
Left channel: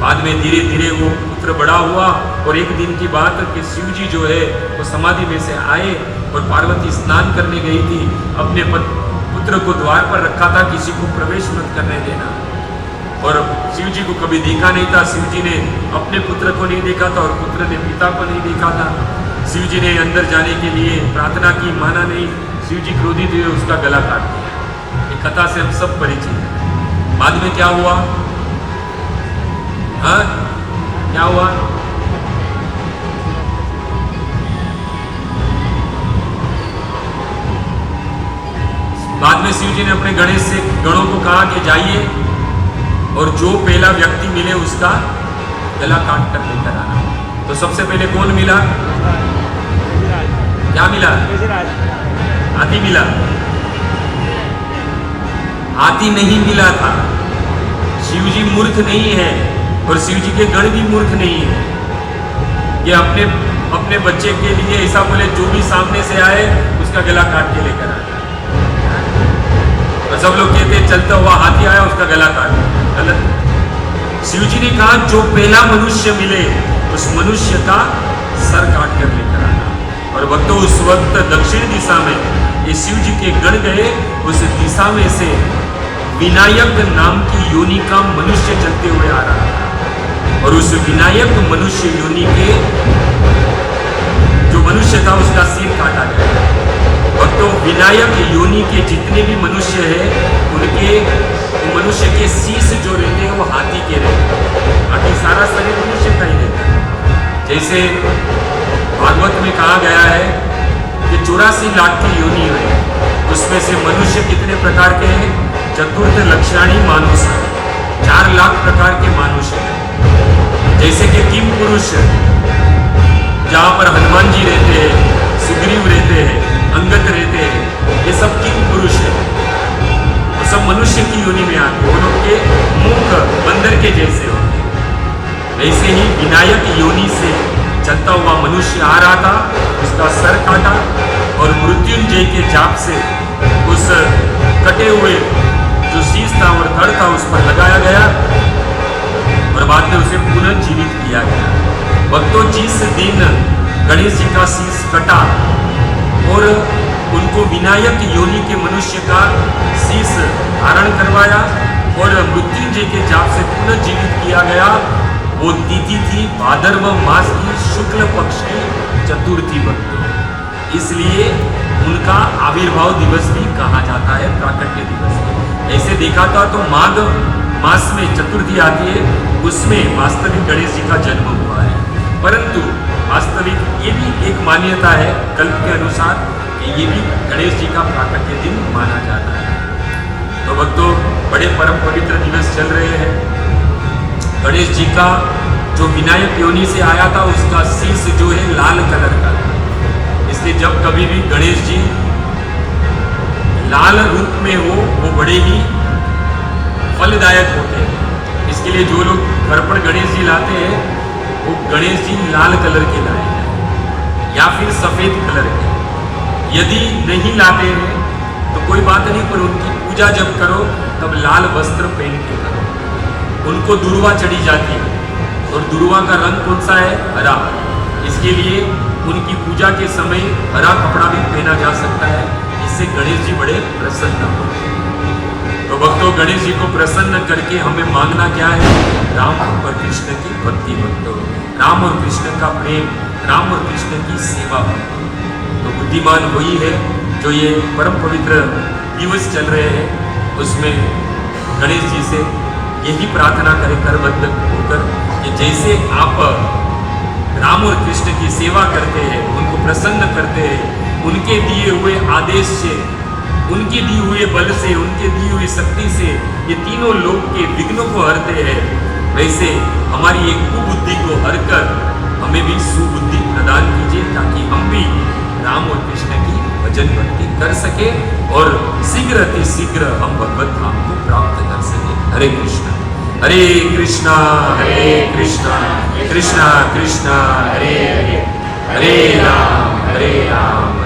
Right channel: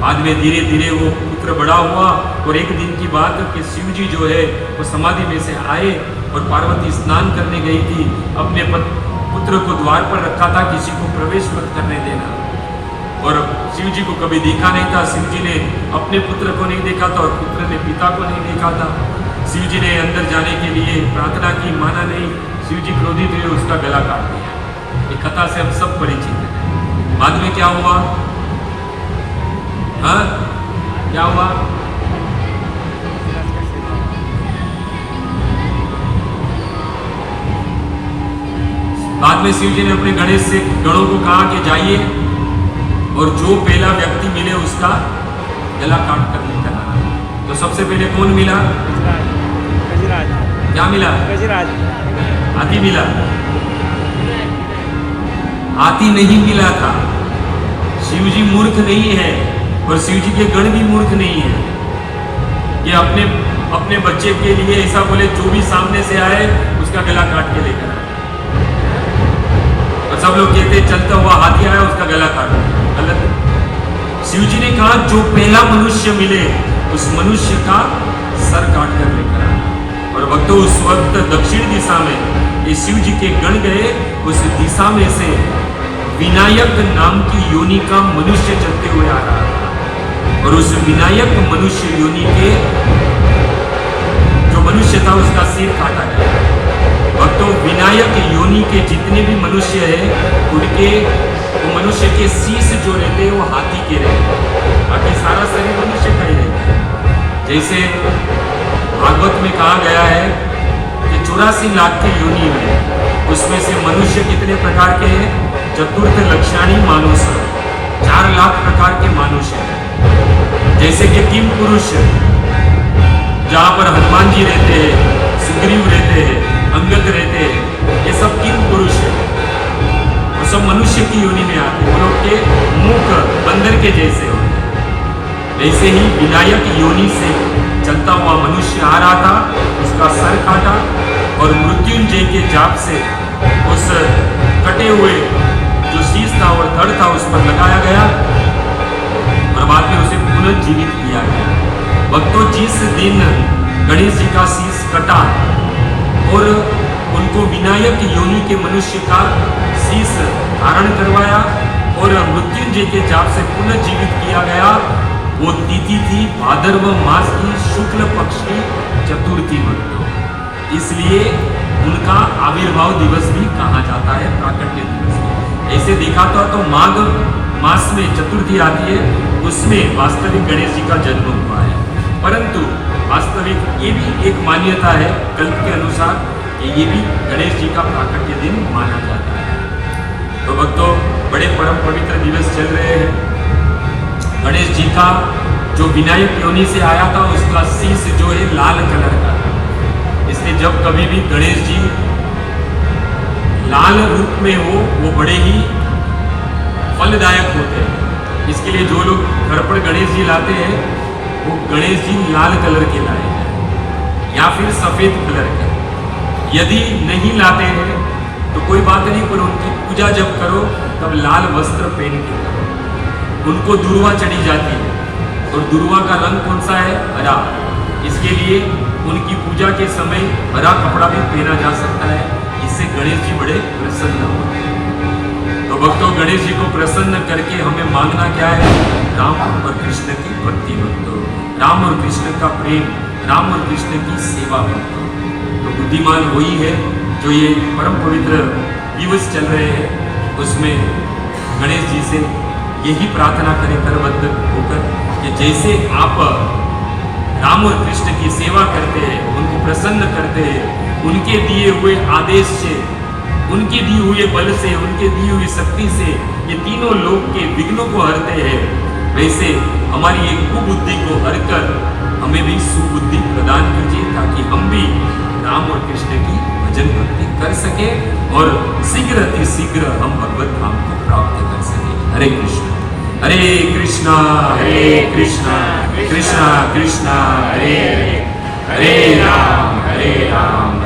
बाद में धीरे धीरे वो पुत्र बड़ा हुआ और एक दिन की बात कि शिव जी जो है वो समाधि में से आए और पार्वती स्नान करने गई थी, अपने पुत्र को द्वार पर रखा था, किसी को प्रवेश मत करने देना। और शिव जी को कभी देखा नहीं था, शिव जी ने अपने पुत्र को नहीं देखा था और पुत्र ने पिता को नहीं देखा था। शिव जी ने अंदर जाने के लिए प्रार्थना की, माना नहीं। शिव जी क्रोधित हुए, उसका गला काट दिया। ये कथा से हम सब परिचित हैं। बाद में क्या हुआ? हाँ, क्या हुआ? बाद में शिव जी ने अपने गणेश से गणों को कहा कि जाइए और जो पहला व्यक्ति मिले उसका गला काट कर लेकर आना। तो सबसे पहले कौन मिला? क्या मिला? हाथी मिला? हाथी नहीं मिला था। शिव जी मूर्ख नहीं है और शिव जी के गण भी मूर्ख नहीं है। ये अपने बच्चे के लिए ऐसा बोले, जो भी सामने से आए उसका गला काट के लेकर आए। और सब लोग कहते चलता हुआ हाथी आया, उसका गला काट। गलत। शिव जी ने कहा जो पहला मनुष्य मिले उस मनुष्य का सर काट कर लेकर आना। और भक्तों, उस वक्त दक्षिण दिशा में ये शिव जी के गण गए। उस दिशा में से विनायक नाम की योनि का मनुष्य चलते हुए आ रहा था और उस विनायक मनुष्य योनि के जो मनुष्य था उसका सिर काटा गया। भक्तों, विनायक योनि के जितने भी मनुष्य हैं उनके वो मनुष्य के शीश जो रहते हैं वो हाथी के रहते हैं, बाकी सारा शरीर मनुष्य का ही रहता है। जैसे भागवत में कहा गया है कि 84 लाख की योनि है, उसमें से मनुष्य कितने प्रकार के हैं? चतुर्थ लक्षाणी मानुष, 4 लाख प्रकार के मनुष्य हैं। जैसे कि किम पुरुष, जहाँ पर हनुमान जी रहते हैं, सुग्रीव रहते हैं, अंगद रहते हैं, ये सब किम पुरुष है, तो सब मनुष्य की योनि में आते हैं। लोग के मुख बंदर के जैसे होते हैं। ऐसे ही विनायक योनि से चलता हुआ मनुष्य आ रहा था, उसका सर काटा और मृत्युंजय के जाप से उस कटे हुए जो शीश था और धड़ था उस पर लगाया गया और बाद में उसे पुनर्जीवित किया गया। भक्तों, जिस दिन गणेश जी का शीश कटा और उनको विनायक योनि के मनुष्य का शीश धारण करवाया और मृत्युंजय के जाप से पुनर्जीवित किया गया, वो तिथि थी भाद्रव मास की शुक्ल पक्ष की चतुर्थी। भक्तों, इसलिए उनका आविर्भाव दिवस भी कहा जाता है, प्राकट्य दिवस। ऐसे देखा तो माघ मास में चतुर्थी आती है, उसमें वास्तविक गणेश जी का जन्म हुआ है। परंतु वास्तविक ये भी एक मान्यता है कल्प के अनुसार कि ये भी गणेश जी का प्राकट्य दिन माना जाता है। तो भक्तों, बड़े परम पवित्र दिवस चल रहे हैं। गणेश जी का जो विनायक योनि से आया था उसका शीश जो है लाल कलर का था, इसलिए जब कभी भी गणेश जी लाल रूप में हो वो बड़े ही फलदायक होते हैं। इसके लिए जो लोग घर पर गणेश जी लाते हैं वो गणेश जी लाल कलर के लाए हैं या फिर सफेद कलर के। यदि नहीं लाते हैं तो कोई बात नहीं, पर उनकी पूजा जब करो तब लाल वस्त्र पहन के करो। उनको दुर्वा चढ़ी जाती है और दुर्वा का रंग कौन सा है? हरा। इसके लिए उनकी पूजा के समय हरा कपड़ा भी पहना जा सकता है। इससे गणेश जी बड़े प्रसन्न होते हैं। तो भक्तों, गणेश जी को प्रसन्न करके हमें मांगना क्या है? राम और कृष्ण की भक्ति भक्तों, राम और कृष्ण का प्रेम, राम और कृष्ण की सेवा भक्तों। तो बुद्धिमान वही है जो ये परम पवित्र दिवस चल रहे हैं, उसमें गणेश जी से यही प्रार्थना करें करबद्ध होकर कि जैसे आप राम और कृष्ण की सेवा करते हैं, उनको प्रसन्न करते हैं, उनके दिए हुए आदेश से, उनके दिए हुए बल से, उनके दी हुई शक्ति से ये तीनों लोक के विघ्नों को हरते हैं, वैसे हमारी एक कुबुद्धि को हरकर हमें भी सुबुद्धि प्रदान कीजिए ताकि हम भी राम और कृष्ण की भजन भक्ति कर सके और शीघ्र अति शीघ्र हम भगवत धाम को प्राप्त कर सके। हरे कृष्णा हरे कृष्णा कृष्णा कृष्णा हरे हरे राम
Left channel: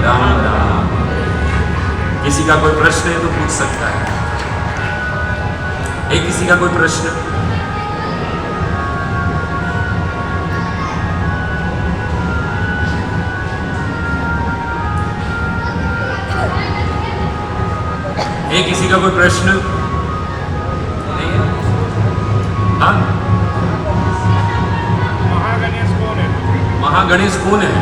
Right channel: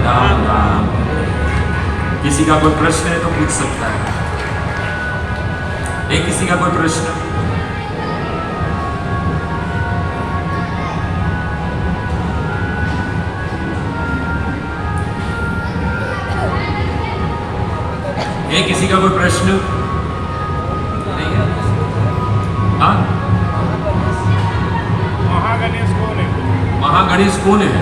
राम राम। किसी का कोई प्रश्न है तो पूछ सकता है। किसी का कोई प्रश्न? किसी का कोई प्रश्न नहीं है? हाँ, महागणेश कौन है? महागणेश कौन है?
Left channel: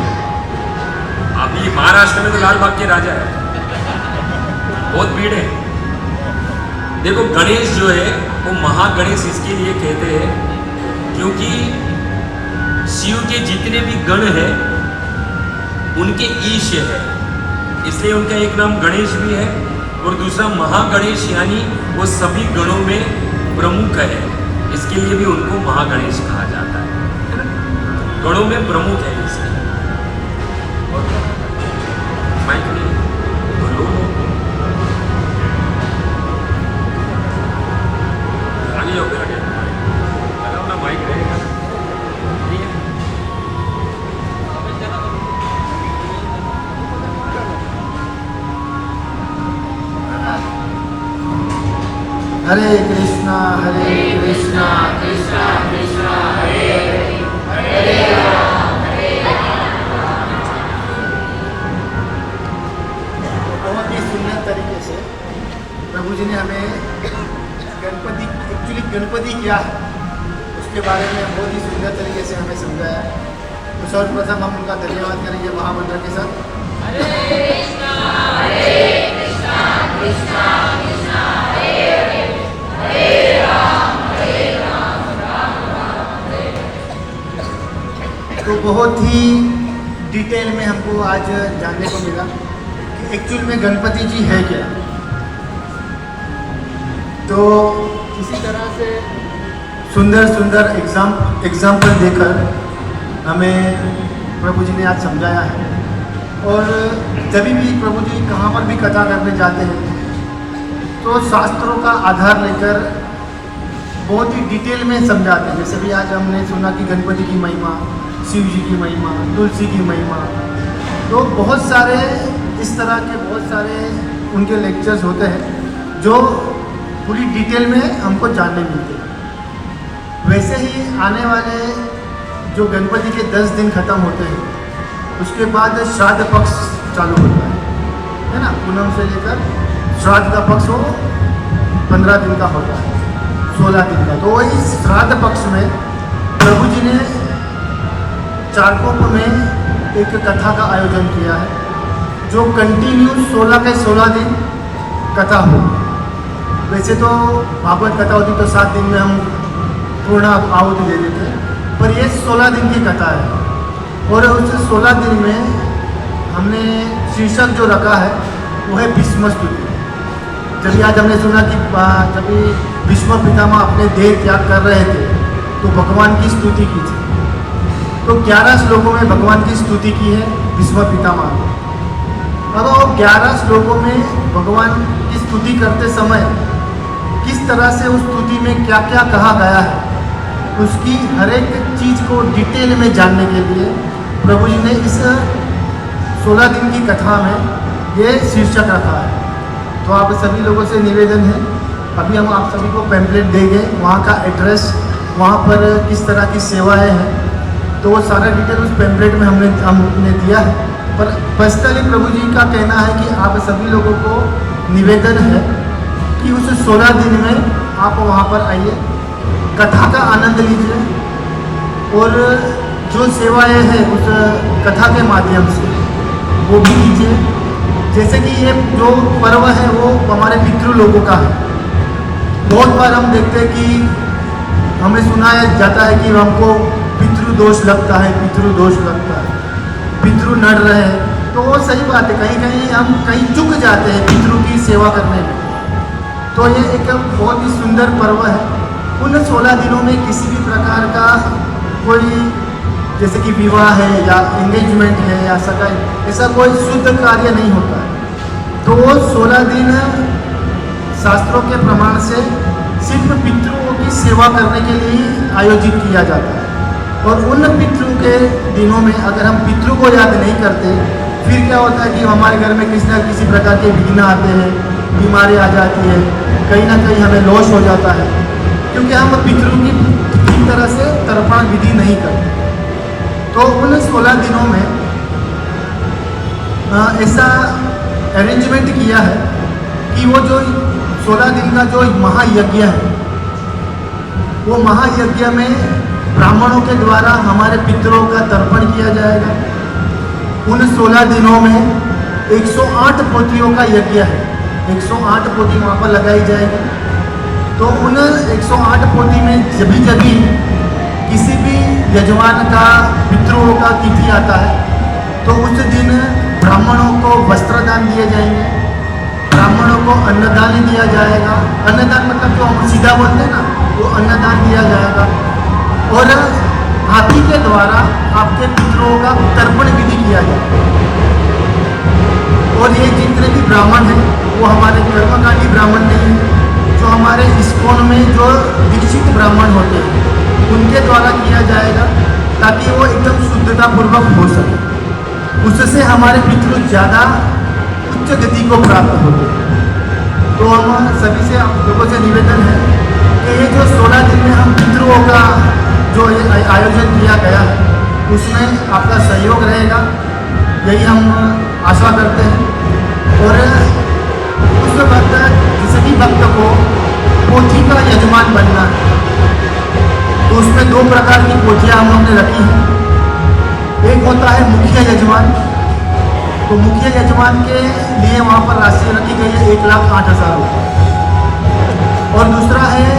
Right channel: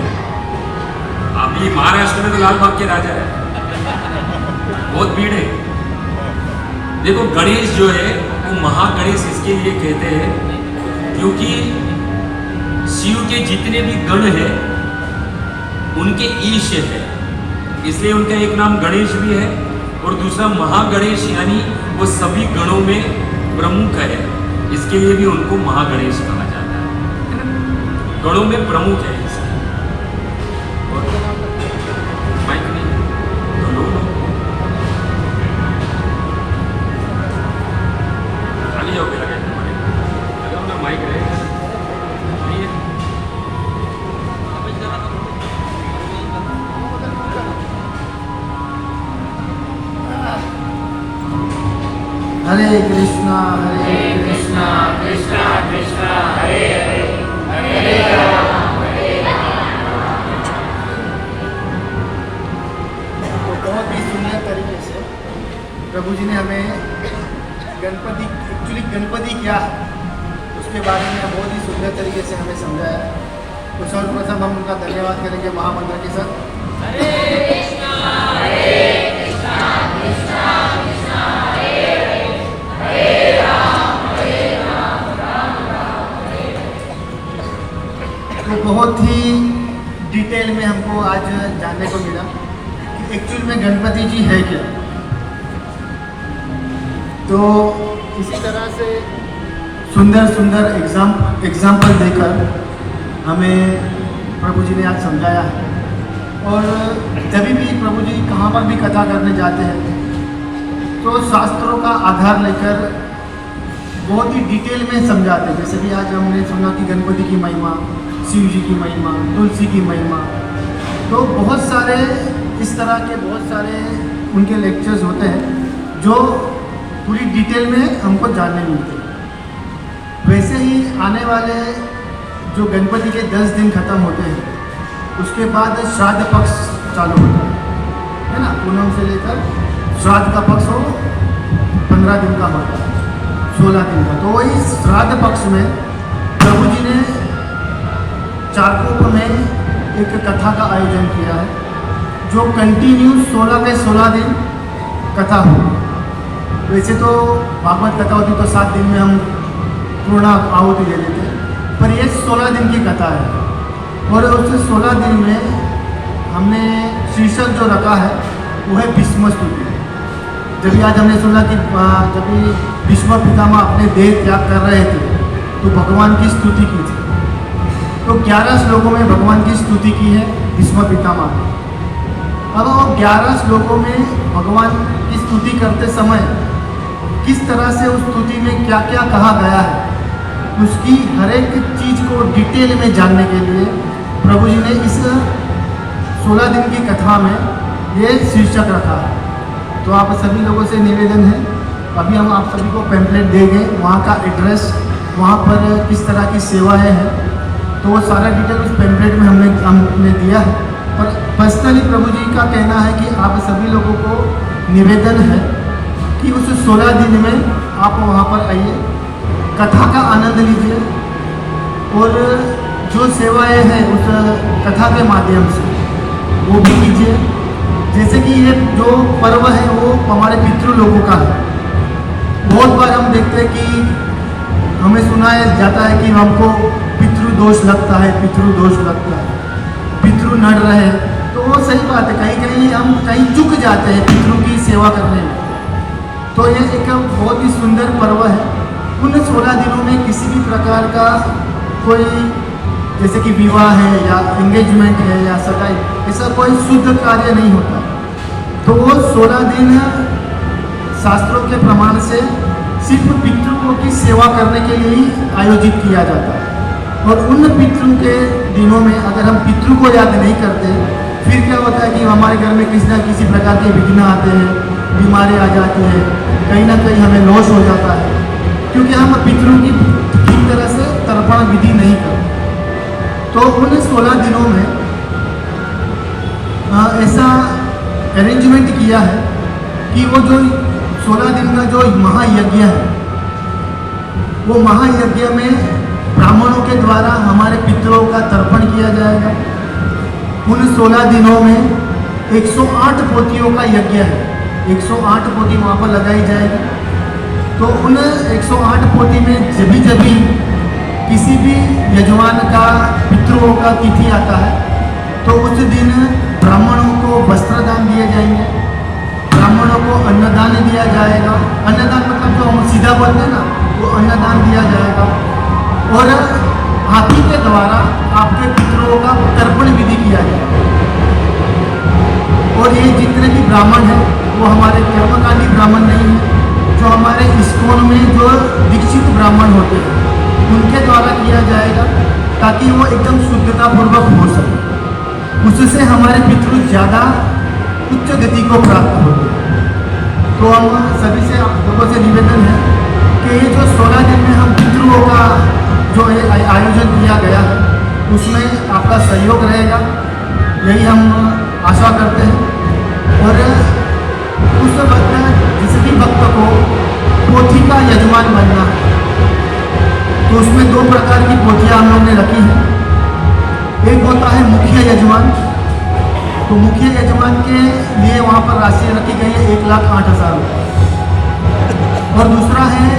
अभी महाराष्ट्र में तो लाल बाग के राजा है, बहुत भीड़ है। देखो, गणेश जो है वो महागणेश इसके लिए कहते हैं क्योंकि शिव के जितने भी गण हैं उनके ईश है, इसलिए उनका एक नाम गणेश भी है और दूसरा महागणेश यानी वो सभी गणों में प्रमुख है, इसके लिए भी उनको महागणेश कहा जाता है ना? गणों में प्रमुख है इसलिए। और माइक नहीं बोलो, आगे जाओ, लगे हमारे ना माइक रहेगा नहीं है। हरे कृष्णा कृष्णा कृष्णा हरे हरे बहुत ही सुंदर तरीके से प्रभु जी ने हमें गणपति, एक्चुअली गणपति क्या है उसके बारे में बहुत ही सुंदर तरीके से हमें समझाया। तो सर्वप्रथम हम उनका धन्यवाद करेंगे महामंत्र के साथ। हरे कृष्णा कृष्णा कृष्णा हरे राम राम राम हरे। तो बहुत ही डिटेल में हमको आज जानने को मिला कि एक्चुअल में गणपति जी है क्या। तो इसी तरह से सुंदर सुंदर एग्जाम्पल देकर हमें प्रभु जी ने आज समझाया है। और जब भी प्रभु जी कहाँ पर भी कथा करने जाते हैं तो शास्त्रों का आधार लेकर बहुत ही डिटेल में समझाते हैं। जैसे भी आज हमने सुना कि गणपति की महिमा, शिव जी की महिमा, तुलसी की महिमा, तो बहुत सारे इस तरह के बहुत सारे उनके लेक्चर्स होते हैं जो पूरी डिटेल में हमको जानने मिलते हैं। वैसे ही आने वाले जो गणपति के 10 दिन खत्म होते हैं उसके बाद श्राद्ध पक्ष चालू होता है ना। पूनम से लेकर श्राद्ध का पक्ष हो 15 दिन का होता है, 16 दिन का। तो वही श्राद्ध पक्ष में प्रभु जी ने चारकोप में एक कथा का आयोजन किया है जो कंटिन्यू 16 के 16 दिन कथा हो। वैसे तो भागवत कथा होती तो 7 दिन में हम पूर्ण आहुति दे देते हैं, पर ये 16 दिन की कथा है। और उससे 16 दिन में हमने शीर्षक जो रखा है वो है भीष्म स्तुति। जब आज हमने सुना कि जब भीष्म पितामह अपने देह त्याग कर रहे थे तो भगवान की स्तुति की थी। तो 11 श्लोकों में भगवान की स्तुति की है भीष्म पितामह। अब वो 11 श्लोकों में भगवान की स्तुति करते समय किस तरह से उस स्तुति में क्या क्या कहा गया है उसकी हर एक चीज़ को डिटेल में जानने के लिए प्रभु जी ने इस 16 दिन की कथा में ये शीर्षक रखा है। तो आप सभी लोगों से निवेदन है अभी हम आप सभी को पैम्पलेट देंगे, वहाँ का एड्रेस, वहाँ पर किस तरह की सेवाएं हैं, तो वो सारा डिटेल उस पैम्पलेट में हमने दिया है। पर पर्सनली प्रभु जी का कहना है कि आप सभी लोगों को निवेदन है कि उस 16 दिन में आप वहाँ पर आइए, कथा का आनंद लीजिए और जो सेवाएं हैं उस कथा के माध्यम से वो भी कीजिए। जैसे कि ये जो पर्व है वो हमारे पितृ लोगों का है। बहुत बार हम देखते हैं कि हमें सुनाया जाता है कि हमको पितृदोष लगता है, पितृदोष लगता है, पितृ नड़ रहे, तो वो सही बात है। कहीं कहीं हम कहीं चूक जाते हैं पितृ की सेवा करने में। तो ये एक बहुत ही सुंदर पर्व है। उन 16 दिनों में किसी भी प्रकार का कोई, जैसे कि विवाह है या एंगेजमेंट है या सगाई, ऐसा कोई शुद्ध कार्य नहीं होता। तो वो 16 दिन शास्त्रों के प्रमाण से सिर्फ पितरों की सेवा करने के लिए आयोजित किया जाता है। और उन पितरों के दिनों में अगर हम पितरों को याद नहीं करते, फिर क्या होता है कि हमारे घर में किसी न किसी प्रकार के विघ्न आते हैं, बीमारी आ जाती है, कहीं ना कहीं हमें लॉस हो जाता है, क्योंकि हम पितरों की ठीक तरह से तर्पण विधि नहीं करते। तो उन 16 दिनों में ऐसा अरेंजमेंट किया है कि वो जो 16 दिन का जो महायज्ञ है, वो महायज्ञ में ब्राह्मणों के द्वारा हमारे पितरों का तर्पण किया जाएगा। उन 16 दिनों में 108 पोथियों का यज्ञ है, 108 पोथी वहाँ पर लगाई जाएगी। तो उन 108 पोथी में जब किसी भी यजमान का पितरों का तिथि आता है, तो उस दिन ब्राह्मणों को वस्त्रदान दिए जाएंगे, ब्राह्मणों को अन्नदान दिया जाएगा। अन्नदान मतलब जो हम सीधा बोलते हैं ना, वो अन्नदान दिया जाएगा। और हाथी के द्वारा आपके पितरों का तर्पण विधि किया जाएगा। और ये जितने भी ब्राह्मण हैं वो हमारे कर्मकांडी ब्राह्मण नहीं है, जो हमारे इस्कॉन में जो दीक्षित ब्राह्मण होते हैं उनके द्वारा किया जाएगा, ताकि वो एकदम शुद्धतापूर्वक हो सके। उससे हमारे पितृ ज़्यादा उच्च गति को प्राप्त हो। तो हम सभी से आप लोगों से निवेदन है कि ये जो 16 दिन में हम पितरों का जो ये आयोजन किया गया है, उसमें आपका सहयोग रहेगा, यही हम आशा करते हैं। और उसके बाद किसी भी भक्त को पोथी का यजमान बनना है, तो उसमें 2 प्रकार की पोथियाँ हम लोगों ने रखी हैं। एक होता है मुखिया यजमान, तो मुखिया यजमान के लिए वहाँ पर राशि रखी गई है 1,08,000 रुपये। और दूसरा है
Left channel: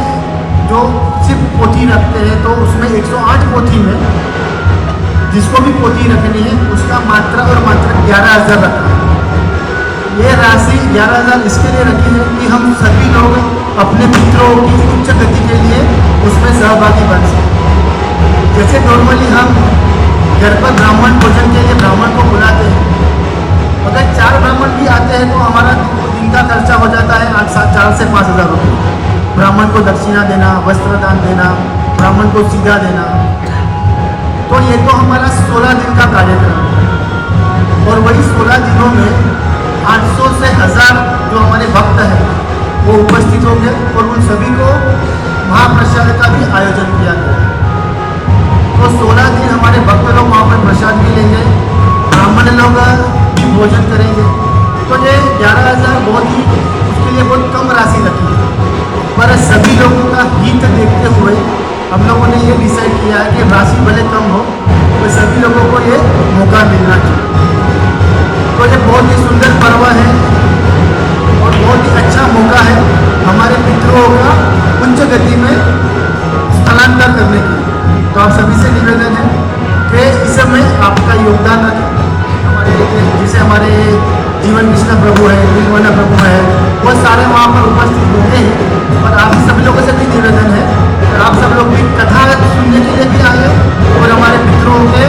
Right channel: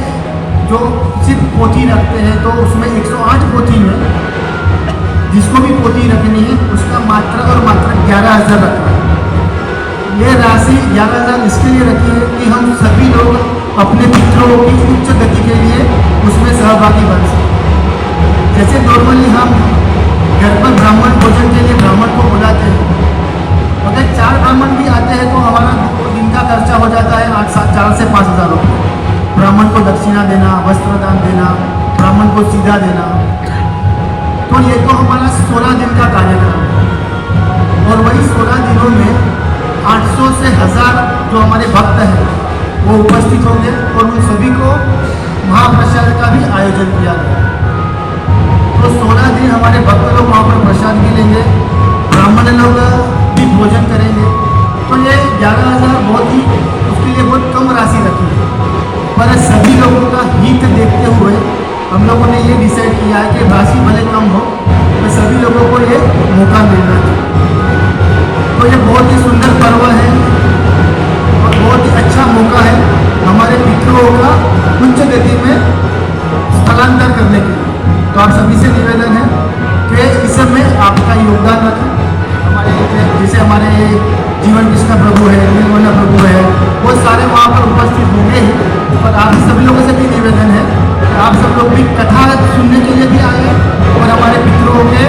जो सिर्फ पोथी रखते हैं, तो उसमें 108 पोथी में जिसको भी पोथी रखनी है उसका मात्र और मात्र 11,000 रखा है। ये राशि 11,000 इसके लिए रखी है कि हम सभी लोग अपने पितरों की उच्च गति के लिए उसमें सहभागी बन सकें। जैसे नॉर्मली हम घर पर ब्राह्मण भोजन के लिए ब्राह्मण को बुलाते हैं, अगर 4 ब्राह्मण भी आते हैं तो हमारा दिन का खर्चा हो जाता है 4 से 5,000 रुपये। ब्राह्मण को दक्षिणा देना, वस्त्रदान देना, ब्राह्मण को सीधा देना, तो ये तो हमारा 16 दिन का कार्यक्रम है। और वही 16 दिनों में 800 से 1000 जो हमारे भक्त हैं वो उपस्थित होंगे और उन सभी को महाप्रसाद का भी आयोजन किया गया। तो 16 दिन हमारे भक्त लोग वहाँ पर प्रसाद मिलेंगे, ब्राह्मण लोग भी भोजन करेंगे। तो ये 11,000 बहुत ही, उसके लिए बहुत कम राशि रखी है, पर सभी लोगों का हित देखते हुए हम लोगों ने ये डिसाइड किया है कि राशि भले कम हो तो सभी लोगों को ये मौका मिलना चाहिए। तो ये बहुत ही सुंदर पर्व है और बहुत ही अच्छा मौका है हमारे पितरों का उच्च गति में स्थलांतर करने के लिए। तो आप सभी से निवेदन है कि इस समय आपका योगदान रखें। हमारे जैसे हमारे जीवन कृष्ण प्रभु है, नीलमणि प्रभु है, वो सारे वहाँ पर उपस्थित होंगे ही। और आप सभी लोगों से भी निवेदन है कि आप सब लोग भी कथा सुनने के लिए भी आए और हमारे पितरों के